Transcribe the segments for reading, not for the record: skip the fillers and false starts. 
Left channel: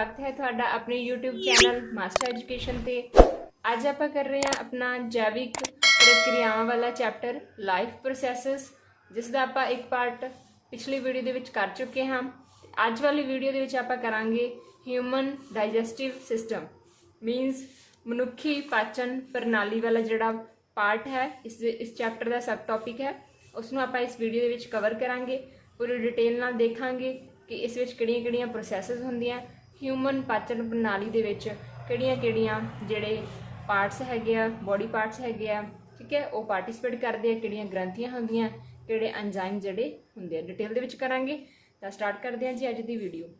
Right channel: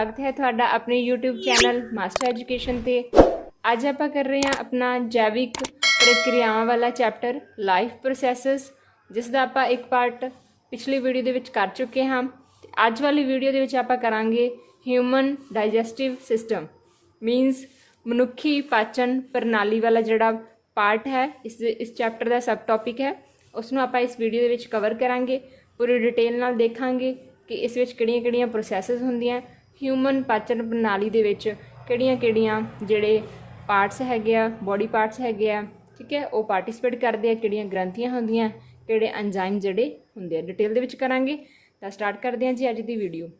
स्वागत है ਤੁਹਾਡਾ ਆਪਣੇ YouTube ਚੈਨਲ ਮਾਸਟਰ ਐਜੂਕੇਸ਼ਨ ਤੇ। ਅੱਜ ਆਪਾਂ ਕਰ ਰਹੇ ਹਾਂ ਆਪਣਾ ਜੈਵਿਕ ਪ੍ਰਕਿਰਿਆਵਾਂ ਵਾਲਾ ਚੈਪਟਰ ਲਾਈਫ ਪ੍ਰੋਸੈਸਸ, ਜਿਸ ਦਾ ਆਪਾਂ ਇੱਕ ਪਾਰਟ ਪਿਛਲੀ ਵੀਡੀਓ ਦੇ ਵਿੱਚ ਕਰ ਚੁੱਕੇ ਹਾਂ। ਅੱਜ ਵਾਲੀ ਵੀਡੀਓ ਦੇ ਵਿੱਚ ਆਪਾਂ ਕਰਾਂਗੇ ਹਿਊਮਨ ਡਾਈਜੈਸਟਿਵ ਸਿਸਟਮ, ਮੀਨਸ ਮਨੁੱਖੀ ਪਾਚਨ ਪ੍ਰਣਾਲੀ ਵਾਲਾ ਜਿਹੜਾ ਪਾर्ट है इस चैप्टर का सब टॉपिक है, उसनों आप इस वीडियो के विच कवर करांगे। पूरी डिटेल नाल देखांगे कि इस विच किहड़ियां-किहड़ियां प्रोसैसिस हुंदियां, ह्यूमन पाचन प्रणाली दे विच किहड़ियां-किहड़ियां जिहड़े पार्ट्स हैगे आ, बॉडी पार्ट्स हैगे आ, ठीक है, वो पार्टिसिपेट करते हैं, किहड़ियां ग्रंथियां हुंदियां, किहड़े एंजाइम जिहड़े हुंदे आ। डिटेल दे विच करांगे। तां स्टार्ट करदे हां जी अज दी वीडियो।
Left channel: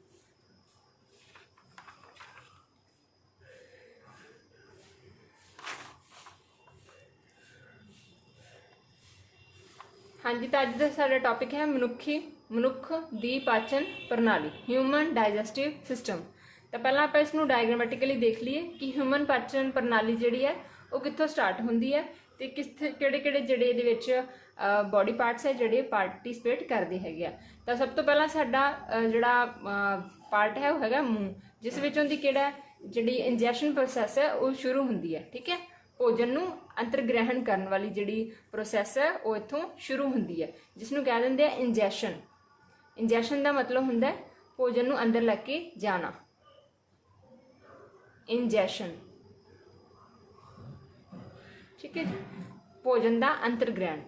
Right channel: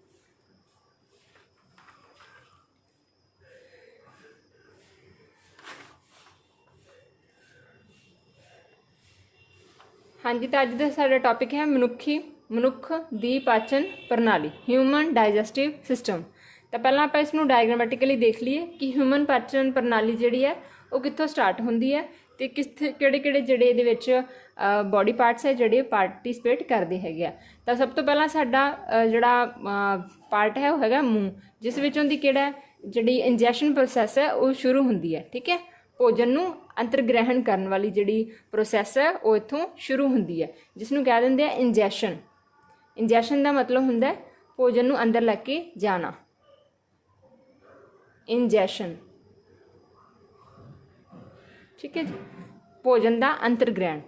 हाँ जी, तो अज का साडा टॉपिक है मनुख दी पाचन प्रणाली, ह्यूमन डाइजैसटिव सिस्टम। तो पहला आप इसनूं डायग्रामेटिकली देख लीए कि ह्यूमन पाचन प्रणाली जिहड़ी है वो कित्थों स्टार्ट हुंदी है ते किहड़े-किहड़े जिहड़े इहदे विच बॉडी पार्ट्स है जिहड़े पार्टिसिपेट करदे हैगे आ। तो सब तो पहला साडा जिहड़ा पार्ट है वो हैगा मूँह, जिस विचों दी किहड़ा जिहड़ी इंजैक्शन प्रोसैस है वो शुरू हुंदी है। ठीक है, भोजन नूं अंतरग्रहण करने वाली जिहड़ी प्रोसैस है वो इत्थों शुरू हुंदी है, जिसनूं कह दिंदे आ इंजैशन। इंजैशन का मतलब हुंदा है भोजन नूं अंदर लैके जाना, इंजैशन। ठीक है जी, भोजन का अंतरग्रहण।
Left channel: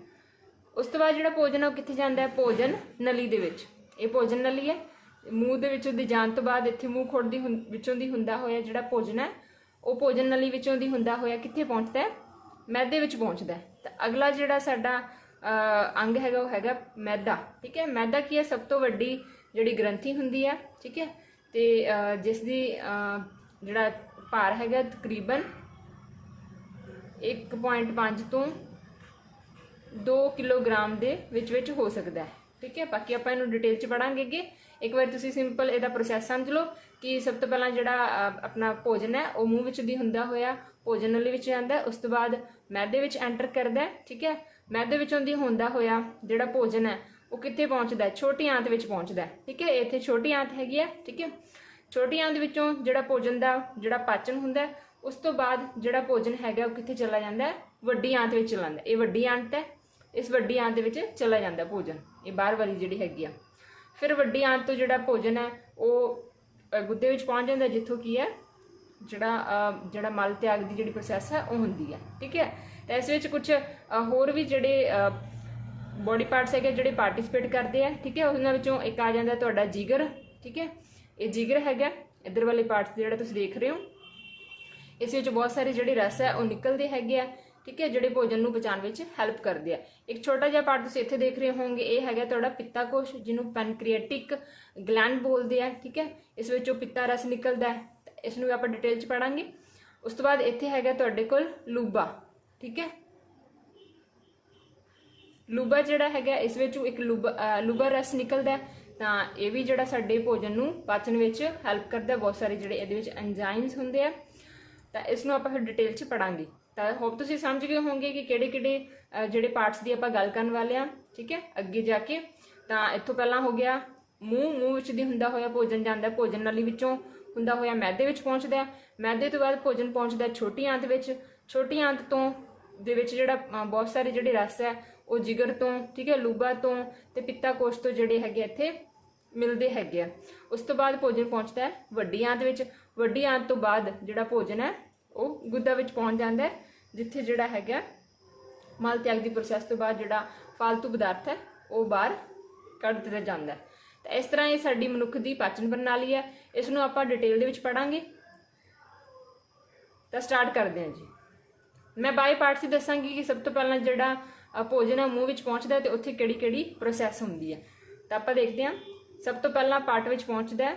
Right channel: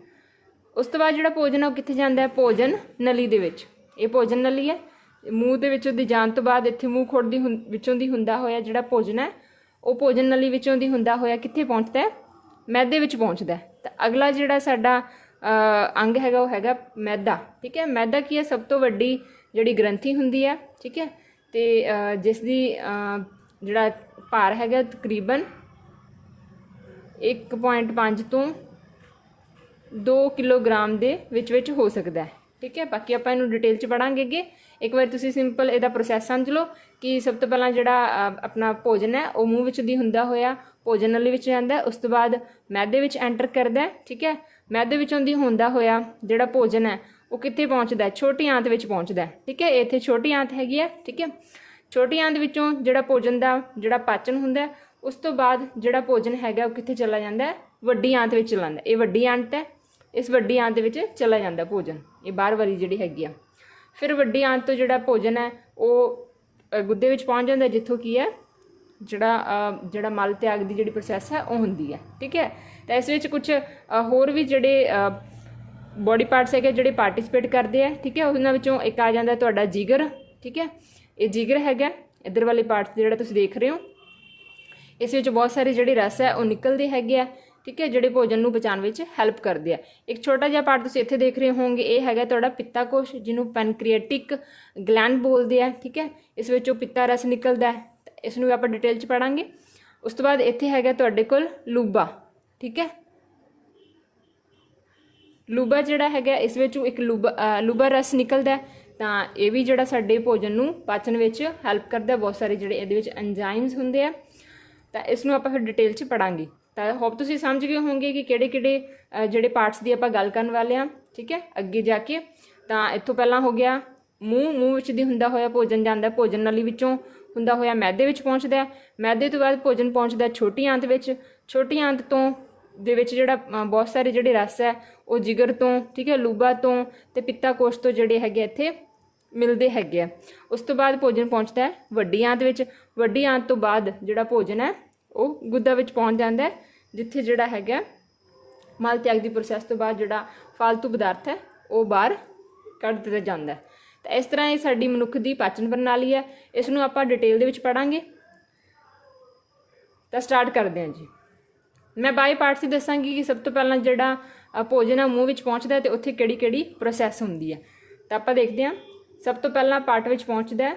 उस तो बाद जिहड़ा भोजन है वो कित्थे जांदा है? भोजन नली दे विच। ये भोजन नली है, मूँह दे विचों दी जाण तो बाद इत्थे मूँह खुर दी विचों दी हुंदा होया जिहड़ा भोजन है वो भोजन नली विचों दी हुंदा होया कित्थे पहुंचदा है? मैदे विच पहुंचदा है। तो अगला जिहड़ा साडा अंग हैगा वो हैगा मैदा। ठीक है, मैदा की है? सब तो वड्डी जिहड़ी ग्रंथि हुंदी है। ठीक है, तो जिस दी जिहड़ा भार हैगा तकरीबन 1.5 तो 2 किलोग्राम दे विच हो सकता है। ठीक है, बाकी आपां इहनूं डिटेल च पढ़ांगे अगे। एक बार तुसीं सिंपल इहदा प्रोसैस समझ लो कि सब तो पहला जिहड़ा अपना भोजन है वो मूँह विच दी हुंदा होया भोजन नली विच जांदा है, उस तो बाद मैदे विच एंटर करदा है। ठीक है, मैदे विचों दी हुंदा होया जिहड़ा भोजन है वो कित्थे पहुंचदा है? छोटी आंत विच पहुंचदा है। ठीक है, इत्थे छोटी आंत हैगी है। ठीक है, छोटी आंत विचों जिहड़ा भोजन दा जिहड़ा पाचन हुंदा है, उस तो बाद जिहड़ा भोजन हैगा वो कित्थे चला जांदा है? वड्डी आंत विच चला जांदा। ये वड्डी आंत है, इस वड्डी आंत विच चला जांदा भोजन, ये बाहर वाली जिहड़ी हैगी आ। फिर वड्डी आंत तो जिहड़ा भोजन है वो गुद्दे विच पहुंच जांदा, जिੱਥੋਂ की है जिहड़ा मल त्याग की जिहड़ी प्रोसैस है वो हुंदी है। ठीक है, तो इस विच कुछ होर भी जिहड़े बॉडी पार्ट्स है जिहड़े पार्टिसिपेट करते हैं। ठीक है, उन्हां विचों एक आ जांदा तुहाडा जिगर। ठीक है, ये जिगर हैगा, इधर वाले पार्ट्स जिहड़ा तुसीं देख रहे हो, इस विच बहुत सारे जिहड़े रस है वो निकलते हैगे आ। ठीक है, जिहड़े भोजन नूं पचाउण विच हैल्प करते हैं। एक छोटा जिहा पार्ट तुसीं इत्थे देख रहे होवोगे, ये हैगा तुहाडा पित्ता कोश, जिन्हों पैनक्रिएटिक ग्लैंड बोलते हैं। ठीक है, इस विचों पित्ता रस निकलता है, इसनूं आपां डिटेल च पढ़ांगे। उस तो बाद इत्थे हैगा तुहाडे कोल लूबा। ठीक है, लूबा जिहड़ा हैगा इस विचों एक लूबा रस निकलता है, तां ये भी जिहड़ा साडे भोजन नूं पाचन विच हैल्प करदा। बहुत सारे जिहड़े इहदे विच एंजाइम्स हुंदे आ, तां इसनूं आपां फिर डिटेल च पढ़ांगे। तो होप तुसीं समझ गए होंगे कि किहड़े-किहड़े जिहड़े पार्ट्स दी आपां गल करन वाले आ। ठीक है, अगे जाके तां इत्थों पहलां हो गया मूँह विच दी हुंदा होया भोजन जांदा, भोजन नली विचों हुंदा होया मैदे विच पहुंचदा है, मैदे तो बाद भोजन पहुंचदा छोटी आंत विच, छोटी आंत तो दे विच जिहड़ा बहुत सारे जिहड़े रस है वो जिगर तो, ठीक है, लूबा तो ते पित्ता कोश तो जिहड़े हैगे इत्थे मिलते हैगे। उस तो बाद भोजन पहुंचता है वड्डी आंत विच, वड्डी आंत तो बाद जिहड़ा भोजन है वो गुद्दा विच पहुंच जांदा है, जिथे जिहड़ा हैगा मल त्याग की प्रोसैस तो बाद जिहड़ा फालतू पदार्थ है वो बाहर कढ़ दित्ता जांदा है। तो इस तरह ये साडी मनुख दी पाचन प्रणाली है, इसनूं आपां डिटेल दे विच पढ़ांगे। तो स्टार्ट करते हैं जी। मैं बाय पार्ट्स ही दसांगी कि सब तो पहला जिहड़ा भोजन है मूँह विच पहुंचदा है तो उत्थे किहड़ी-किहड़ी प्रोसैस हुंदी है। तो आपां देखते हैं, सब तो पहला पार्ट विच पहुंचदा है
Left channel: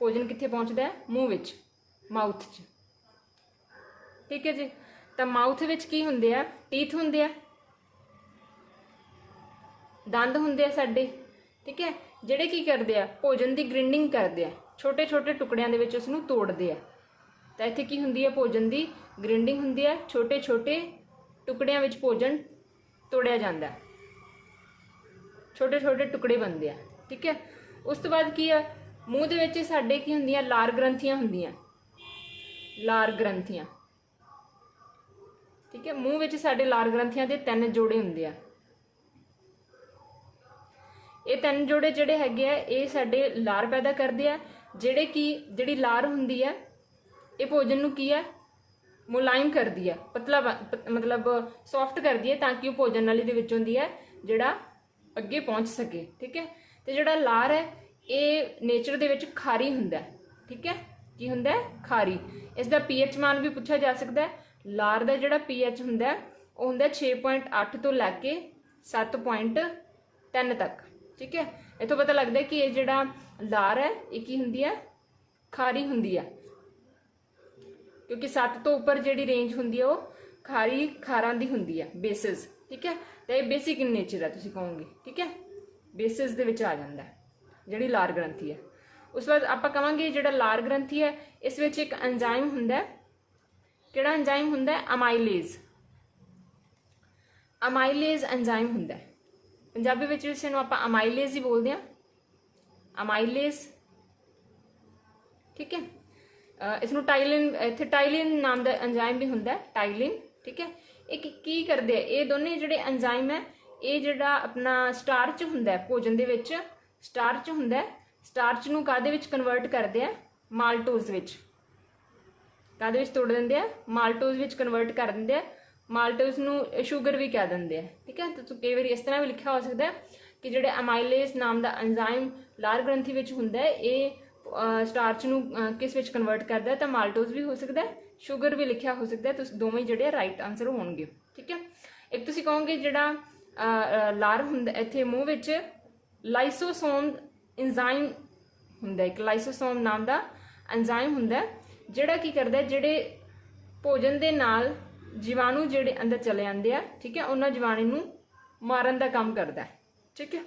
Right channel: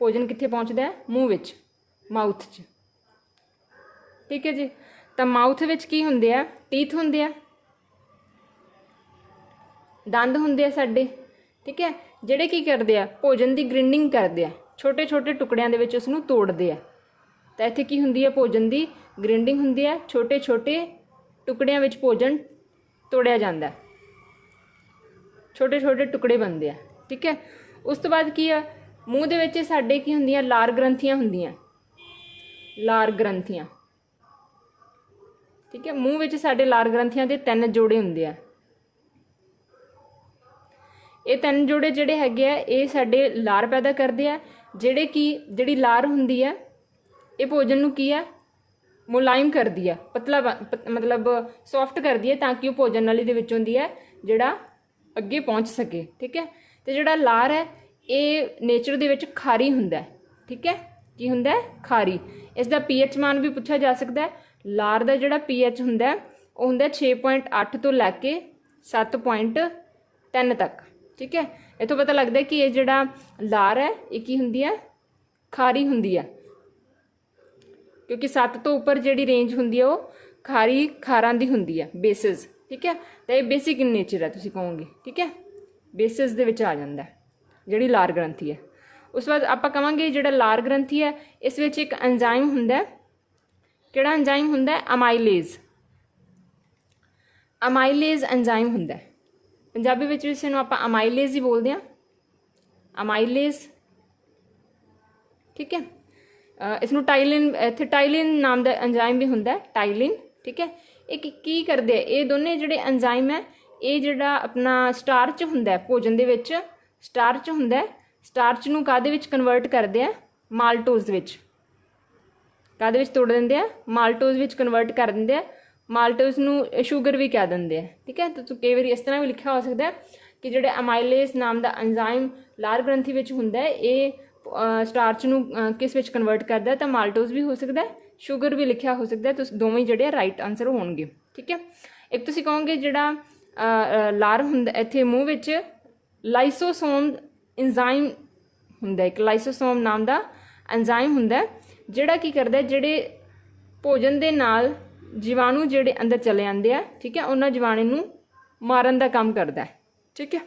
भोजन, कित्थे पहुंचदा है? मूँह विच, माउथ च। ठीक है जी, तो माउथ विच की हुंदे आ? टीथ हुंदे आ, दंद हुंदे आ साडे। ठीक है, जिहड़े की करदे आ? भोजन की ग्रिंडिंग करदे आ, छोटे छोटे टुकड़ियां दे विच उसनूं तोड़दे आ। तो इत्थे की हुंदी है? भोजन की ग्रिंडिंग हुंदी है, छोटे छोटे टुकड़ियां विच भोजन तोड़िया जांदा है, छोटे छोटे टुकड़े बनते हैं। ठीक है, उस तो बाद की है? ਮੂੰਹ ਦੇ ਵਿੱਚ ਸਾਡੇ ਕੀ ਹੁੰਦੀਆਂ, ਲਾਰ ਗ੍ਰੰਥੀਆਂ ਹੁੰਦੀਆਂ, ਲਾਰ ਗ੍ਰੰਥੀਆਂ। ਠੀਕ ਹੈ, ਮੂੰਹ ਵਿੱਚ ਸਾਡੇ ਲਾਰ ਗ੍ਰੰਥੀਆਂ ਦੇ 3 ਜੋੜੇ ਹੁੰਦੇ ਆ। ਇਹ 3 ਜੋੜੇ ਜਿਹੜੇ ਹੈਗੇ ਆ ਇਹ ਸਾਡੇ ਲਾਰ ਪੈਦਾ ਕਰਦੇ ਆ, ਜਿਹੜੀ ਲਾਰ ਹੁੰਦੀ ਹੈ ਇਹ ਭੋਜਨ ਨੂੰ ਕੀ ਹੈ, ਮੁਲਾਇਮ ਕਰਦੀ ਹੈ, ਪਤਲਾ ਮਤਲਬ ਸੌਫਟ ਕਰਦੀ ਹੈ, ਤਾਂ ਕਿ ਉਹ ਭੋਜਨ ਨਲੀ ਦੇ ਵਿੱਚੋਂ ਦੀ ਹੈ ਜਿਹੜਾ ਅੱਗੇ ਪਹੁੰਚ ਸਕੇ। ਠੀਕ ਹੈ, ਤੇ ਜਿਹੜਾ ਲਾਰ ਹੈ ਇਹ ਨੇਚਰ ਦੇ ਵਿੱਚ ਖਾਰੀ ਹੁੰਦਾ। ਠੀਕ ਹੈ, ਕੀ ਹੁੰਦਾ, ਖਾਰੀ। ਇਸ ਦਾ ਪੀਐਚ ਮਾਨ ਵੀ ਪੁੱਛਿਆ ਜਾ ਸਕਦਾ ਹੈ। ਲਾਰ ਦਾ ਜਿਹੜਾ ਪੀਐਚ ਹੁੰਦਾ ਉਹ ਹੁੰਦਾ 6.8 ਤੋਂ ਲੈ ਕੇ 7.3 ਤੱਕ। ਠੀਕ ਹੈ, ਇੱਥੋਂ ਪਤਾ ਲੱਗਦਾ ਕਿ ਇਹ ਜਿਹੜਾ ਲਾਰ ਹੈ ਇਹ ਕੀ ਹੁੰਦੀ ਹੈ, ਖਾਰੀ ਹੁੰਦੀ ਹੈ, ਕਿਉਂਕਿ 7 ਤੋਂ ਉੱਪਰ ਜਿਹੜੀ ਰੇਂਜ ਹੁੰਦੀ ਹੈ ਉਹ ਖਾਰਾਂ ਦੀ ਹੁੰਦੀ ਹੈ, ਬੇਸਿਸ। ਠੀਕ ਹੈ, ਤਾਂ ਇਹ ਬੇਸਿਕ ਇਨ ਨੇਚਰ ਹੈ ਤੁਸੀਂ ਕਹੋਗੇ। ਠੀਕ ਹੈ, ਬੇਸਿਸ ਦੇ ਵਿੱਚ ਆ ਜਾਂਦਾ ਜਿਹੜੀ ਲਾਰ ਗ੍ਰੰਥੀ ਹੈ। ਉਸ ਤੋਂ ਬਾਅਦ ਆਪਾਂ ਕਹਾਂਗੇ ਜਿਹੜਾ ਲਾਰ ਗ੍ਰੰਥੀ ਹੈ ਇਸ ਵਿੱਚ ਇੱਕ ਐਂਜ਼ਾਈਮ ਹੁੰਦਾ। ਕਿਹੜਾ ਐਂਜ਼ਾਈਮ ਹੁੰਦਾ, ਅਮਾਈਲੇਜ਼। ਅਮਾਈਲੇਜ਼ ਐਂਜ਼ਾਈਮ ਹੁੰਦਾ। ਪੰਜਾਬੀ ਵਿੱਚ ਇਸ ਨੂੰ ਆਪਾਂ ਅਮਾਈਲੇਜ਼ ਹੀ ਬੋਲਦੇ ਹਾਂ, ਅਮਾਈਲੇਜ਼। ਠੀਕ ਹੈ, ਇਸ ਨੂੰ ਟਾਈਲਿਨ, ਇੱਥੇ ਟਾਈਲਿਨ ਨਾਮ ਦਾ ਐਂਜ਼ਾਈਮ ਵੀ ਹੁੰਦਾ, ਟਾਈਲਿਨ। ਠੀਕ ਹੈ, ਇਹ ਕੀ ਕਰਦੇ, ਇਹ ਦੋਨੇ ਜਿਹੜੇ ਐਂਜ਼ਾਈਮ ਹੈ ਇਹ ਜਿਹੜਾ ਆਪਣਾ ਸਟਾਰਚ ਹੁੰਦਾ ਭੋਜਨ ਦੇ ਵਿੱਚ, ਸਟਾਰਚ ਹੁੰਦਾ, ਸਟਾਰਚ ਨੂੰ ਕਾਹਦੇ ਵਿੱਚ ਕਨਵਰਟ ਕਰਦੇ ਆ, ਮਾਲਟੋਜ਼ ਵਿੱਚ। ਕਾਹਦੇ ਵਿੱਚ ਤੋੜ ਦਿੰਦੇ ਆ, ਮਾਲਟੋਜ਼ ਵਿੱਚ ਕਨਵਰਟ ਕਰ ਦਿੰਦੇ ਆ। ਮਾਲਟੋਜ਼ ਨੂੰ ਸ਼ੂਗਰ ਵੀ ਕਹਿ ਦਿੰਦੇ ਆ। ਠੀਕ ਹੈ, ਤਾਂ ਕਈ ਵਾਰੀ ਇਸ ਤਰ੍ਹਾਂ ਵੀ ਲਿਖਿਆ ਹੋ ਸਕਦਾ ਕਿ ਜਿਹੜੇ ਅਮਾਈਲੇਜ਼ ਨਾਮ ਦਾ ਐਂਜ਼ਾਈਮ ਲਾਰ ਗ੍ਰੰਥੀ ਵਿੱਚ ਹੁੰਦਾ ਇਹ ਸਟਾਰਚ ਨੂੰ ਕਿਸ ਵਿੱਚ ਕਨਵਰਟ ਕਰਦਾ, ਤਾਂ ਮਾਲਟੋਜ਼ ਵੀ ਹੋ ਸਕਦਾ, ਸ਼ੂਗਰ ਵੀ ਲਿਖਿਆ ਹੋ ਸਕਦਾ। ਤੁਸੀਂ ਦੋਵੇਂ ਜਿਹੜੇ ਰਾਈਟ ਆਨਸਰ ਹੋਣਗੇ। ਠੀਕ ਹੈ, ਇੱਕ ਤੁਸੀਂ ਕਹੋਗੇ ਜਿਹੜਾ ਲਾਰ ਹੁੰਦਾ ਇੱਥੇ ਮੂੰਹ ਵਿੱਚ ਲਾਈਸੋਸੋਮ ਐਂਜ਼ਾਈਮ ਹੁੰਦਾ, ਇੱਕ ਲਾਈਸੋਸੋਮ ਨਾਮ ਦਾ ਐਂਜ਼ਾਈਮ ਹੁੰਦਾ ਜਿਹੜਾ ਕੀ ਕਰਦਾ, ਜਿਹੜੇ ਭੋਜਨ ਦੇ ਨਾਲ ਜੀਵਾਣੂ ਜਿਹੜੇ ਅੰਦਰ ਚਲੇ ਜਾਂਦੇ ਆ। ਠੀਕ ਹੈ, ਉਹਨਾਂ ਜੀਵਾਣੂ ਨੂੰ ਮਾਰਨ ਦਾ ਕੰਮ ਕਰਦਾ। ਠੀਕ ਹੈ,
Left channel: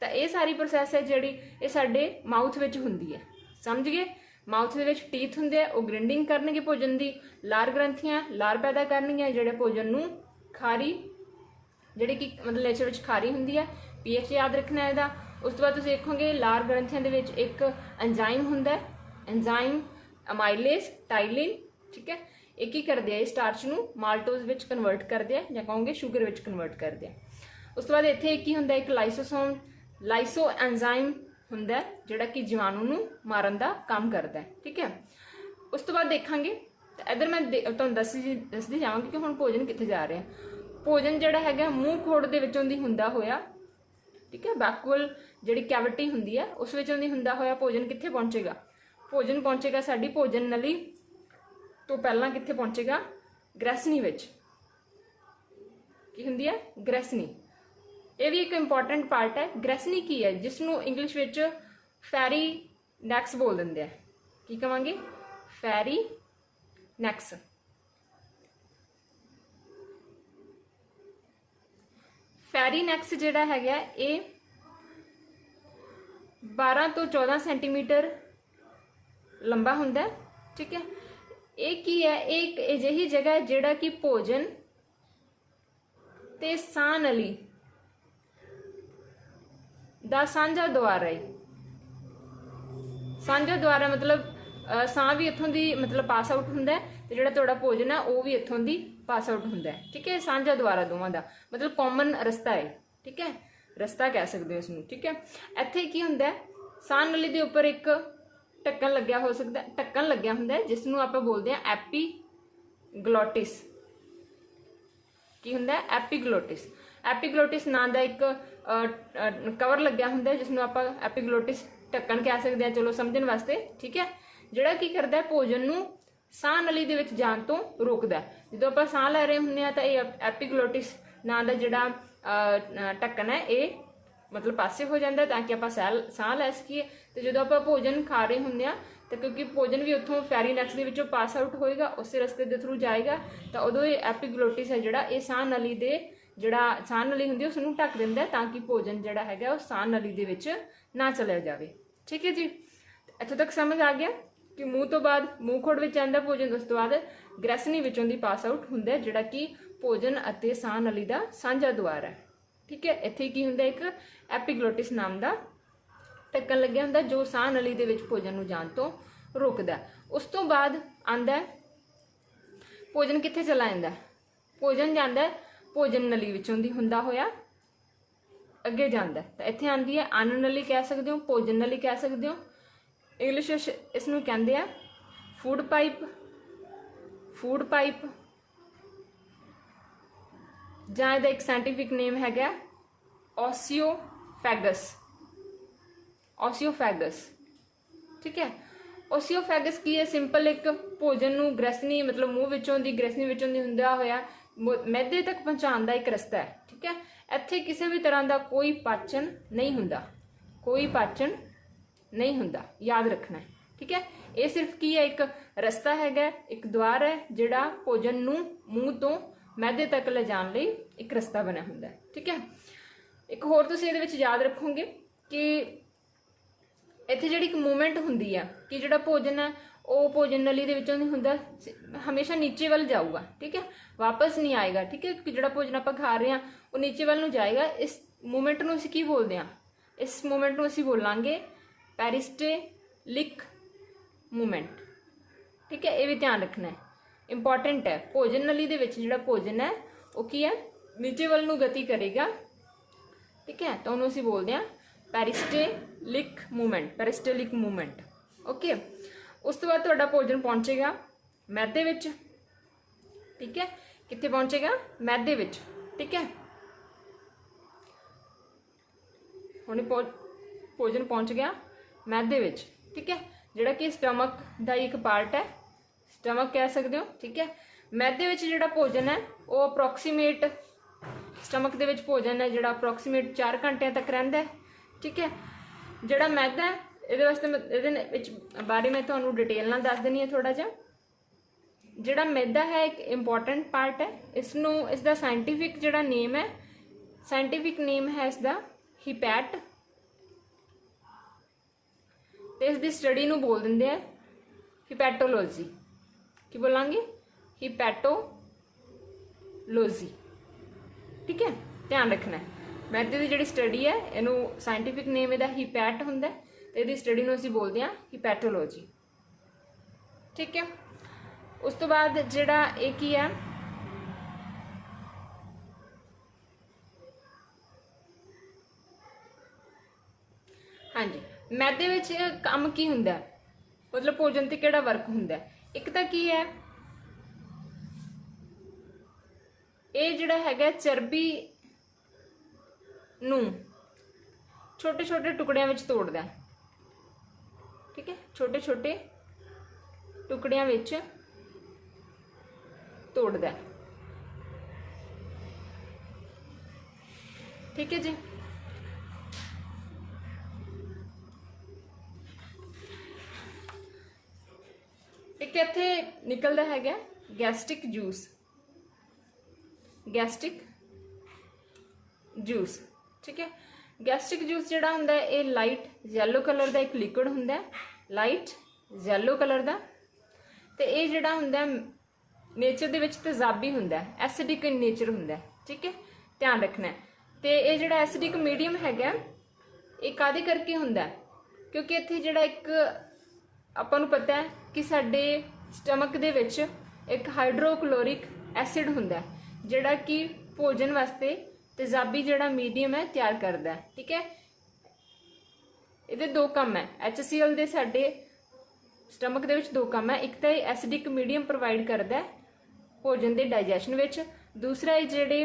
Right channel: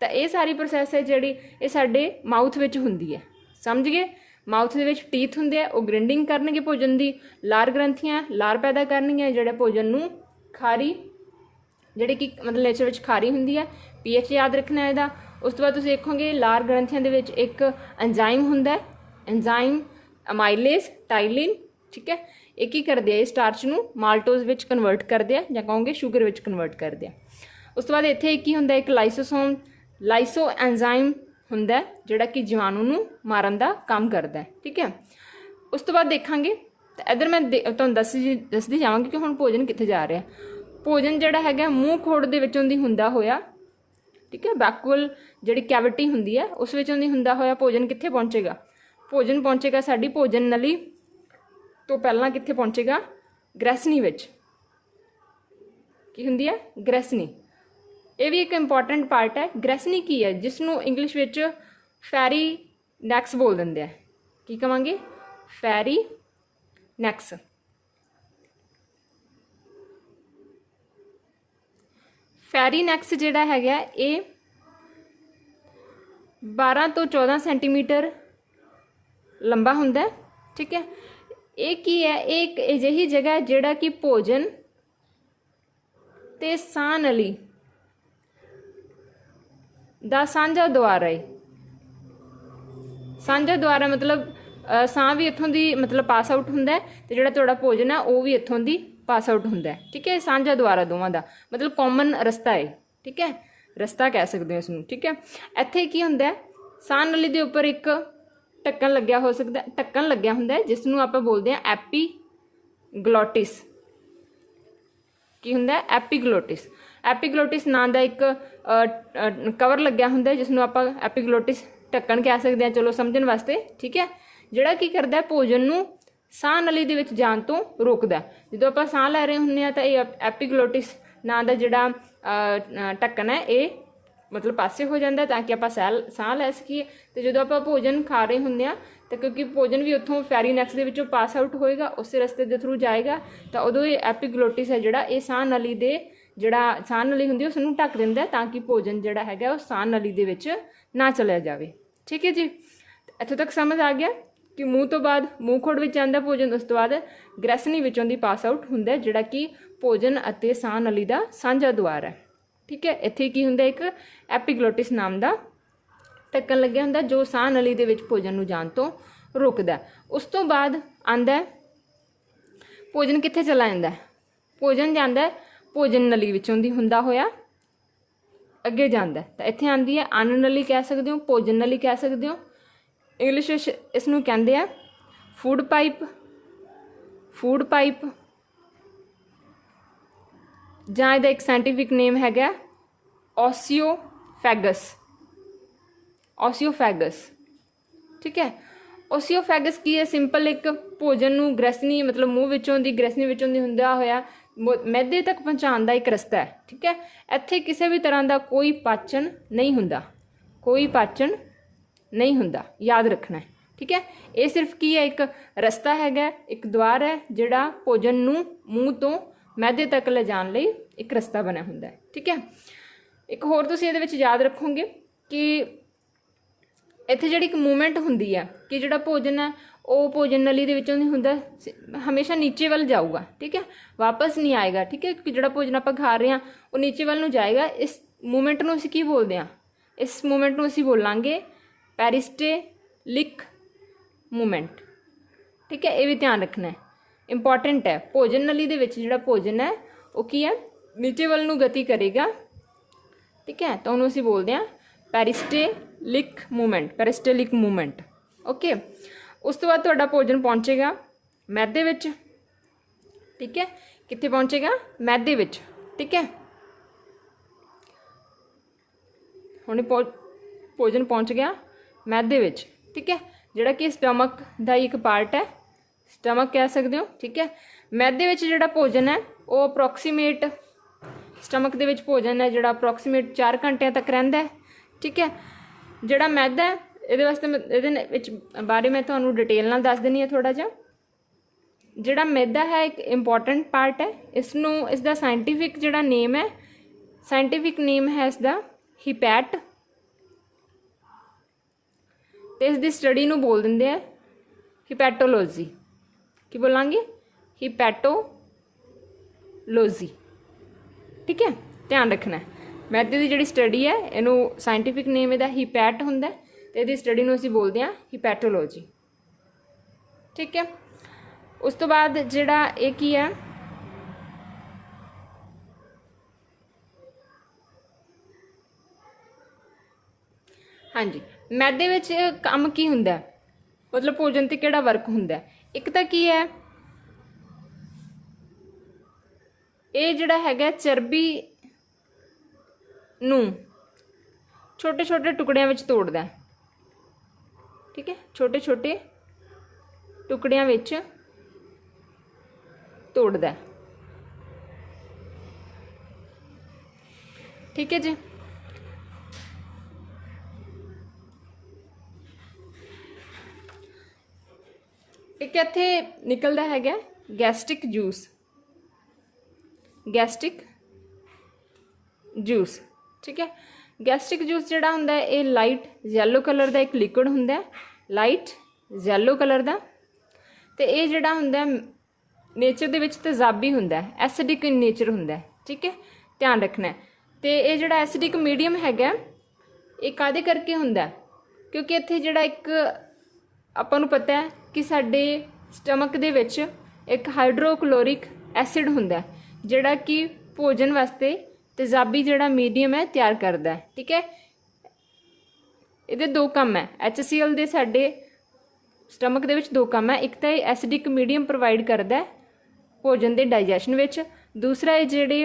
ਤਾਂ ਇਹ ਸਾਰੀ ਪ੍ਰੋਸੈਸ ਹੈ ਜਿਹੜੀ ਇਹ ਸਾਡੇ ਮਾਊਥ ਵਿੱਚ ਹੁੰਦੀ ਹੈ। ਸਮਝ ਗਏ, ਮਾਊਥ ਦੇ ਵਿੱਚ ਟੀਥ ਹੁੰਦੇ ਆ, ਉਹ ਗ੍ਰਿੰਡਿੰਗ ਕਰਨਗੇ ਭੋਜਨ ਦੀ। ਲਾਰ ਗ੍ਰੰਥੀਆਂ ਲਾਰ ਪੈਦਾ ਕਰਨਗੀਆਂ ਜਿਹੜੇ ਭੋਜਨ ਨੂੰ ਖਾਰੀ, ਜਿਹੜੇ ਕਿ ਮਤਲਬ ਨੇਚਰ ਵਿੱਚ ਖਾਰੀ ਹੁੰਦੀ ਹੈ। ਪੀਐਚ ਯਾਦ ਰੱਖਣਾ ਇਹਦਾ। ਉਸ ਤੋਂ ਬਾਅਦ ਤੁਸੀਂ ਦੇਖੋਗੇ ਲਾਰ ਗ੍ਰੰਥੀਆਂ ਦੇ ਵਿੱਚ ਇੱਕ ਐਂਜ਼ਾਈਮ ਹੁੰਦਾ, ਐਂਜ਼ਾਈਮ ਅਮਾਈਲੇਜ਼, ਟਾਈਲਿਨ। ਠੀਕ ਹੈ, ਇਹ ਕੀ ਕਰਦੇ ਆ, ਇਹ ਸਟਾਰਚ ਨੂੰ ਮਾਲਟੋਜ਼ ਵਿੱਚ ਕਨਵਰਟ ਕਰਦੇ ਆ, ਜਾਂ ਕਹੋਗੇ ਸ਼ੂਗਰ ਵਿੱਚ ਕਨਵਰਟ ਕਰਦੇ ਆ। ਉਸ ਤੋਂ ਬਾਅਦ ਇੱਥੇ ਕੀ ਹੁੰਦਾ, ਇੱਕ ਲਾਈਸੋਸੋਮ, ਲਾਈਸੋ ਐਂਜ਼ਾਈਮ ਹੁੰਦਾ ਜਿਹੜਾ ਕਿ ਜੀਵਾਣੂ ਨੂੰ ਮਾਰਨ ਦਾ ਕੰਮ ਕਰਦਾ ਹੈ। ਠੀਕ ਹੈ, ਉਸ ਤੋਂ ਬਾਅਦ ਦੇਖਾਂਗੇ ਤਾਂ ਇੱਧਰ ਮੈਂ ਤੁਹਾਨੂੰ ਦੱਸਦੀ ਜਾਵਾਂਗੀ ਕਿ ਹੁਣ ਭੋਜਨ ਕਿੱਥੇ ਜਾ ਰਿਹਾ। ਭੋਜਨ ਜਿਹੜਾ ਹੈਗਾ ਮੂੰਹ ਖੋੜ ਦੇ ਵਿੱਚੋਂ ਦੀ ਹੁੰਦਾ ਹੋਇਆ, ਠੀਕ ਹੈ, ਬੈਕੂਅਲ ਜਿਹੜੀ ਕੈਵਿਟੀ ਹੁੰਦੀ ਹੈ ਉਸ ਵਿੱਚੋਂ ਦੀ ਹੁੰਦਾ ਹੋਇਆ ਭੋਜਨ ਕਿੱਥੇ ਪਹੁੰਚੇਗਾ, ਭੋਜਨ ਪਹੁੰਚੇਗਾ ਸਾਡੀ ਭੋਜਨ ਨਲੀ ਤੋਂ ਪਹਿਲਾਂ ਕਿੱਥੇ ਪਹੁੰਚੇਗਾ, ਗ੍ਰੈਸਨੀ ਵਿੱਚ। ਕੀ ਹੁੰਦੀ ਹੈ, ਗ੍ਰੈਸਨੀ। ਇਹ ਵੀ ਇੱਕ ਇੰਪੋਰਟੈਂਟ ਪਾਰਟ ਹੈ। ਗ੍ਰੈਸਨੀ ਕੀ ਹੈ, ਜਿਸ ਨੂੰ ਇੰਗਲਿਸ਼ ਵਿੱਚ ਫੈਰੀ ਨੈਕਸ ਬੋਲ ਦਿੰਦੇ ਆ। ਕੀ ਕਹਾਂਗੇ, ਫੈਰੀ ਨੈਕਸ। ਫੈਰੀ ਨੈਕਸ ਜਿਹੜਾ ਹੈਗਾ ਇਹ 12 ਤੋਂ 14 ਸੈਂਟੀਮੀਟਰ ਲੰਬਾ ਹੁੰਦਾ। ਠੀਕ ਹੈ, ਇਹ ਕੀ ਹੈ, ਇਹ ਇੱਕ ਅਜਿਹੀ ਜਗ੍ਹਾ ਹੈ ਜਿਹੜਾ ਕਿ ਭੋਜਨ ਤੇ ਸਾਹ ਨਲੀ ਦਾ ਸਾਂਝਾ ਦੁਆਰ ਹੈ। ਸਾਂਝਾ ਦੁਆਰ ਮਤਲਬ ਸਾਹ ਵੀ ਇੱਥੋਂ ਦੀ ਮਤਲਬ ਪਾਸ ਆਊਟ ਹੁੰਦਾ ਤੇ ਜਿਹੜਾ ਤੁਹਾਡਾ ਭੋਜਨ ਹੈ ਉਹ ਵੀ ਇੱਥੋਂ ਦੀ ਪਾਸ ਆਊਟ ਹੁੰਦਾ। ਠੀਕ ਹੈ, ਸਾਂਝਾ ਦੁਆਰਾ ਦੋਵਾਂ ਦਾ ਮਤਲਬ ਕਾਮਨ ਰਸਤਾ ਹੈ। ਠੀਕ ਹੈ, ਰਸਤਾ ਕਹਿ ਸਕਦੇ ਹੋ ਇਸ ਨੂੰ। ਠੀਕ ਹੈ, ਇੱਥੇ ਕੀ ਹੁੰਦਾ, ਸਾਹ ਨਲੀ ਦੇ ਉੱਪਰ ਇੱਕ ਢੱਕਣ ਲੱਗਿਆ ਹੋ ਸਕਦਾ, ਢੱਕਣ ਲੱਗਿਆ ਹੁੰਦਾ ਜਿਸ ਨੂੰ ਆਪਾਂ ਬੋਲਦੇ ਹਾਂ ਐਪੀਗਲੋਟਿਸ। ਕੀ ਹੁੰਦਾ, ਐਪੀਗਲੋਟਿਸ। ਐਪੀਗਲੋਟਿਸ ਨਾਂ ਦਾ ਇੱਕ ਕਵਰ ਲੱਗਿਆ ਹੁੰਦਾ ਜਿਸ ਨੂੰ ਆਪਾਂ ਐਪੀਗਲੋਟਿਸ ਢੱਕਣ ਕਹਿ ਸਕਦੇ ਹਾਂ, ਚਲੋ ਸਮਝਣ ਵਾਸਤੇ। ਠੀਕ ਹੈ, ਜਿਹੜਾ ਕੀ ਕਰਦਾ ਭੋਜਨ ਨੂੰ ਸਾਹ ਨਲੀ ਦੇ ਵਿੱਚ ਜਾਣ ਤੋਂ ਰੋਕਦਾ। ਜਦੋਂ ਆਪਾਂ ਸਾਹ ਲੈ ਰਹੇ ਹੁੰਦੇ ਹਾਂ ਤਾਂ ਇਹ ਐਪੀਗਲੋਟਿਸ ਨਾਂ ਦਾ ਜਿਹੜਾ ਢੱਕਣ ਹੈ ਇਹ ਮਤਲਬ ਪਾਸੇ ਹੋ ਜਾਂਦਾ ਤਾਂ ਕਿ ਆਪਾਂ ਸਾਹ ਲੈ ਸਕੀਏ। ਤੇ ਜਦੋਂ ਆਪਾਂ ਭੋਜਨ ਖਾ ਰਹੇ ਹੁੰਦੇ ਆ ਤਾਂ ਕਿਉਂਕਿ ਭੋਜਨ ਵੀ ਉੱਥੋਂ ਫੈਰੀਨੈਕਸ ਦੇ ਵਿੱਚੋਂ ਪਾਸ ਆਊਟ ਹੋਏਗਾ, ਉਸੇ ਰਸਤੇ ਦੇ ਥਰੂ ਜਾਏਗਾ, ਤਾਂ ਉਦੋਂ ਇਹ ਐਪੀਗਲੋਟਿਸ ਹੈ ਜਿਹੜਾ ਇਹ ਸਾਹ ਨਲੀ ਦੇ ਜਿਹੜਾ ਸਾਹ ਨਲੀ ਹੁੰਦੀ ਉਸ ਨੂੰ ਢੱਕ ਦਿੰਦਾ ਤਾਂ ਕਿ ਭੋਜਨ ਜਿਹੜਾ ਹੈਗਾ ਉਹ ਸਾਹ ਨਲੀ ਦੇ ਵਿੱਚ ਨਾ ਚਲਿਆ ਜਾਵੇ। ਠੀਕ ਹੈ ਜੀ, ਇੱਥੋਂ ਤੱਕ ਸਮਝ ਆ ਗਿਆ ਕਿ ਮੂੰਹ ਤੋਂ ਬਾਅਦ ਮੂੰਹ ਖੋੜ ਵਿੱਚ ਆਉਂਦਾ ਭੋਜਨ, ਉਸ ਤੋਂ ਬਾਅਦ ਗ੍ਰੈਸਨੀ ਵਿੱਚੋਂ ਦੀ ਪਾਸ ਆਊਟ ਹੁੰਦਾ ਜਿਹੜਾ ਕਿ ਭੋਜਨ ਅਤੇ ਸਾਹ ਨਲੀ ਦਾ ਸਾਂਝਾ ਦੁਆਰ ਹੈ। ਠੀਕ ਹੈ, ਇੱਥੇ ਕੀ ਹੁੰਦਾ, ਇੱਕ ਐਪੀਗਲੋਟਿਸ ਨਾਮ ਦਾ ढक्कन लग्या हुंदा जो साह नली दे विच भोजन नूं जाण तो रोकदा। उस तो बाद आंदा भोजन कित्थे चला जांदा है? भोजन जांदा है भोजन नली विचों दी हुंदा होया अगे जांदा है। तो इत्थे आंदी है अन्न नली कह सकदे हो, भोजन नली कह सकदे हो। इंग्लिश इस नूं कहंदे आ फूड पाइप जां इहदा एक साइंटिफिक नेम हैगा ओसियोफैगस। ठीक है, ओसियोफैगस की है? सिंपल एक भोजन नूं ग्रैसनी मतलब मूँह विचों दी ग्रैसनी विचों दी हुंदा होया मैदे तक पहुँचाउण दा एक रस्ता है। ठीक है, इत्थे किसी भी तरह का कोई पाचन नहीं हुंदा, याद रखना है। ठीक है, ये सिर्फ की है एक रस्ता हैगा, एक द्वार है जिहड़ा भोजन नूं मूँह तो मैदे तक ले जाण लई एक रस्ता बनिया हुंदा है। ठीक है, एक होर तुसीं इहदे विच याद रखोगे कि इत्थे जिहड़ी एक मूवमेंट हुंदी है कि जिहड़ा भोजन है वो भोजन नली दे विचों नहीं हुंदा, हमेशा नीचे वाल जाऊगा। ठीक है, वापस नहीं आएगा। ठीक है, कि जिहड़ा भोजन आपां खा रहे हैं वो नीचे वाल नूं जाएगा। इस मूवमेंट नूं असीं की बोलदे हां? इस मूवमेंट नूं असीं बोलांगे पेरिस्टेलिक मूवमेंट। ठीक है, ये भी ध्यान रखना है, इंपॉर्टेंट है। भोजन नली दे विच जिहड़ा भोजन है वो की है नीचे वाल नूं गति करेगा। ठीक है, तो उन्होंने असीं बोलते हैं पेरिस्टेलिक मूवमेंट। ओके, उस तो बाद तुहाडा भोजन पहुँचेगा मैदे विच। ठीक है, कित्थे पहुँचेगा? मैदे विच। ठीक है, हुण भोजन पहुँच गया मैदे विच। ठीक है, जिहड़ा कि स्टमक दा एक पार्ट है, स्टमक कह सकते हो। ठीक है, मैदे विच जिहड़ा भोजन है वो अप्रोक्सीमेट स्टमक दे विच भोजन है जिहड़ा अप्रोक्सीमेट 4 घंटिਆਂ तक रहिंदा है। ठीक है, जिहड़ा मैदा है इहदे वास्ते इहदे विच बारे मैं तुहानूं डिटेल नाल दस दिंदी हां थोड़ा जिहा। जिहड़ा मैदा है एक इंपॉर्टेंट पार्ट है। इसदा साइंटिफिक जिहड़ा नेम है, इसदा हिपैट, ते इसदी स्टडी नूं बोल दिंदे आ हिपैटोलॉजी। की बोलांगे? हिपैटोलॉजी। ठीक है, ध्यान रखना है। मैदे की जिहड़ी स्टडी है इनू साइंटिफिक नेम इहदा हिपैट हुंदा है ते इहदी स्टडी नूं असीं बोलदे हां हिपैटोलॉजी। ठीक है, उस तो बाद जिहड़ा ये की है हाँ जी, मैदे विच काम की हुंदा है, मतलब भोजन ते किहड़ा वर्क हुंदा है? एक तां की है ये जिहड़ा हैगा चर्बी नूं छोटे छोटे टुकड़ियां विच तोड़दा है। ठीक है, छोटे छोटे टुकड़ियां विच तोड़दा है। ठीक है जी, एक इत्थे निकलदा हैगा गैस्ट्रिक जूस। ठीक है, गैस्ट्रिक जूस जिहड़ा हुंदा है ये लाइट येलो कलर का एक लिक्विड हुंदा है, लाइट येलो कलर का। ते ये जिहड़ा हुंदा है नेचर दे विच तेजाबी हुंदा है, एसिडिक इन नेचर हुंदा है। ठीक है, ध्यान रखना है। तो ये जिहड़ा एसिडिक मीडियम हैगा ये काहदे करके हुंदा है? क्योंकि इत्थे जिहड़ा एक आपां नूं पता है कि साडे स्टमक दे विच एक हाइड्रोक्लोरिक एसिड हुंदा है जिहड़ा कि भोजन वास्ते तेजाबी जिहड़ा मीडियम है तैयार करदा है। ठीक है, इहदे दो काम है, HCl दे साडे स्टमक दे विच दो काम है। एक तो एसिडिक मीडियम प्रोवाइड करदा है भोजन के डाइजैशन विच, दूसरा ये जिहड़े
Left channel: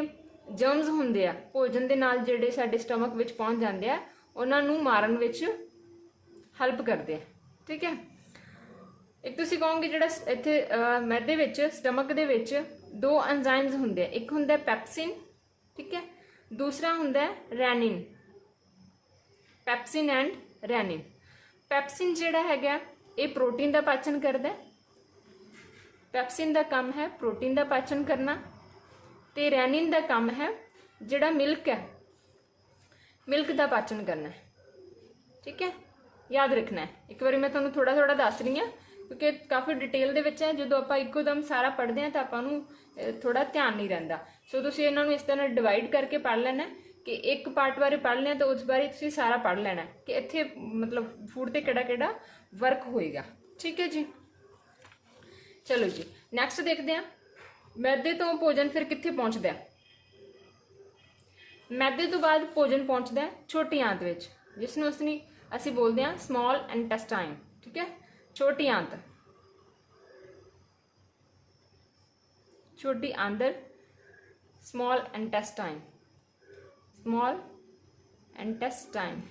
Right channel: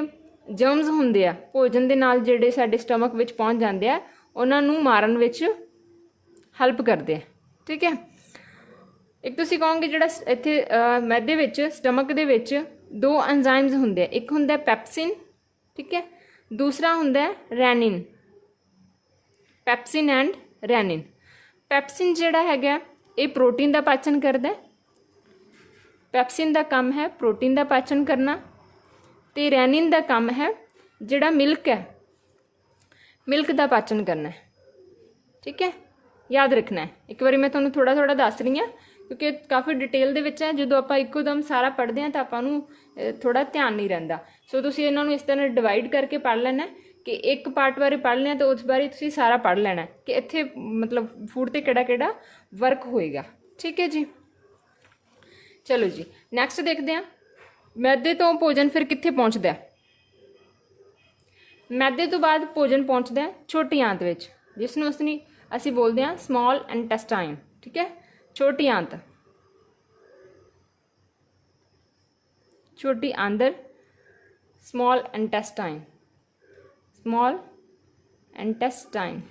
जर्म्स हुंदे आ भोजन दे नाल जिहड़े साडे स्टमक विच पहुंच जांदे आ उन्हां नूं मारन विच हैल्प करदे आ। ठीक है, एक तुसीं कहोगे जिहड़ा इत्थे मैदे विच स्टमक दे विच दो एंजाइम्स हुंदे आ, एक हुंदा पैप्सिन, ठीक है, दूसरा हुंदा rennin, pepsin and rennin. Pepsin जिहड़ा हैगा ये प्रोटीन का पाचन करदा है, पैप्सिन का काम है प्रोटीन का पाचन करना, तो रेनिन का काम है जिहड़ा मिल्क है मिल्क का पाचन करना है। ठीक है, याद रखना है। एक बार मैं तुहानूं थोड़ा थोड़ा दस रही हाँ क्योंकि काफ़ी डिटेल दे विच है, जो आप इकोदम सारा पढ़ते हैं तो आपां नूं थोड़ा ध्यान नहीं रहिंदा। सो तुसीं इन्हां नूं इस तरह डिवाइड करके पढ़ लेना कि एक पार्ट बारे पढ़ लिया तो उस बारे तुसीं सारा पढ़ लेना कि इत्थे मतलब फूड ते किहड़ा वर्क होएगा। ठीक है जी। चलो जी नैक्सट देखते हैं, मैदे तो भोजन फिर कित्थे पहुँचता है। मैदे तो बाद भोजन पहुँचता है छोटी आंत विच, जिसनूं ਅਸੀਂ बोलते हैं स्मॉल इंटेस्टाइन। ठीक है, छोटी आंत, छोटी आंदर, स्मॉल इंटेस्टाइन, स्मॉल इंटेस्टाइन।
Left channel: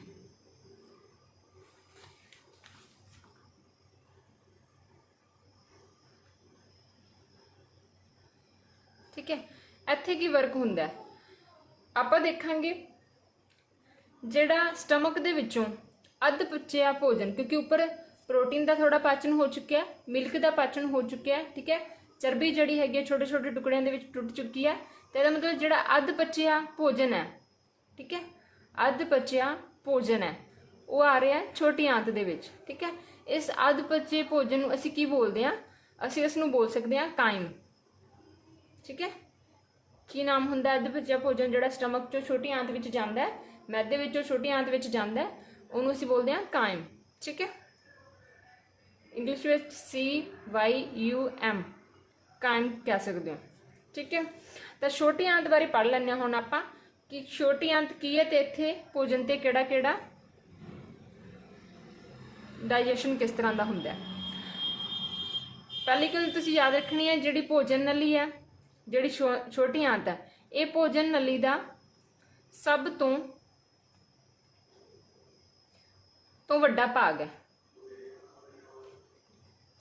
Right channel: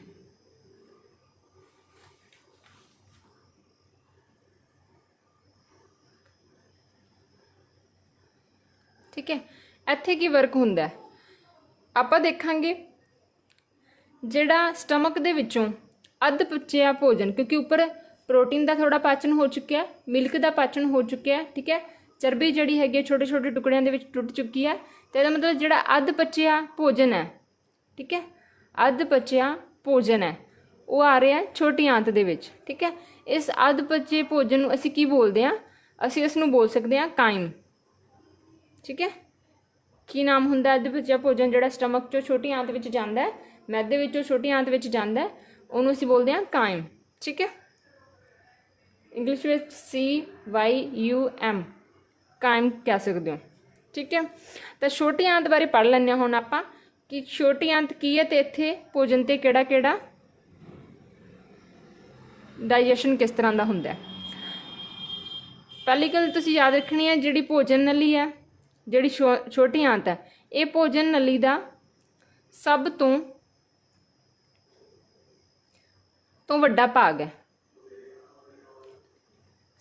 ठीक है, ਇੱਥੇ ਕੀ ਵਰਕ ਹੁੰਦਾ ਹੈ ਆਪਾਂ ਦੇਖਾਂਗੇ। ਜਿਹੜਾ ਸਟਮਕ ਦੇ ਵਿੱਚੋਂ ਅੱਧ ਪਚਿਆ ਭੋਜਨ, ਕਿਉਂਕਿ ਉੱਪਰ प्रोटीन का थोड़ा पाचन हो चुका है, मिल्क का पाचन हो चुका है। ठीक है, चर्बी जी हैगी छोटे छोटे टुकड़िया के टुट चुकी है, तो यह मतलब जो अध पचिया भोजन है, ठीक है, अध पचिया भोजन है वो आ रहा है छोटी आंत दे विच। ठीक है, इस अध पचे भोजन नूं असीं की बोलते हैं, असीं इसनूं बोल सकते हैं काइम। ठीक है, की नाम हुंदा अध पचिया भोजन जिहड़ा स्टमक चों छोटी आंत विच जांदा है, मैदे विचों छोटी आंत विच जांदा है, उहनूं असीं बोलते हैं काइम। ठीक है, इंग्लिश में CYUM कायम कह सकते हो। ठीक है, तो छोटी आंत बारे पढ़ लें हुण आपां कि छोटी आंत की है, तो इत्थे भोजन ते किहड़ा किहड़ा डाइजेशन किस तरह का हुंदा है। पहली गल तुसीं याद रखनी है, जिहड़ी भोजन नली है, जिहड़ी छोटी आंत है, ये भोजन नली का सब तो वड्डा भाग है,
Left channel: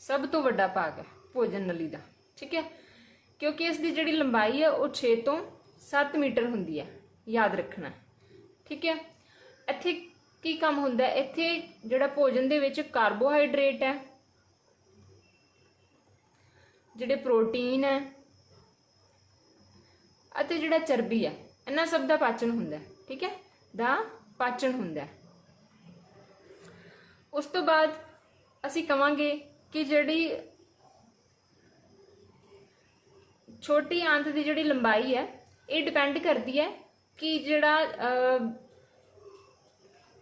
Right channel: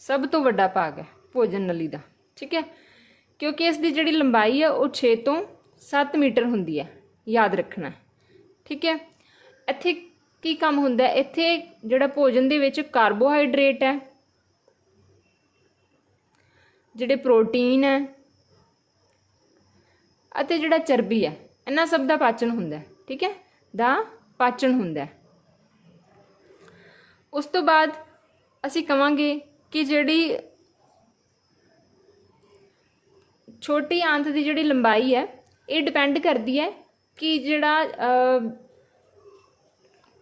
सब तो वड्डा भाग है भोजन नली का। ठीक है, क्योंकि इसकी जिहड़ी लंबाई है वो 6 तो 7 मीटर हुंदी है, याद रखना। ठीक है, इत्थे की काम हुंदा है, इत्थे जिहड़ा भोजन दे विच कार्बोहाइड्रेट है, जिहड़े प्रोटीन है अते जिहड़ा चर्बी है, इन्हां सब दा पाचन हुंदा है। ठीक है, दा पाचन हुंदा है। उस तो बाद असीं कहांगे कि जिहड़ी छोटी आंत की जिहड़ी लंबाई है ये डिपेंड करती है कि जिहड़ा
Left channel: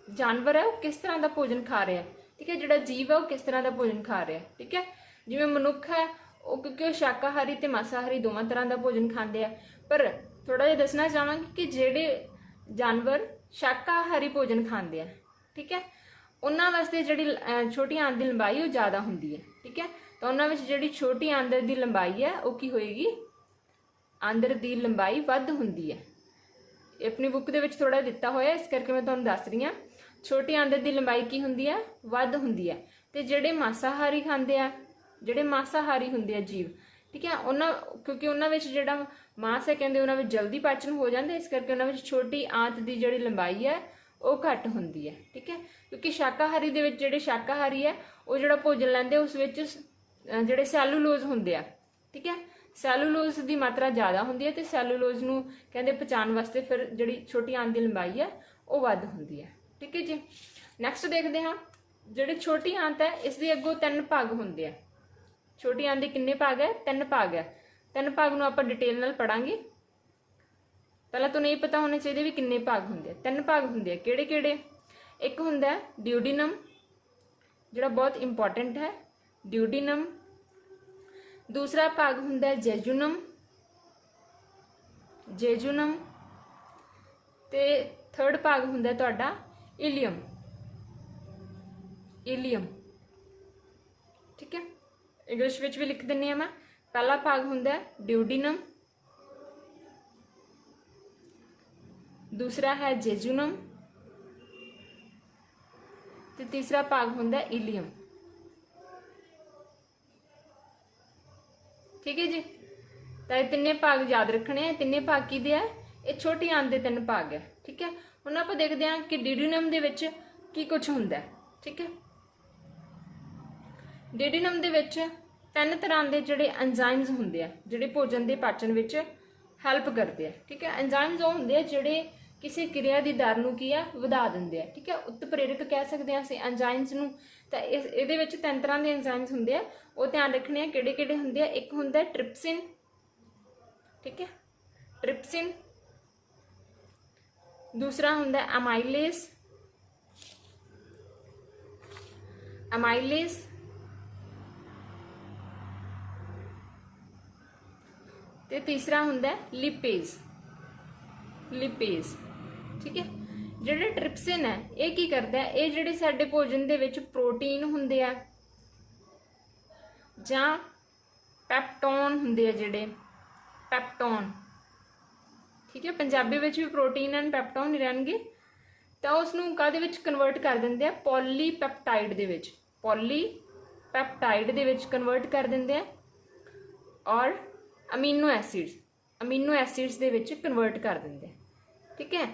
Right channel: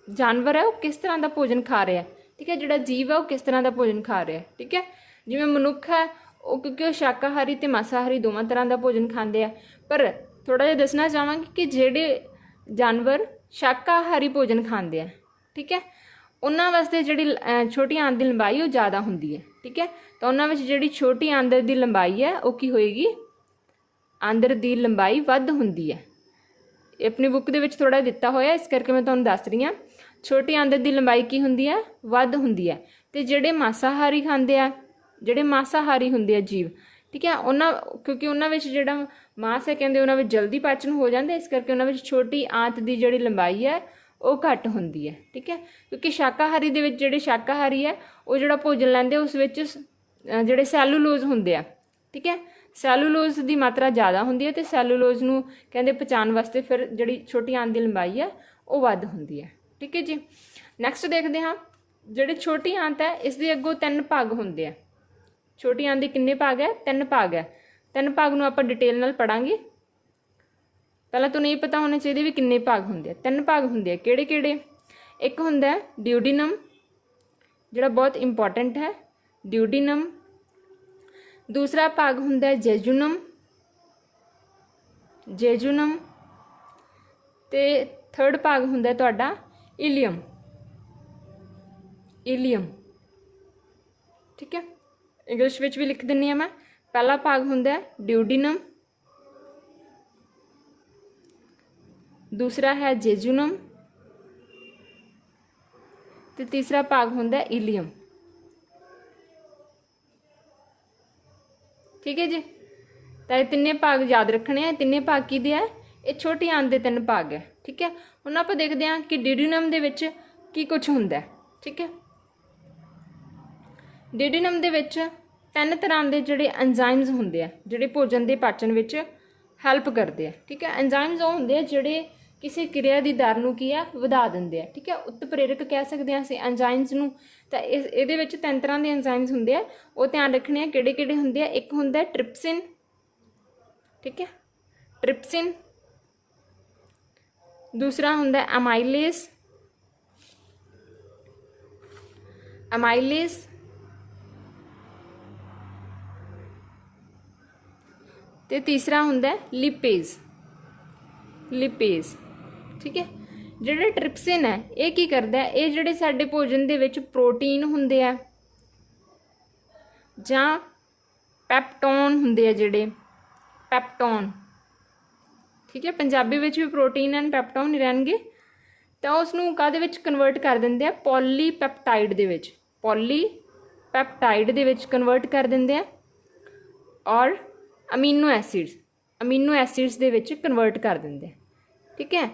जानवर है वो किस तरह का भोजन खा रहा है। ठीक है, जिहड़ा जीव है वो किस तरह का भोजन खा रहा है। ठीक है, जिवें मनुख है वो क्योंकि वो शाकाहारी ते मांसाहारी दोवां तरह का भोजन खाते हैं, पर थोड़ा जिहा दसना चाहांगी कि जिहड़े जानवर शाकाहारी भोजन खाते हैं, ठीक है, उन्हां वास्ते जिहड़ी छोटी आंत की लंबाई वो ज़्यादा हुंदी है। ठीक है, तो उन्हां विच जिहड़ी छोटी आंदर की लंबाई है वो की होएगी, आंदर की लंबाई वध हुंदी है। अपनी बुक दे विच थोड़ा दिता होया, इस करके मैं तुहानूं दस रही हाँ। छोटी आंदर की लंबाई की हुंदी है, वध हुंदी है। ते जिहड़े मांसाहारी खांदे आ, जिहड़े मांसाहारी हुंदे आ जीव, ठीक है, उन्हां क्योंकि उन्हां विच जिहड़ा मांस है कहंदे उन्हां विच जल्दी पाचन हो जांदा, इस करके उन्हां विच छोटी आंत की जिहड़ी लंबाई है वो घट हुंदी है। ठीक है, क्योंकि शाकाहारी दे विच जिहड़े शाकाहारी है वो जिहड़ा भोजन लैंदे उस विच जिहड़े सैलूलोज हुंदे आ, ठीक है, सैलूलोज की मात्रा ज़्यादा हुंदी है, तो सैलूलोज नूं कहंदे पचाउण वास्ते फिर जिहड़ी छोटी आंत की लंबाई है वो वध हुंदी है। ठीक है जी, नैक्सट देखते हाँ, जिहड़ी छोटी आंत है इसके अगों 3 भाग हुंदे आ। छोटी आंत के कितने भाग है? 3 भाग है। 3 भाग नूं आपां डिटेल नाल पढ़ांगे। पहला तो नहीं पता होने चाहिए भी कितने भाग होंगे। 3 भाग होंगे, किहड़े किहड़े? एक होंदा है ड्यूडिनम, जिहड़ा बहुत इंपॉर्टेंट है, ड्यूडिनम। दूसरा भाग होंदा है जेजुनम, जेजुनम। ते थर्ड भाग होंदा है तुहाडा इलियम, इलियम। ठीक है, इंग्लिश विच भी लिख दिंदी हां मैं। पहला भाग होंदा है ड्यूडिनम, दूसरा है जेजुनम, तो तीसरा भाग होंदा है इलियम। ठीक है जी, तो ये 3 भाग याद रखने हैं। 3 भाग किहदे है? ये छोटी आंत के 3 भाग है। ठीक है, हुण आपां देखते हैं कि ड्यूडिनम दे विच की कुछ हुंदा है। ठीक है, ड्यूडिनम दे विच 3 तरह के जिहड़े एंजाइम्स हुंदे आ, जिहड़े भोजन के पाचन विच हैल्प करते हैं। ठीक है, एंजाइम्स वो हुंदे आ जिहड़े किसी क्रिया की दर नूं की है वधा दिंदे आ। ठीक है, उत्प्रेरक कह सकते हैं असीं एंजाइम्स नूं। तो इहदे विच 3 तरह के एंजाइम्स हुंदे आ, वो ध्यान रखने हैं किहड़े किहड़े हुंदे आ। एक हुंदा है ट्रिप्सिन, ठीक है, ट्रिप्सिन। दूसरा हुंदा अमाइलेज, अमाइलेज ते तीसरा हुंदा लिपेज, लिपेज। ठीक है, ਜਿਹੜਾ ਟ੍ਰਿਪਸਿਨ है ये की करता है, ये ਜਿਹੜੇ ਸਾਡੇ ਭੋਜਨ ਦੇ ਵਿੱਚ प्रोटीन ਹੁੰਦੇ ਆ ਜਾਂ ਪੈਪਟੋਨ ਹੁੰਦੇ ਆ, ਜਿਹੜੇ ਪੈਪਟੋਨ, ठीक है, पंजाबी ਵਿੱਚ ਵੀ प्रोटीन एंड ਪੈਪਟੋਨ ਹੀ ਰਹਿਣਗੇ, ਤਾਂ ਉਸ ਨੂੰ ਕਾਹਦੇ ਵਿੱਚ ਕਨਵਰਟ ਕਰ ਦਿੰਦੇ ਆ, ਪੋਲੀਪੈਪਟਾਈਡ ਦੇ ਵਿੱਚ, ਪੋਲੀਪੈਪਟਾਈਡ ਦੇ ਵਿੱਚ ਕਨਵਰਟ ਕਰ ਦਿੰਦੇ ਆ, ਔਰ ਅਮੀਨੋ ਐਸਿਡਸ ਦੇ ਵਿੱਚ ਕਨਵਰਟ ਕਰ ਦਿੰਦੇ ਆ। ठीक है,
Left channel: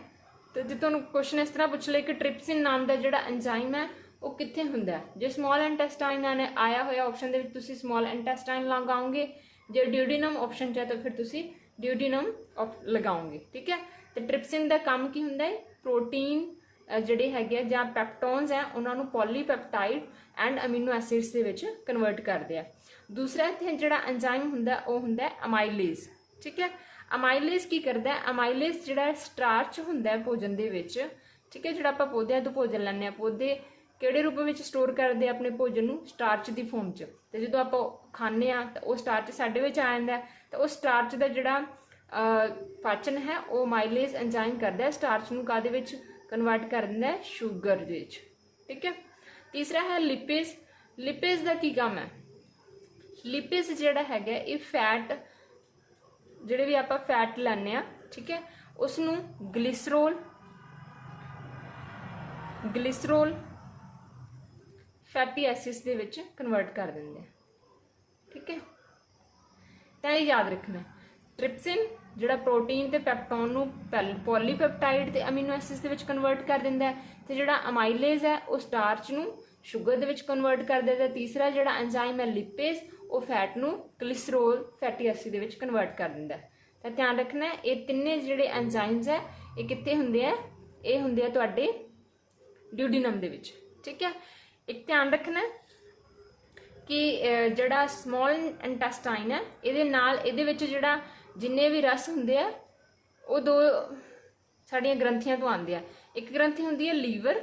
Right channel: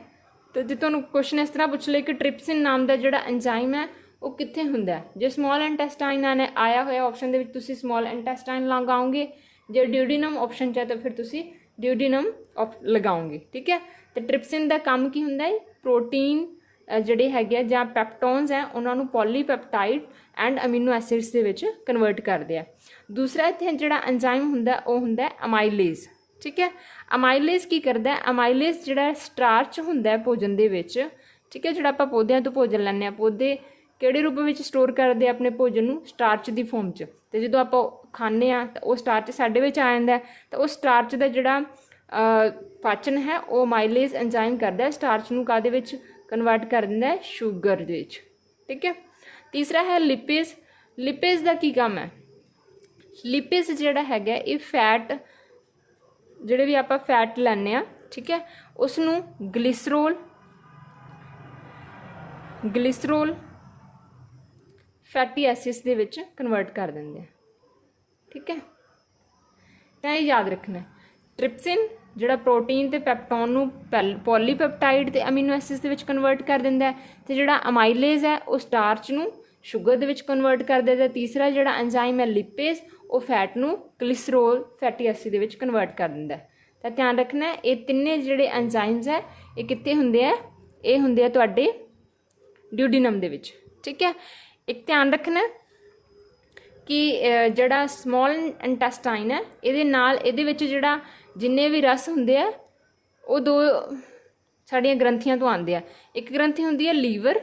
तो जो तुहानूं क्वेश्चन इस तरह पूछ ले कि ट्रिप्सिन नाम का जिहड़ा एंजाइम है वो कित्थे हुंदा है, जे स्मॉल इंटेस्टाइन ने आया होया ऑप्शन दे विच तुसीं स्मॉल इंटेस्टाइन लगाओगे, जे ड्यूडिनम ऑप्शन च है तो फिर तुसीं ड्यूडिनम लगाओगे। ठीक है, तो ट्रिप्सिन का काम की हुंदा है, प्रोटीन ਜਿਹੜੇ ਹੈਗੇ ਆ ਜਾਂ ਪੈਪਟੋਨਸ ਹੈ ਉਹਨਾਂ ਨੂੰ ਪੋਲੀਪੈਪਟਾਈਡ ਐਂਡ ਅਮੀਨੋ ਐਸਿਡਸ ਦੇ ਵਿੱਚ ਕਨਵਰਟ ਕਰਦੇ ਆ। ਦੂਸਰਾ ਇੱਥੇ ਜਿਹੜਾ ਐਂਜ਼ਾਈਮ ਹੁੰਦਾ ਉਹ ਹੁੰਦਾ ਅਮਾਈਲੇਜ਼। ठीक है, ਅਮਾਈਲੇਜ਼ ਕੀ ਕਰਦਾ, ਅਮਾਈਲੇਜ਼ ਜਿਹੜਾ ਸਟਾਰਚ ਹੁੰਦਾ ਭੋਜਨ ਦੇ ਵਿੱਚ, ਠੀਕ ਹੈ, ਜਿਹੜਾ ਆਪਾਂ ਪੌਦਿਆਂ ਤੋਂ ਭੋਜਨ ਲੈਂਦੇ ਆ, ਪੌਦੇ ਕਿਹੜੇ ਰੂਪ ਵਿੱਚ ਸਟੋਰ ਕਰਦੇ ਆਪਣੇ ਭੋਜਨ ਨੂੰ, ਸਟਾਰਚ ਦੀ ਫੋਰਮ 'ਚ, ਤੇ ਜਦੋਂ ਆਪਾਂ ਖਾਂਦੇ ਆ ਤਾਂ ਉਹ ਸਟਾਰਚ ਸਾਡੇ ਵਿੱਚ ਆ ਜਾਂਦਾ, ਤਾਂ ਉਹ ਸਟਾਰਚ ਦਾ ਜਿਹੜਾ ਪਾਚਨ ਹੈ ਉਹ ਅਮਾਈਲੇਜ਼ ਐਂਜ਼ਾਈਮ ਕਰਦਾ, ਸਟਾਰਚ ਨੂੰ ਕਾਹਦੇ ਵਿੱਚ ਕਨਵਰਟ ਕਰ ਦਿੰਦਾ, ਸ਼ੂਗਰ ਦੇ ਵਿੱਚ। ਠੀਕ ਹੈ, ਤੀਸਰਾ ਹੈ ਲਿਪੇਜ਼। ਲਿਪੇਜ਼ ਦਾ ਕੀ ਕੰਮ ਹੈ, ਲਿਪੇਜ਼ ਜਿਹੜਾ ਹੈਗਾ ਇਹ ਫੈਟ, ਜਿਹੜੇ ਵੀ ਆਪਾਂ ਫੈਟ ਲੈਂਦੇ ਆ, ਠੀਕ ਹੈ, ਉਸ ਨੂੰ ਗਲਿਸਰੋਲ ਫੈਟੀ ਐਸਿਡਸ ਦੇ ਵਿੱਚ ਕਨਵਰਟ ਕਰ ਦਿੰਦੇ ਆ। ਠੀਕ ਹੈ, ਤਾਂ ਇਹ ਯਾਦ ਰੱਖਣਾ, ਟ੍ਰਿਪਸਿਨ ਜਿਹੜਾ ਪ੍ਰੋਟੀਨ ਤੇ ਪੈਪਟੋਨ ਨੂੰ ਪੋਲੀਪੈਪਟਾਈਡ ਤੇ ਅਮੀਨੋ ਐਸਿਡਸ ਦੇ ਵਿੱਚ ਕਨਵਰਟ ਕਰ ਦਿੰਦਾ ਹੈ, ਤੇ ਜਿਹੜਾ ਅਮਾਈਲੇਜ਼ ਹੈ ਉਹ ਸਟਾਰਚ ਨੂੰ ਸ਼ੂਗਰ ਦੇ ਵਿੱਚ ਕਨਵਰਟ ਕਰ ਦਿੰਦਾ। ਤੀਸਰਾ ਜਿਹੜਾ ਐਂਜ਼ਾਈਮ ਹੈ ਲਿਪੇਜ਼, ਉਹ ਫੈਟ ਨੂੰ ਗਲਿਸਰੋਲ ਫੈਟੀ ਐਸਿਡ ਦੇ ਵਿੱਚ ਕਨਵਰਟ ਕਰ ਦਿੰਦਾ। ਤਾਂ ਧਿਆਨ ਰੱਖਣਾ ਇਹ ਤਿੰਨੇ ਜਿਹੜੇ ਐਂਜ਼ਾਈਮਸ ਹੈ ਇਹ ਕਿੱਥੇ ਹੁੰਦੇ ਆ, ਇਹ ਹੁੰਦੇ ਆ ਤੁਹਾਡੇ ਡਿਊਡੀਨਮ ਦੇ ਵਿੱਚ। ਠੀਕ ਹੈ, ਇੱਕ ਧਿਆਨ ਰੱਖਣਾ ਕਿ ਜਿਹੜਾ ਸਮੋਲ ਇੰਟੈਸਟਾਈਨ ਹੈ ਇਹਦੇ ਨਾਲ ਇਹਦੇ ਵਿੱਚ ਜਿਹੜਾ ਜਿੰਨੇ ਵੀ ਰਸ ਹੁੰਦੇ ਆ ਉਹ ਦੋ ਸਾਡੀਆਂ ਗ੍ਰੰਥੀਆਂ ਤੋਂ ਆਉਂਦੇ ਆ। ਇੱਕ ਗ੍ਰੰਥੀ ਹੁੰਦੀ ਹੈ ਲੀਵਰ,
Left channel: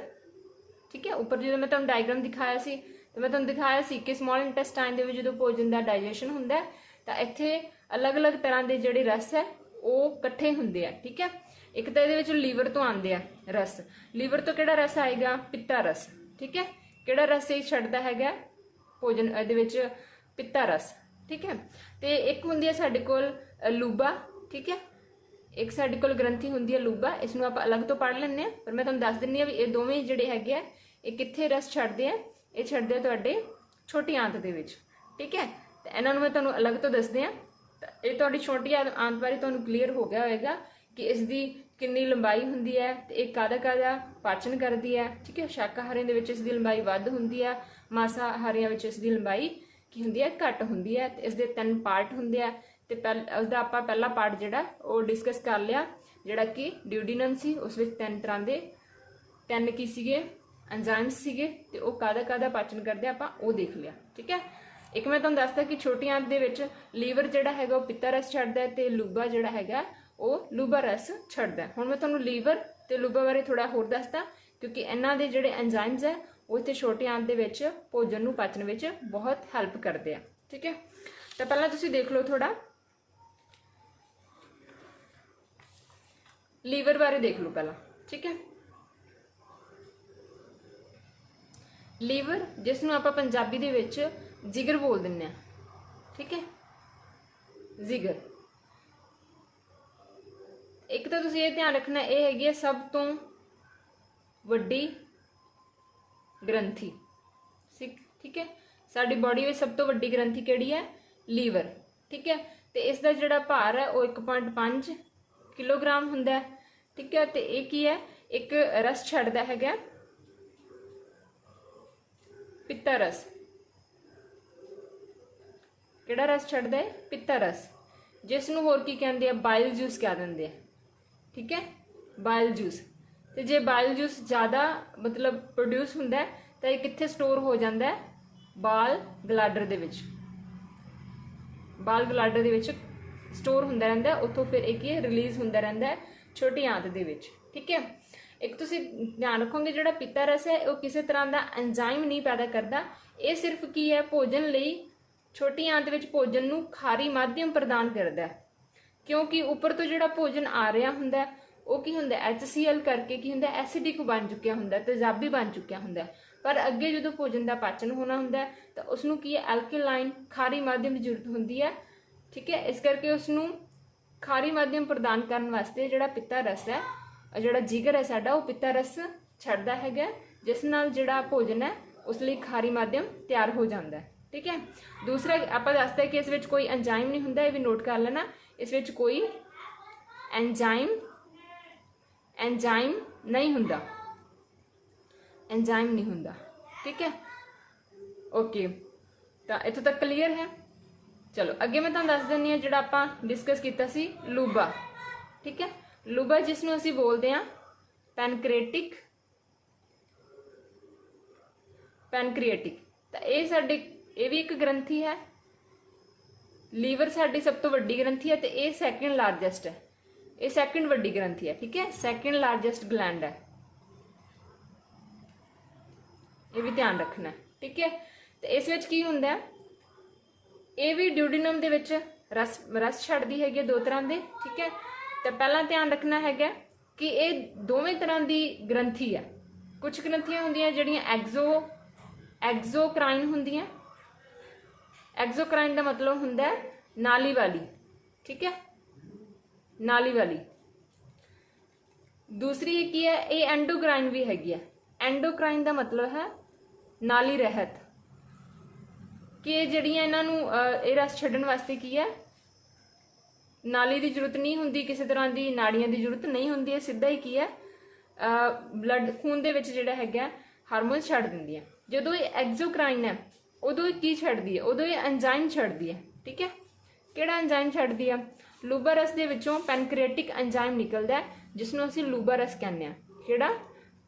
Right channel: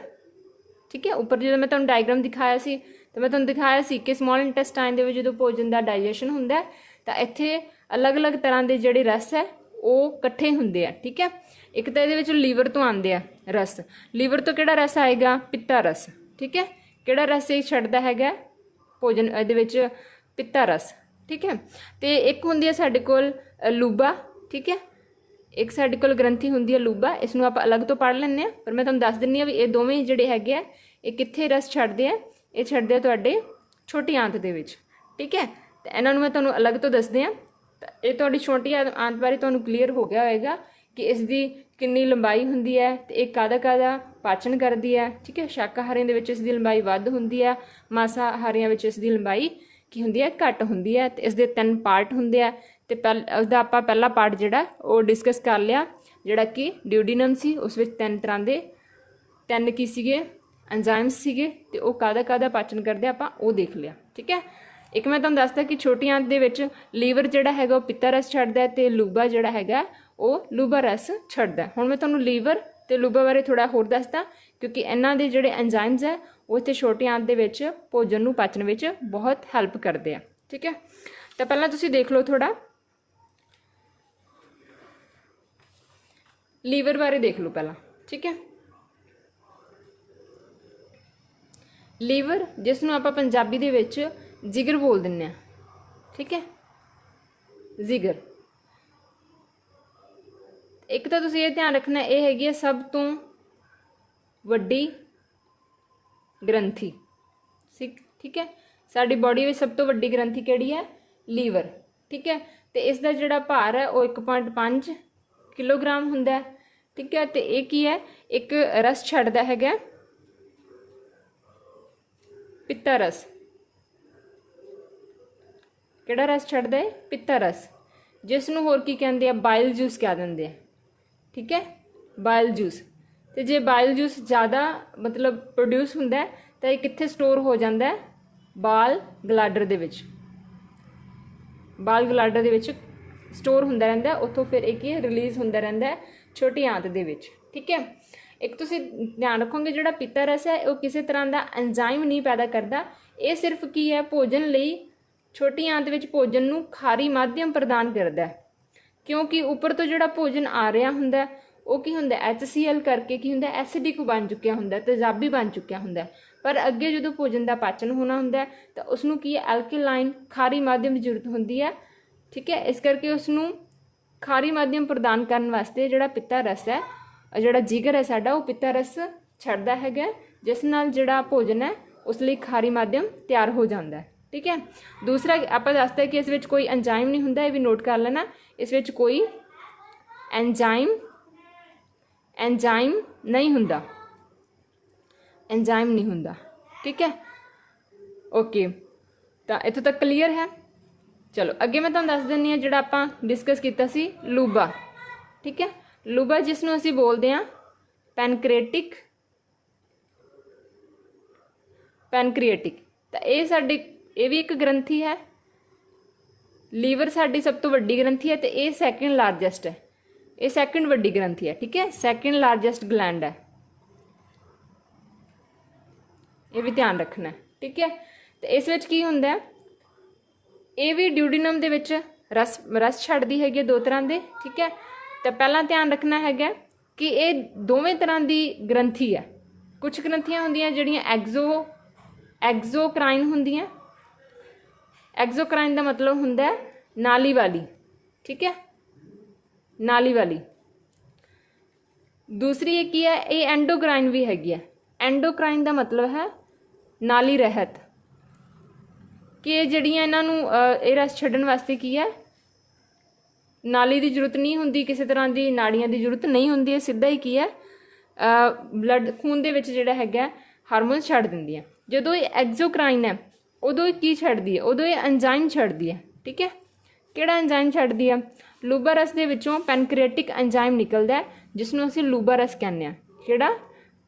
ਠੀਕ ਹੈ, ਉੱਪਰ ਜਦੋਂ ਮੈਂ ਤੁਹਾਨੂੰ ਡਾਇਗਰਾਮ ਦਿਖਾਇਆ ਸੀ ਤਾਂ ਮੈਂ ਤੁਹਾਨੂੰ ਦਿਖਾਇਆ ਸੀ ਕਿ ਸਮੋਲ ਇੰਟੈਸਟਾਈਨ ਦੇ ਵਿੱਚ ਜਦੋਂ ਭੋਜਨ ਦਾ ਡਾਈਜੈਸ਼ਨ ਹੁੰਦਾ ਤਾਂ ਇੱਥੇ ਅਲੱਗ-ਅਲੱਗ ਤਰ੍ਹਾਂ ਦੇ ਜਿਹੜੇ ਰਸ ਹੈ ਉਹ ਇਕੱਠੇ ਹੁੰਦੇ ਆ। ਠੀਕ ਹੈ, ਇੱਕ ਤਾਂ ਇਹਦੇ ਵਿੱਚ ਲੀਵਰ ਤੋਂ ਆਉਂਦੇ ਆ ਰਸ, ਲੀਵਰ ਤੋਂ ਕਿਹੜਾ ਰਸ ਆਏਗਾ, ਪਿੱਤਾ ਰਸ। ਠੀਕ ਹੈ, ਕਿਹੜਾ ਰਸ ਇਹ ਛੱਡਦਾ ਹੈਗਾ ਭੋਜਨ ਇਹਦੇ ਵਿੱਚ, ਪਿੱਤਾ ਰਸ। ਠੀਕ ਹੈ, ਤੇ ਇੱਕ ਹੁੰਦੀ ਹੈ ਸਾਡੇ ਕੋਲ ਲੂਬਾ। ਠੀਕ ਹੈ, ਇੱਕ ਸਾਡੇ ਕੋਲ ਗ੍ਰੰਥੀ ਹੁੰਦੀ ਹੈ ਲੂਬਾ, ਇਸ ਨੂੰ ਆਪਾਂ ਅਲੱਗ ਤੋਂ ਪੜ੍ਹ ਲੈਂਦੇ ਹਾਂ, ਪਰ ਮੈਂ ਤੁਹਾਨੂੰ ਦੱਸ ਦਿੰਦੀ ਹਾਂ ਵੀ ਇਹ ਦੋਵੇਂ ਜਿਹੜੇ ਹੈਗੇ ਆ ਇਹ ਕਿੱਥੇ ਰਸ ਛੱਡਦੇ ਆ, ਇਹ ਛੱਡਦੇ ਆ ਤੁਹਾਡੇ ਛੋਟੀ ਆਂਤ ਦੇ ਵਿੱਚ। ਠੀਕ ਹੈ, ਤੇ ਇਹਨਾਂ ਨੂੰ ਮੈਂ ਤੁਹਾਨੂੰ ਅਲੱਗ ਤੋਂ ਦੱਸਦੇ ਹਾਂ। ਤਾਂ ਇਹ ਤੁਹਾਡੀ ਛੋਟੀ ਆਂਤ ਬਾਰੇ ਤੁਹਾਨੂੰ ਕਲੀਅਰ ਹੋ ਗਿਆ ਹੋਏਗਾ ਕਿ ਇਸ ਦੀ ਕਿੰਨੀ ਲੰਬਾਈ ਹੁੰਦੀ ਹੈ ਤੇ ਇਹ ਕਾਹਦਾ ਪਾਚਨ ਕਰਦੀ ਹੈ। ਠੀਕ ਹੈ, ਸ਼ਾਕਾਹਾਰੀਆਂ ਦੇ ਵਿੱਚ ਇਸ ਦੀ ਲੰਬਾਈ ਵੱਧ ਹੁੰਦੀ ਹੈ, ਮਾਸਾਹਾਰੀਆਂ ਵਿੱਚ ਇਸ ਦੀ ਲੰਬਾਈ ਕੀ ਹੁੰਦੀ ਹੈ, ਘੱਟ ਹੁੰਦੀ ਹੈ। ਤੇ ਇਸ ਦੇ 3 ਪਾਰਟ ਹੁੰਦੇ ਆ, ਤੇ ਉਸਦਾ ਆਪਾਂ ਪਹਿਲਾ ਪਾਰਟ ਜਿਹੜਾ ਉਹ ਡਿਸਕਸ ਕਰ ਲਿਆ, ਜਿਹੜਾ ਕਿ ਡਿਊਡੀਨਮ ਸੀ, ਉਸ ਵਿੱਚ 3 ਤਰ੍ਹਾਂ ਦੇ 3 ਕੀ ਸੀਗੇ ਐਂਜ਼ਾਈਮਸ ਸੀਗੇ, ਤੇ ਉਹ ਕਾਹਦਾ ਪਾਚਨ ਕਰਦੇ ਆਪਾਂ ਉਹ ਦੇਖ ਲਿਆ। ਠੀਕ ਹੈ, ਇੱਕ ਮੈਂ ਤੁਹਾਨੂੰ ਦੱਸਦਾ ਕਿ ਛੋਟੀ ਆਂਤ ਦੇ ਵਿੱਚ ਲੀਵਰ ਜਿਹੜਾ ਹੈਗਾ ਉਹ ਪਿੱਤਾ ਰਸ ਛੱਡਦਾ ਤੇ ਲੂਬਾ ਜਿਹੜਾ ਹੈਗਾ ਉਹ ਲੂਬਾ ਰਸ ਛੱਡਦਾ। ਹੁਣ ਮੈਂ ਤੁਹਾਨੂੰ ਲੀਵਰ ਤੇ ਲੂਬਾ ਬਾਰੇ ਥੋੜਾ ਹੋਰ ਦੱਸਦਾ, ਕਿਉਂਕਿ ਇਹਨਾਂ ਦੇ ਜਿਹੜੇ ਐਂਜ਼ਾਈਮਸ ਹੈ ਉਹ ਇੱਥੇ ਛੋਟੀ ਆਂਤ ਦੇ ਵਿੱਚ ਭੋਜਨ ਨੂੰ ਪਾਚਣ ਵਿੱਚ ਬਹੁਤ ਹੈਲਪ ਕਰਦੇ ਆ। ਠੀਕ ਹੈ, ਤਾਂ ਪਹਿਲਾਂ ਤੁਸੀਂ ਦੇਖ ਲਓ ਥੋੜਾ ਲੀਵਰ ਬਾਰੇ ਦੇਖ ਲਓ ਪਹਿਲਾਂ। ਠੀਕ ਹੈ, ਲੀਵਰ ਜਿਸ ਨੂੰ ਆਪਾਂ ਪੰਜਾਬੀ ਦੇ ਵਿੱਚ ਜਿਗਰ ਬੋਲ ਦਿੰਦੇ ਆ। ਠੀਕ ਹੈ, ਜਿਗਰ। ਇੱਕ ਤਾਂ ਤੁਸੀਂ ਇਹ ਧਿਆਨ ਰੱਖਣਾ ਇਹ ਹੈਗੀ ਹੈ ਸਭ ਤੋਂ ਵੱਡੀ ਗ੍ਰੰਥੀ। ਠੀਕ ਹੈ, ਸਾਡੀ ਬਾਡੀ ਵਿੱਚ ਸਭ ਤੋਂ ਵੱਡੀ ਗ੍ਰੰਥੀ ਕਿਹੜੀ ਹੈ, ਲੀਵਰ। ਠੀਕ ਹੈ, ਤੇ ਇਸ ਦਾ ਜਿਹੜਾ ਭਾਰ ਹੈ ਉਹ 1.5 ਕਿਲੋਗ੍ਰਾਮ ਹੁੰਦਾ ਹੈ। ਠੀਕ ਹੈ, ਤੇ ਇਹ ਕੀ ਹੈ, ਇੱਕ ਰਸ ਛੱਡਦਾ ਹੈਗਾ ਪਿੱਤਾ ਰਸ। ਕਿਹੜਾ ਰਸ ਛੱਡਦਾ ਹੈ, ਪਿੱਤਾ ਰਸ, ਜਿਸ ਨੂੰ ਹੋਰ ਕੀ ਕਹਿੰਦੇ ਆ, ਬਾਇਲ ਜੂਸ ਕਹਿ ਦਿੰਦੇ ਆ। ਠੀਕ ਹੈ, ਬਾਇਲ ਜੂਸ। ਤੇ ਜੇ ਬਾਇਲ ਜੂਸ ਜ਼ਿਆਦਾ ਮਤਲਬ ਪ੍ਰੋਡਿਊਸ ਹੁੰਦਾ ਤਾਂ ਇਹ ਕਿੱਥੇ ਸਟੋਰ ਹੋ ਜਾਂਦਾ, ਬਾਲ ਗਲਾਡਰ ਦੇ ਵਿੱਚ। ਬਾਲ ਗਲਾਡਰ ਦੇ ਵਿੱਚ ਸਟੋਰ ਹੁੰਦਾ ਰਹਿੰਦਾ, ਉੱਥੋਂ ਫਿਰ ਇਹ ਕੀ ਰਿਲੀਜ਼ ਹੁੰਦਾ ਰਹਿੰਦਾ ਛੋਟੀ ਆਂਤ ਦੇ ਵਿੱਚ। ठीक है। एक तुसीं ध्यान रखोगे जिहड़ा पित्ता रस है वो किसी तरह का एंजाइम नहीं पैदा करता, ये सिर्फ की है भोजन लई छोटी आंत विच भोजन नूं खारी माध्यम प्रदान करता है, क्योंकि उपर तो जिहड़ा भोजन आ रहा हुंदा वो की हुंदा HCl करके की हुंदा एसिडिक बन चुकिया हुंदा, तेजाबी बन चुकिया हुंदा। पर अगे जो भोजन का पाचन होना हुंदा तो उसनूं की है एल्कलाइन खारी माध्यम की जरूरत होंदी है, ठीक है। इस करके उसनूं खारी माध्यम प्रदान करने वास्ते जिहड़ा पित्ता रस है, जिहड़ा जिगर है साडा वो पित्ता रस छड्डदा हैगा, जिस नाल जिहड़ा भोजन है उस लई खारी माध्यम तैयार हो जाता है, ठीक है। दूसरा आपां दसदे कि इस विच कोई एंजाइम नहीं हुंदा, ये भी नोट कर लेना, इस विच कोई एंजाइम नहीं हुंदा, एंजाइम नहीं हुंदा, ठीक है। ओके, तो इत्थों तक क्लीयर है। चलो अगे मैं तुहानूं दस दिंदी हां जिहड़ा आपां डिस्कस कीता सी लूबा, ठीक है। लूबा जिसनूं असीं बोलदे हां पैनक्रिएटिक, तो ये साडी ये भी एक ग्रंथी है, लीवर साडी सब तो वड्डी ग्रंथी है, तो ये सैकेंड लार्जेस्ट है, ये सैकेंड वड्डी ग्रंथी है, ठीक है, सैकेंड लार्जेस्ट ग्लैंड है, ये भी ध्यान रखना है, ठीक है। तो इस विच की हुंदा है, ये भी ड्यूडिनम दे विच रस छड्डदी हैगी दो तरह के, ठीक है। तो पहला ध्यान रखना हैगा कि ये दोवें तरह की ग्रंथी है। कुछ ग्रंथियां हुंदियां जिहड़ियां एक्सोक्राइन हुंदियां, एक्सोक्राइन का मतलब हुंदा है नाली वाली, ठीक है, नाली वाली। दूसरी एक ही है, ये एंडोक्राइन भी हैगी है। एंडोक्राइन का मतलब है नाली रहत, कि जिहड़ियां इन्हां नूं ये रस छड्डण वास्ते की है, नाली की जरूरत नहीं हुंदी, किसी तरह की नाड़ियां की जरूरत नहीं हुंदी, है सीधा ही की है ब्लड खून दे विच जिहड़ा हैगा हारमोन छड्ड दिंदी है। जदों ये एक्सोक्राइन है उदों ये की छड्डदी है, उदों ये एंजाइम छड्डदी है, ठीक है। किहड़ा एंजाइम छड्डदी है? लूबा रस दे विचों पैनक्रिएटिक एंजाइम निकलदा है, जिसनूं असीं लूबा रस कहने आ। किहड़ा?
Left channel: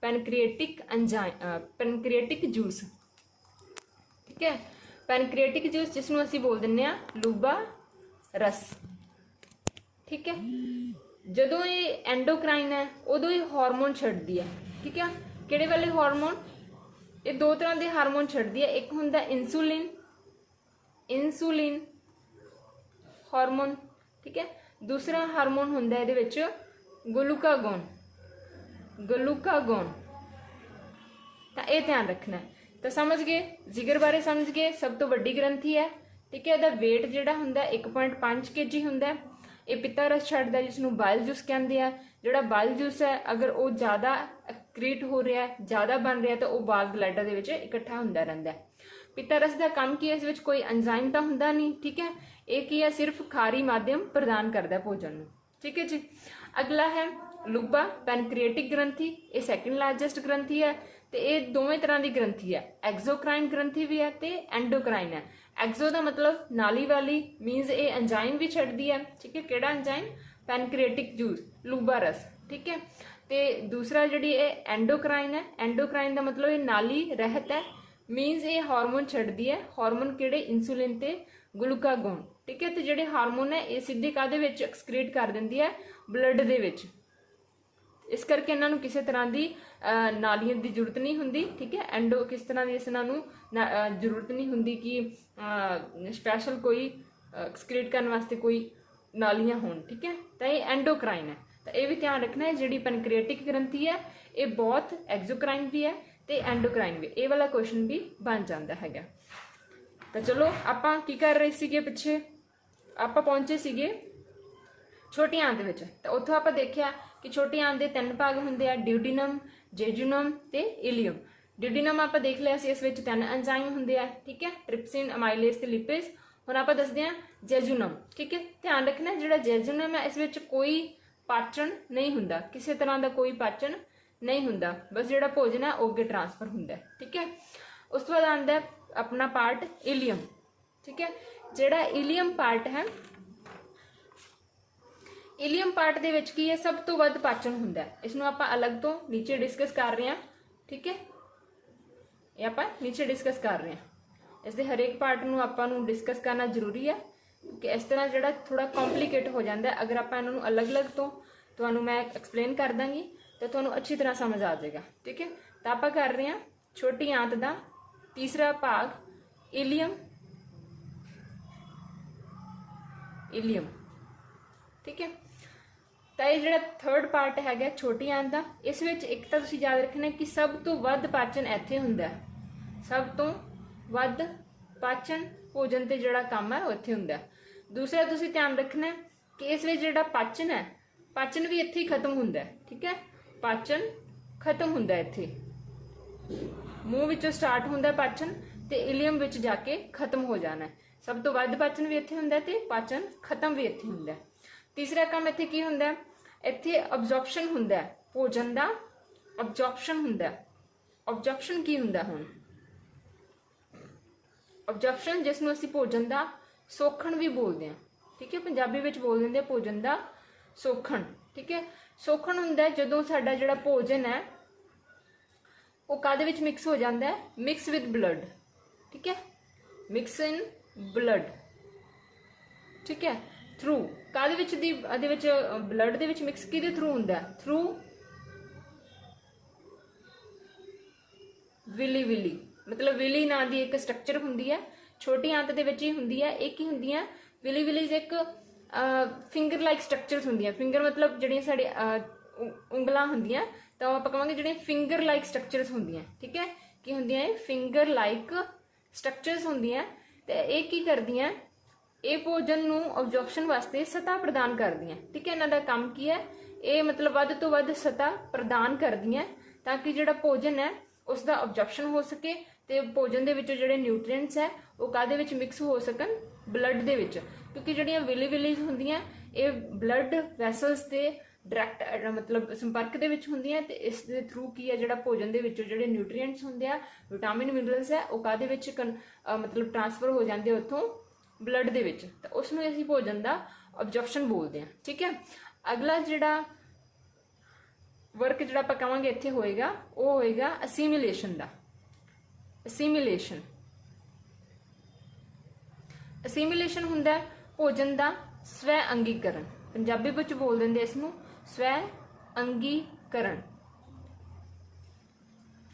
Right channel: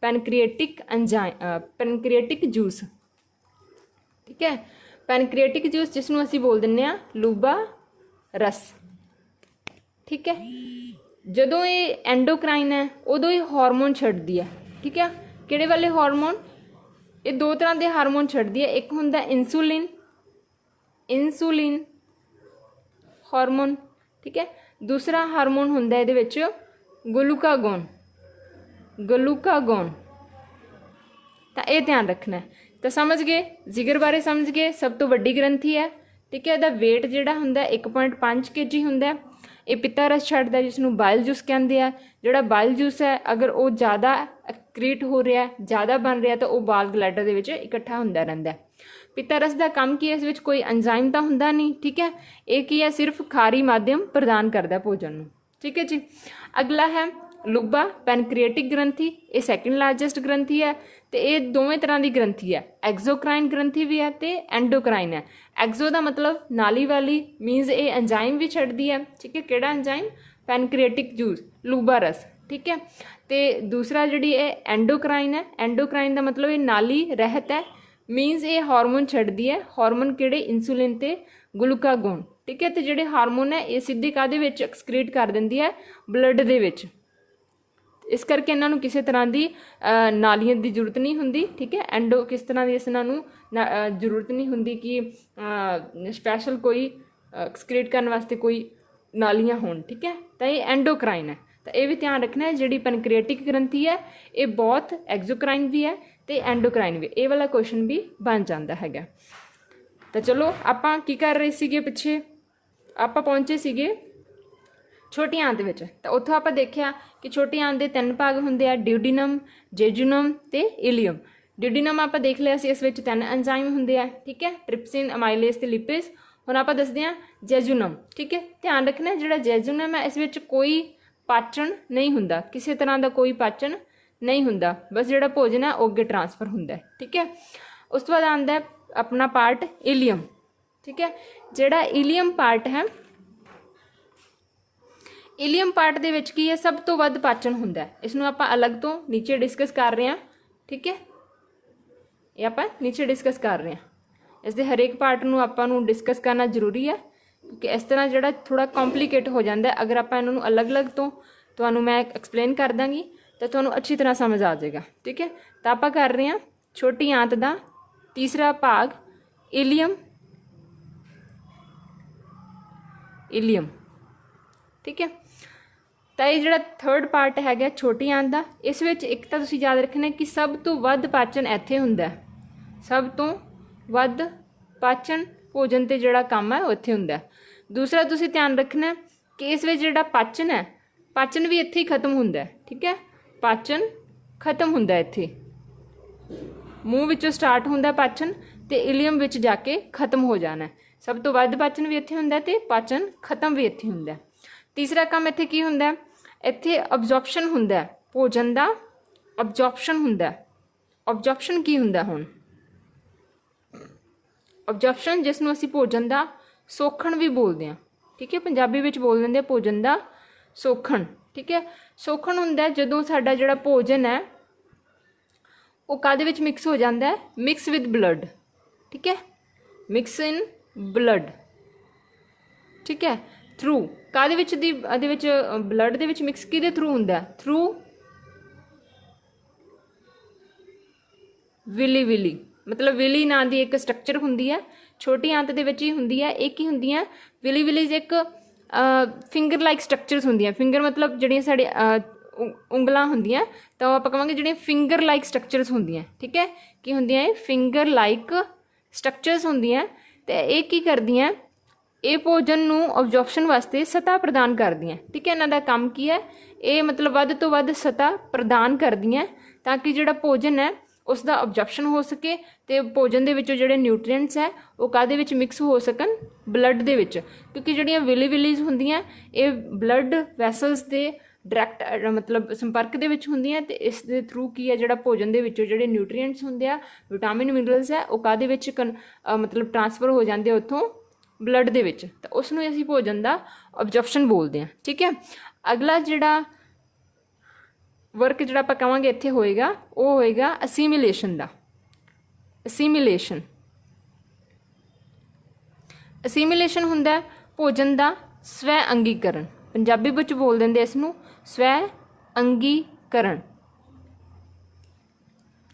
पैनक्रिएटिक एंजाइम, पैनक्रिएटिक जूस, ठीक है, पैनक्रिएटिक जूस जिसनूं असीं बोल दिंदे आ लूबा रस, ठीक है। जदों ये एंडोक्राइन है उदों ये हार्मोन छड्डदी है, ठीक है। किहड़े वाले हार्मोन? ये दो तरह के हार्मोन छड्डदी है, एक हुंदा इंसुलिन, इंसुलिन हार्मोन, ठीक है। दूसरा हार्मोन हुंदा इहदे विच ग्लूकागोन, ग्लूकागोन। तो यह ध्यान रखना है। तो समझ गए, जिगर बारे समझ गए, सब तो वड्डी ग्रंथी है, ठीक है। इहदा वेट जिहड़ा हुंदा 1.5 kg हुंदा है। ये पित्ता रस छड्डदा है, जिसनूं बाइल जूस कहते हैं। जिहड़ा बाइल जूस है अगर वो ज़्यादा एक्रीट हो रहा है, ज़्यादा बन रहा, तो वह बाल ब्लैडर दे विच इकट्ठा हुंदा रहिंदा है। पित्ता रस का काम की है, इस विच कोई एंजाइम तो हुंदा नहीं, ठीक है। ये की है सिर्फ खारी माध्यम प्रदान करता भोजन नूं, ठीक है जी। अगला है लुब्बा पैनक्रिएटिक ग्रंथी, ये सैकेंड लार्जेस्ट ग्रंथी है। तो ये दोवें तरह की ग्रंथी है, एक्सोक्राइन ग्रंथी भी है तो एंडोक्राइन है। एक्सो का मतलब नाली वाली, मीनस ये एंजाइम भी छड्डदी है, ठीक है। किहड़ा एंजाइम? पैनक्रिएटिक जूस, लूबा रस, ठीक है। तो दूसरा जिहड़ी ये एंडोक्राइन है, एंडोक्राइन का मतलब ये नाली रहत है, मीनस ये हार्मोन छड्डदी है। हार्मोन किहड़े? इंसुलिन ते ग्लूकागोन, ठीक है। तो जिहड़े हार्मोन है ये सीधे काहदे विच एक्सक्रीट कर दिंदी है? ब्लड दे विच। इस करके इन्हों किसी तरह की नालियां की जरूरत नहीं होंगी, ठीक है। एंडो किस तरह की इन्हों जरूरत नहीं होंगी कि स्पैशल कोई एक्सक्रीट करने वास्ते कोई नालियां होन, ठीक है। तो ये एंडोक्राइन है। तो ये भी ध्यान रखना है, जी पैनक्रिएटिक ग्रंथी है ये बहुत एक्सोक्राइन भी है तो एंडोक्राइन भी, ये वाला क्वेश्चन भी बन जाता है। तो चलो आपां की कर रहे सीगे, पिछे आपां पहुंचे सीगे छोटी आंत विच। तो उत्थों आपां देखिया कि छोटी आंत के 3 भाग होंदे आ, ड्यूडिनम, जेजुनम ते इलियम। ड्यूडिनम आपां देख लिया सी, इस विच 3 एंजाइम होंदे आ, ठीक है, ट्रिप्सिन, अमाइलेज ते लिपेज। हुण आपां दसदे आ जेजुनम, ठीक है। ध्यान रखना जिहड़ा जेजुनम है इस विच कोई पाचन नहीं हुंदा, किसी तरह का कोई पाचन नहीं हुंदा, बस जिहड़ा भोजन है वो अगे ट्रांसफर हुंदा है, ठीक है। उस तो बाद आंदा है अपना पार्ट इलियम, ठीक है। जिहड़ा इलियम पार्ट है, इलियम पार्ट दे विच की है सब तो वध पाचन हुंदा है। इसनूं आपां अलग तो नीचे डिस्कस कर रहे हैं, ठीक है, ये आपां नीचे डिस्कस कर रहे हैं। इसके हरेक पार्ट नूं आपां नूं डिस्कस करना जरूरी है, क्योंकि इस तरह जिहड़ा थोड़ा कॉम्प्लीकेट हो जाता है। अगर आपां इन्हां नूं अलग अलग तो तुहानूं मैं एक्सप्लेन कर दांगी तो तुहानूं अच्छी तरह समझ आ जाएगा। ठीक है, तो आप कर रहे हैं छोटी आंत का तीसरा भाग इलियम। इलियम ठीक है, तो ये जो थर्ड पार्ट है छोटी आंत का, इस विच एक तो तुसीं याद रखना कि सब तो वध पाचन इत्थे हुंदा है, सब तो वध पाचन भोजन ते जिहड़ा काम है उत्थे हुंदा है। दूसरा तुसीं ध्यान रखना कि इस विच जिहड़ा पाचन है, पाचन भी इत्थे ही खत्म हुंदा है। ठीक है, पाचन खत्म हुंदा है इत्थे, मूँह विचों स्टार्ट हुंदा पाचन ते इलियम विच जाके खत्म हो जाना है। सब तो वध पाचन भी इत्थे हुंदा ते पाचन खत्म भी इत्थे हुंदा है। तीसरा काम इत्थे की हुंदा है, इत्थे अब्जॉर्प्शन हुंदा है भोजन का, अब्जॉर्प्शन हुंदा है। अब्जॉर्प्शन की हुंदा हुण, अब्जॉर्प्शन जिसनूं असीं भोजन का सोखण भी बोलते हैं। ठीक है, पंजाबी विच बोल दिंदे भोजन का सोखण। ठीक है, सोखण हुंदा है जदों साडा जिहड़ा भोजन है वो काहदे विच मिक्स हो जाता है, मिक्स विद ब्लड। ठीक है, मिक्स इन ब्लड। ठीक है, थ्रू काहदे विच दी अदे विच ब्लड दे विच मिक्स किहदे थ्रू हुंदा है, थ्रू विली। विली मतलब विली नाम की एक स्ट्रक्चर हुंदी है, छोटी आंत दे विच ही हुंदी है। एक ही हुंदी है विली। विली एक फिंगर लाइक स्ट्रक्चर्स हुंदियां। फिंगर मतलब जिहड़ियां साडे उंगलां हुंदियां, तो आपां कहांगे जिहड़ियां फिंगर लाइक स्ट्रक्चर्स हुंदियां। ठीक है, की हुंदियां ये फिंगर लाइक स्ट्रक्चर्स हुंदियां। ते ये की करदियां, ये भोजन नूं अब्जॉर्प्शन वास्ते सतह प्रदान करदियां। ठीक है, इन्हां दा काम की है, ये मतलब वध तो वध सतह प्रदान करदियां ताकि जिहड़ा भोजन है उसका अब्जॉर्प्शन हो सके ते भोजन दे विचों जिहड़े न्यूट्रीएंट्स है वो काहदे विच मिक्स हो सकन, ब्लड दे विच। क्योंकि जिहड़ियां विली विलीज हुंदियां ये ब्लड वैसल्स दे डायरैक्ट मतलब संपर्क दे विच हुंदियां ते इस दे थ्रू की है जिहड़ा भोजन दे विचों जिहड़े न्यूट्रीएंट्स हुंदे आ, विटामिन मिनरल्स है वो काहदे विच मतलब ट्रांसफर हो जांदे उत्थों ब्लड दे विच, तो उसनूं असीं भोजन का अब्जॉर्प्शन बोलते हैं। ठीक है, अगला जिहड़ा वर्क जिहड़ा आपां कहांगे इत्थे होएगा वो होएगा असीमिलेशन का। असीमिलेशन, असीमिलेशन हुंदा है भोजन का स्वै अंगीकरण। पंजाबी विच बोल दिंदे इसनूं स्वै अंगीकरण।